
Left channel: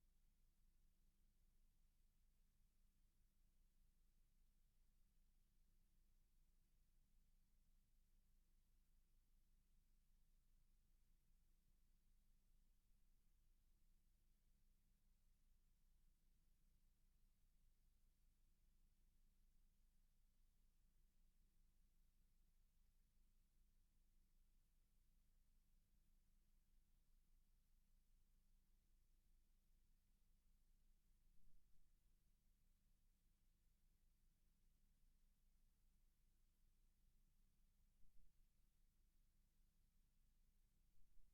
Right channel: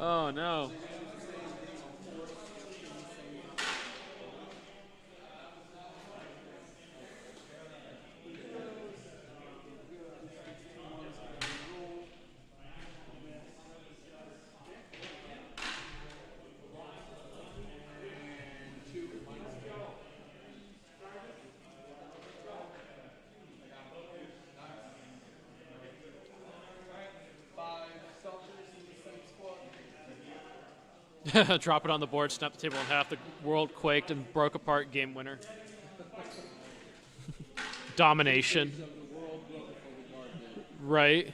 Oh, no. Drop it on the board, snap the table in half. The world quaked and broke apart. Game winner. Domination. Right.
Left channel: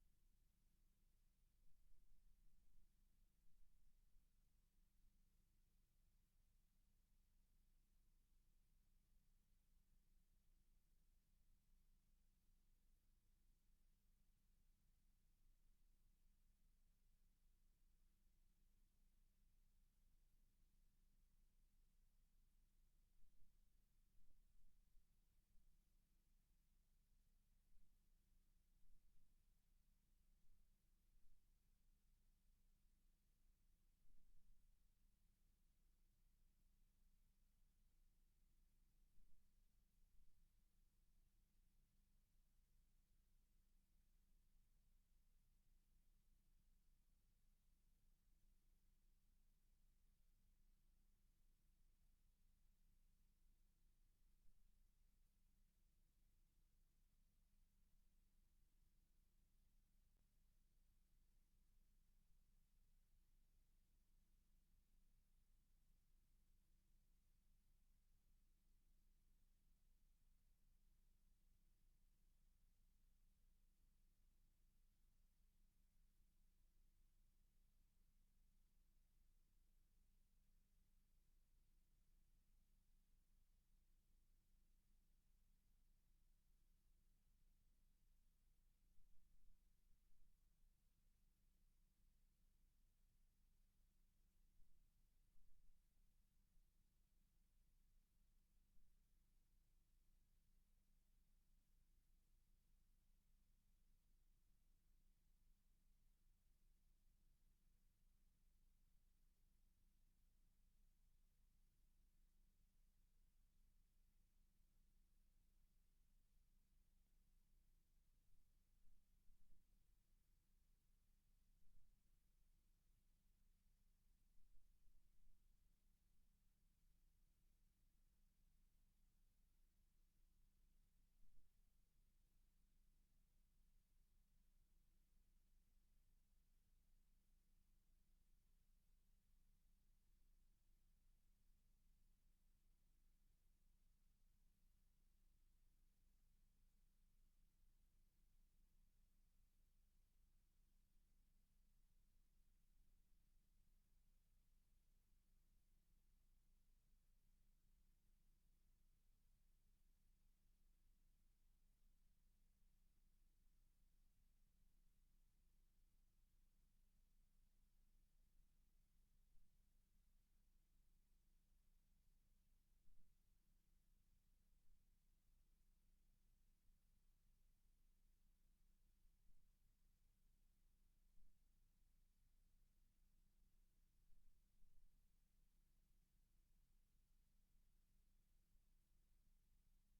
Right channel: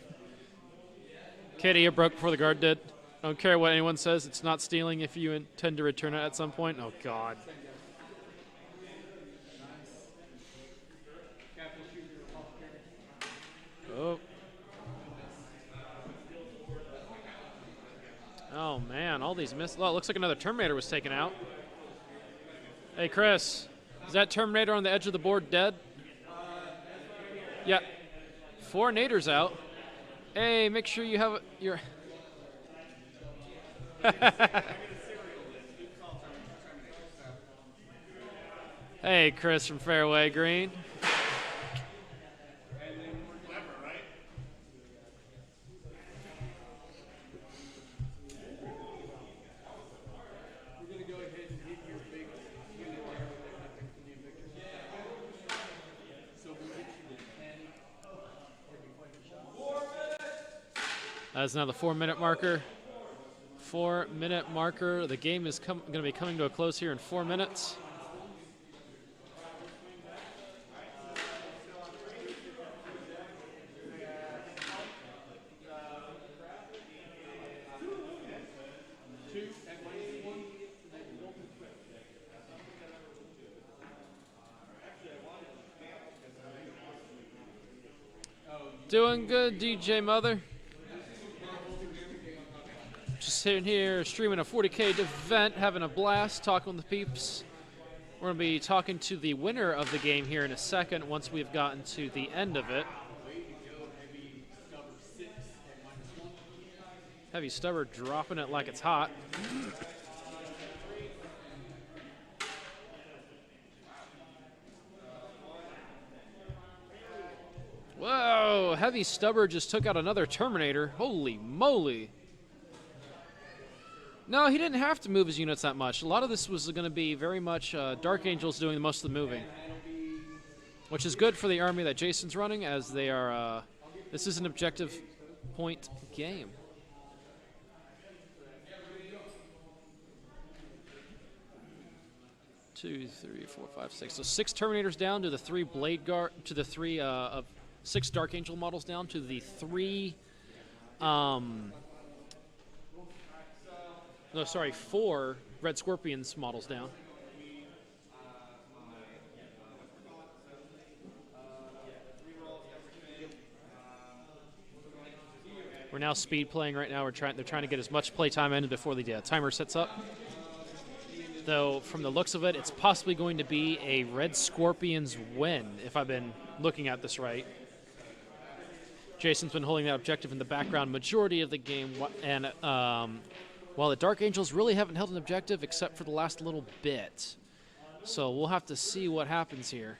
Katie, you broke before the guard did. I don't care what anyone says. It's not stealing if you intend to return it at some point. Oh, God. Oh. Oh, man. All these miss. Well, it looks like another Terminator was taken out. Hey, Chris. Is that Terminator on the edge of the board dead? Yeah. 4 naders out. Hey, make sure you have your... Hey, Chris from Fairway Green. That's now the 4-minute marker. 4-minute marker. The game is going to be coming to a close here in 4 minutes. Doing good, DJ Mother. Just sitting here streaming a 40K event, having a blast, talking with the peeps. We're going to be talking to the winner of the game here in a second once we've gotten to the end of it. Heavy Stubber dropping it like it's hot. Whoa, Heavy Stubber just took out another Terminator. Holy moly. No, he didn't have to move his units that much. A lot of this was going to be very much Dark Angels doing most of the moving, which is good for the army that Jason's running, as they are. This is an objective point game. Two, three, four, five, six. So 6 Terminators down to the 3 Blade Guard, to the 3 of 6 Dark Angel models down to the 3. No, sorry, 4 Red Scorpions models down. We're now speed playing right now. They're trying to get as much play time in before the timer sets up. Though, from the looks of it, it's possibly going to be a Red Scorpions win, if I've been looking at this right. Jason's been holding that objective in the background majority of the game, and while the Dark Angels really haven't held an objective except for the last little bit. So we'll have to see what happens here.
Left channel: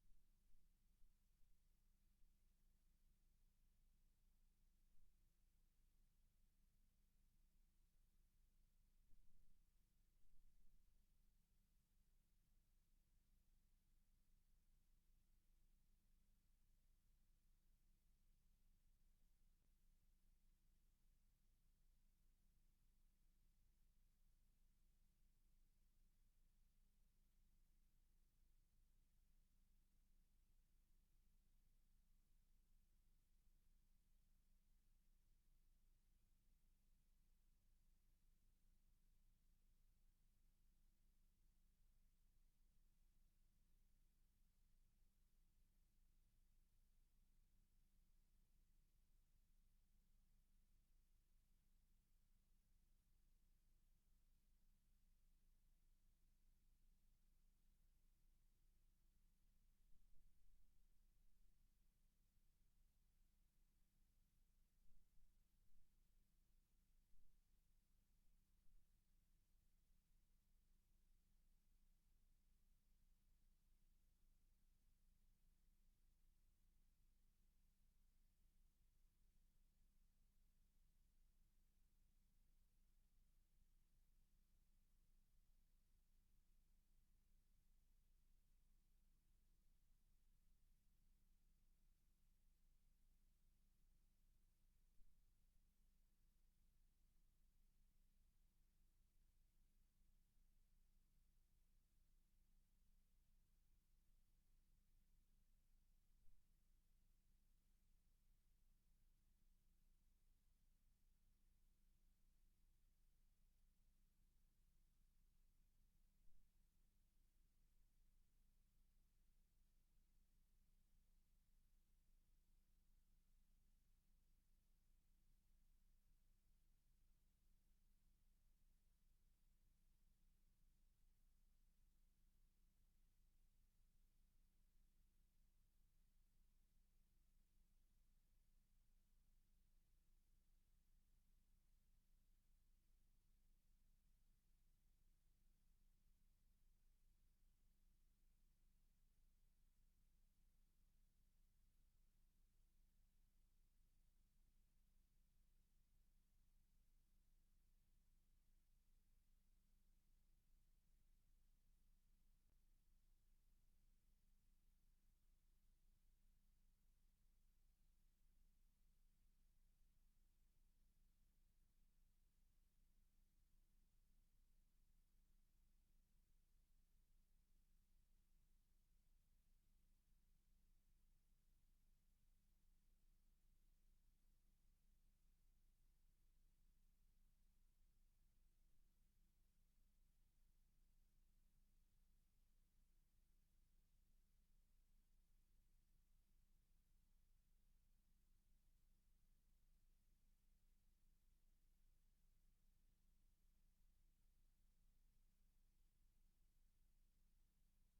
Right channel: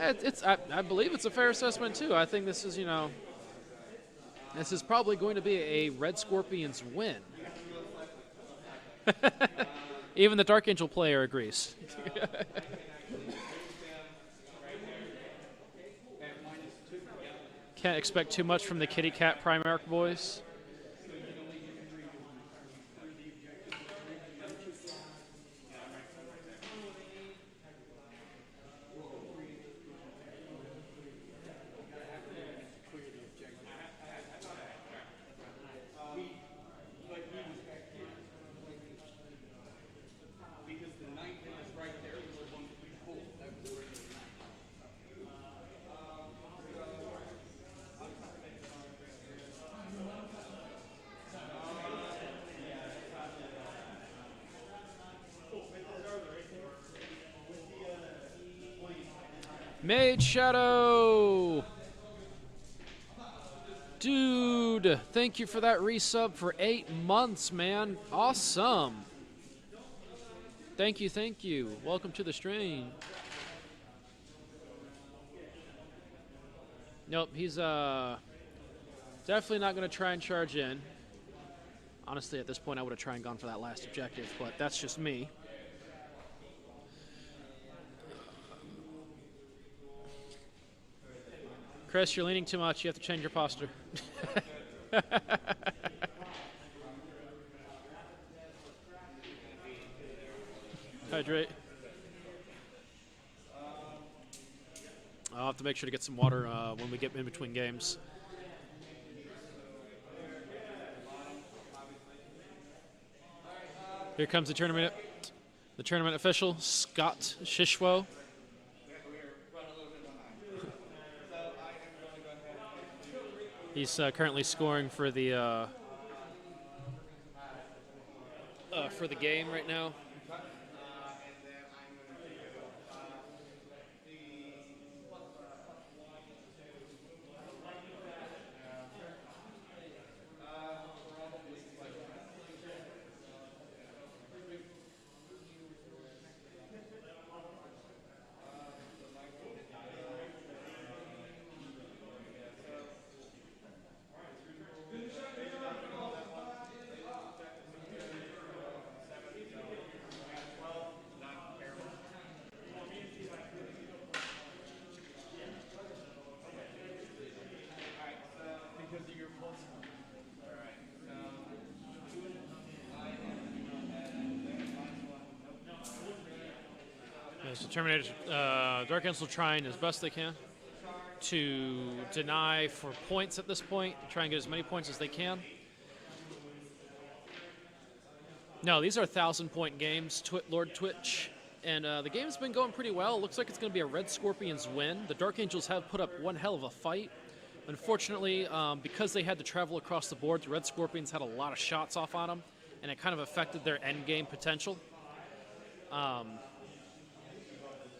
I believe it's a fair assessment too. I think this is, this is probably going to be a Red Scorpions win. Even the Dark Angel player agrees. Can't expect too much from the Kitty Cat Primarch boys. Mage Shadow! Dude, thank you for that resub for 8 months, man. Awesome. Thank you, thank you. Welcome to the stream. Nope, he's definitely not going to try and charge in. Honestly, at this point, I would have tried and gone for that last objective, but that's just me. Chris, you're leaning too much. You have to change your posture. Hydrate. I'll have to make sure to get some water when we get in between games. Here comes the tournament official, Scott Shishwo. He's currently scoring for the game right now. So Terminator, Dark Angels trying as best they can to deny for points at this point, try and get as many points as they can. No, these are 1,000-point games, Lord Twitch, and the game's been going pretty well. Looks like it's going to be a Red Scorpions win. The Dark Angels have put up one hell of a fight. Unfortunately, because they had to travel across the board, the Red Scorpions had a lot of shots off on them, and it kind of affected their end game potential.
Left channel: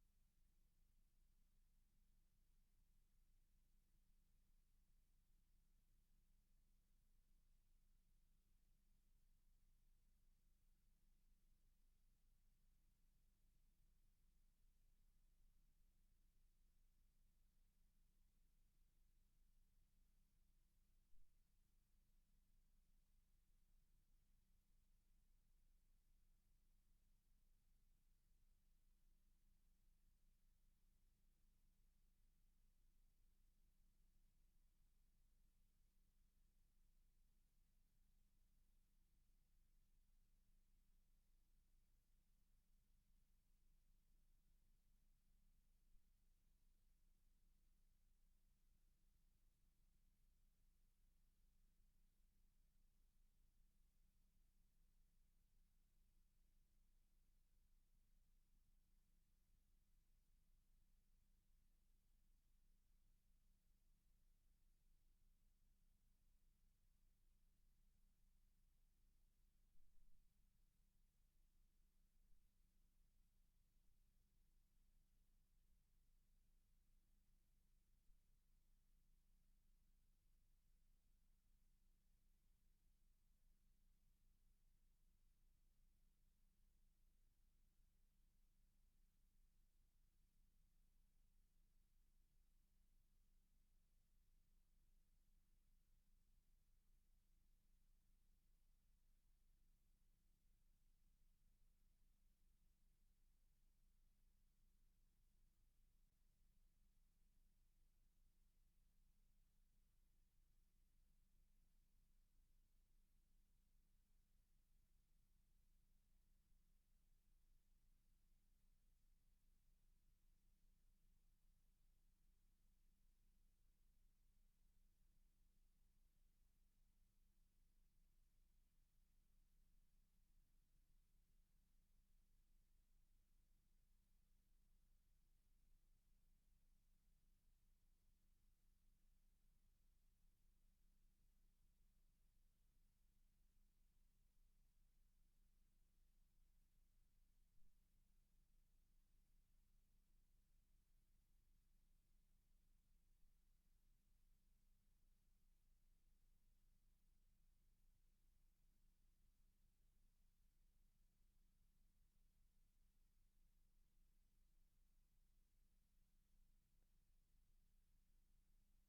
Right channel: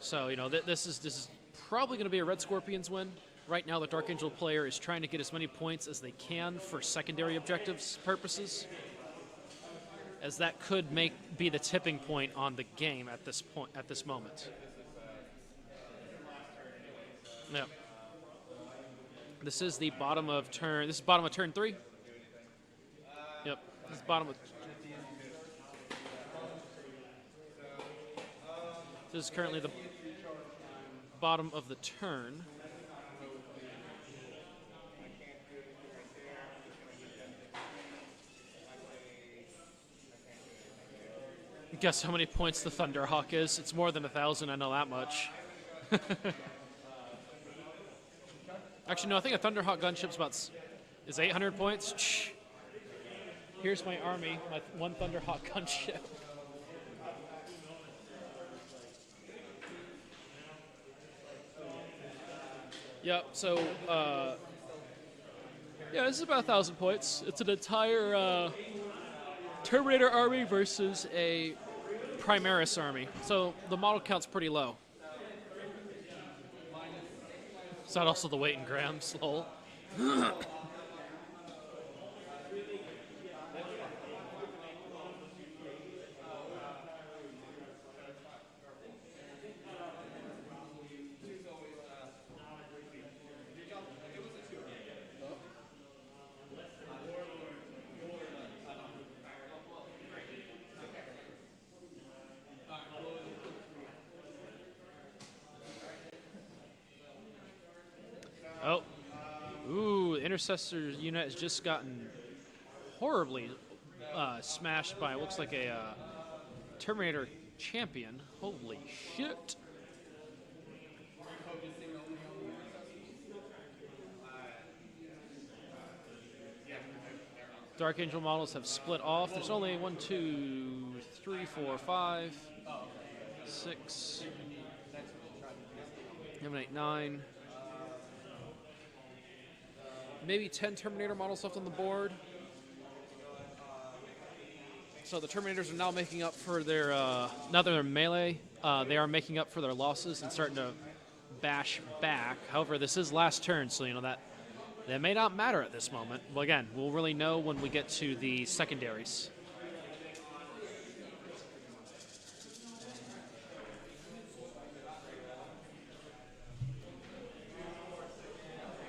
So, you know, this is probably going to be a Red Scorpions win. Right now, the Dark Angel player is trying to get as many points as they can for secondary objectives purposes, as that could be the tipping point on the game at this moment. Yeah. This is the bottom of turn. This is bottom of turn 3. Yep. This is bottom of. This is currently the bottom of the turn. Guess how many points the Thunderhawk is? It's more than 1,000, I know that much. Actually, no, I think a Thunderhawk gunship's is 800 points. Shh. Here's my army, my one Thunderhawk gunship. Yep, so, yeah, this is about 1,000 points. It's an entire Terminator army versus a Primaris army. So the model count's pretty low. Is that also the weight in grams? Lol. Oh. Ooh, Intercessor unit has just gotten horribly smashed by, looks like a Terminator champion. Holy shit. Dark Angel models have split off. There's only 1, 2, 3, 4, 5, 6, 7, 8, 9. Maybe 10 Terminator models left on the board. So the Terminators are now making up for their, now that they're melee, they are making up for their losses and starting to bash back. However, this is last turn, so you know that may not matter at this moment. Well, again, we'll really know when we get to the secondaries.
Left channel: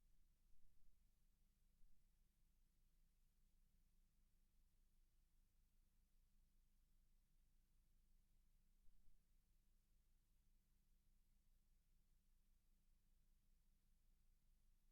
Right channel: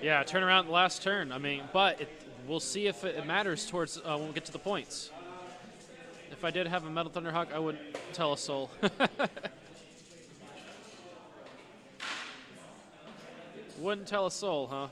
Yeah, turn around the last turn. I mean, but we'll see if it matters towards when we get to the points. If I did have a Metal Thunderhawk, I wouldn't tell a soul. Wouldn't tell a soul, huh?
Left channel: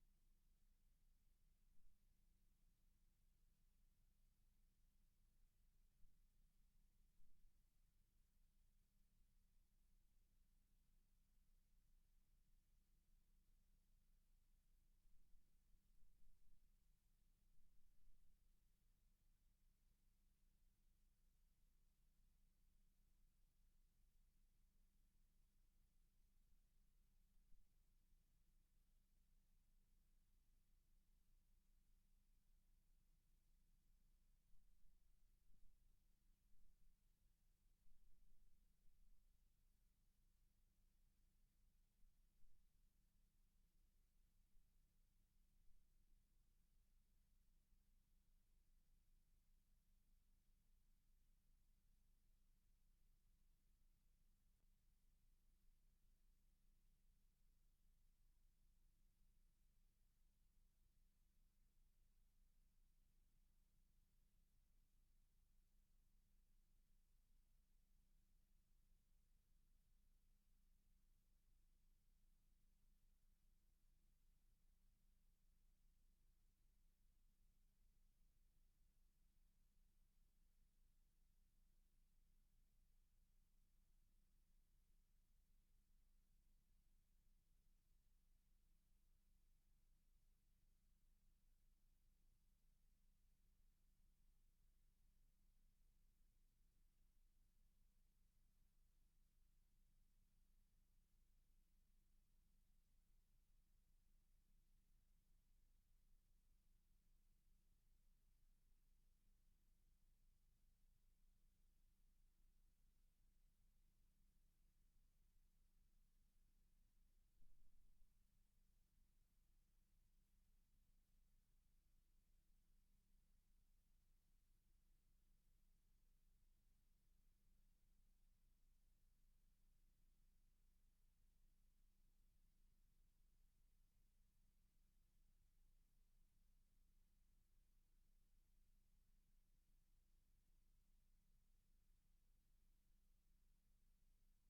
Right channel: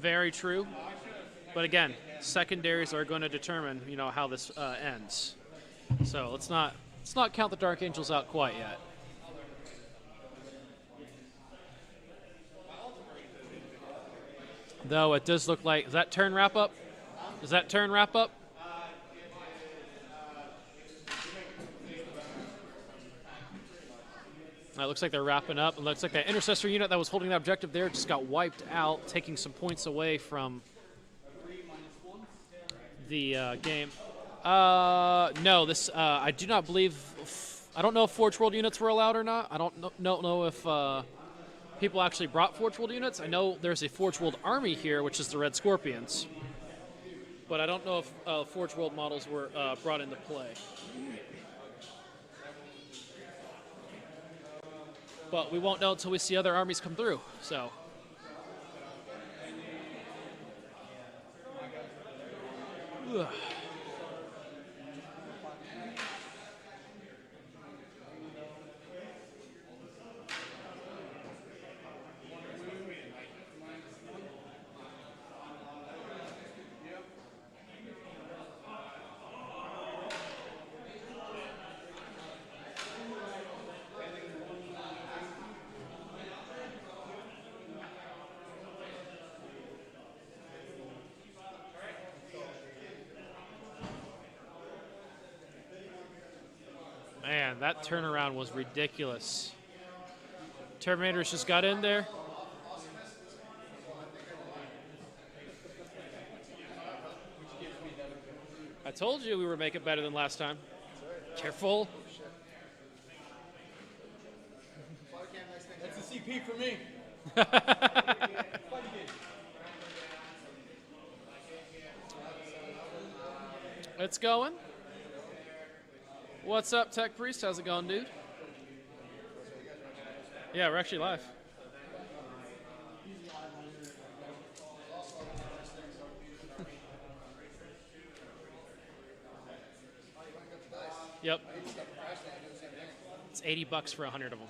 Very true. But again, secondaries are going to determine, how this ends. So let's not count the Dark Angels out quite yet. Though it does look like, is that turn wrap up? Is that turn wrap up? It looks like they're wrapping up. It looks like that intercessor unit that was holding that objective there just got wiped out, taking some points away from the game. No, this I do not believe. I don't know if Forge World units were allowed or not. I don't know if people actually brought Forge World units. I know there's a Forge World army here, which is the Red Scorpions, but I don't know if Forge World models were brought into play. But we won't know until we see other armies come through. So. Ugh. Man, that turnaround was ridiculous. Terminators just got in there. I told you we were making better than last time. Careful. That's a CP for me. It's going. What's up, Tech Priest? How's it going, dude? Yeah, we're actually live. Yep. It's $80 for 100 of them.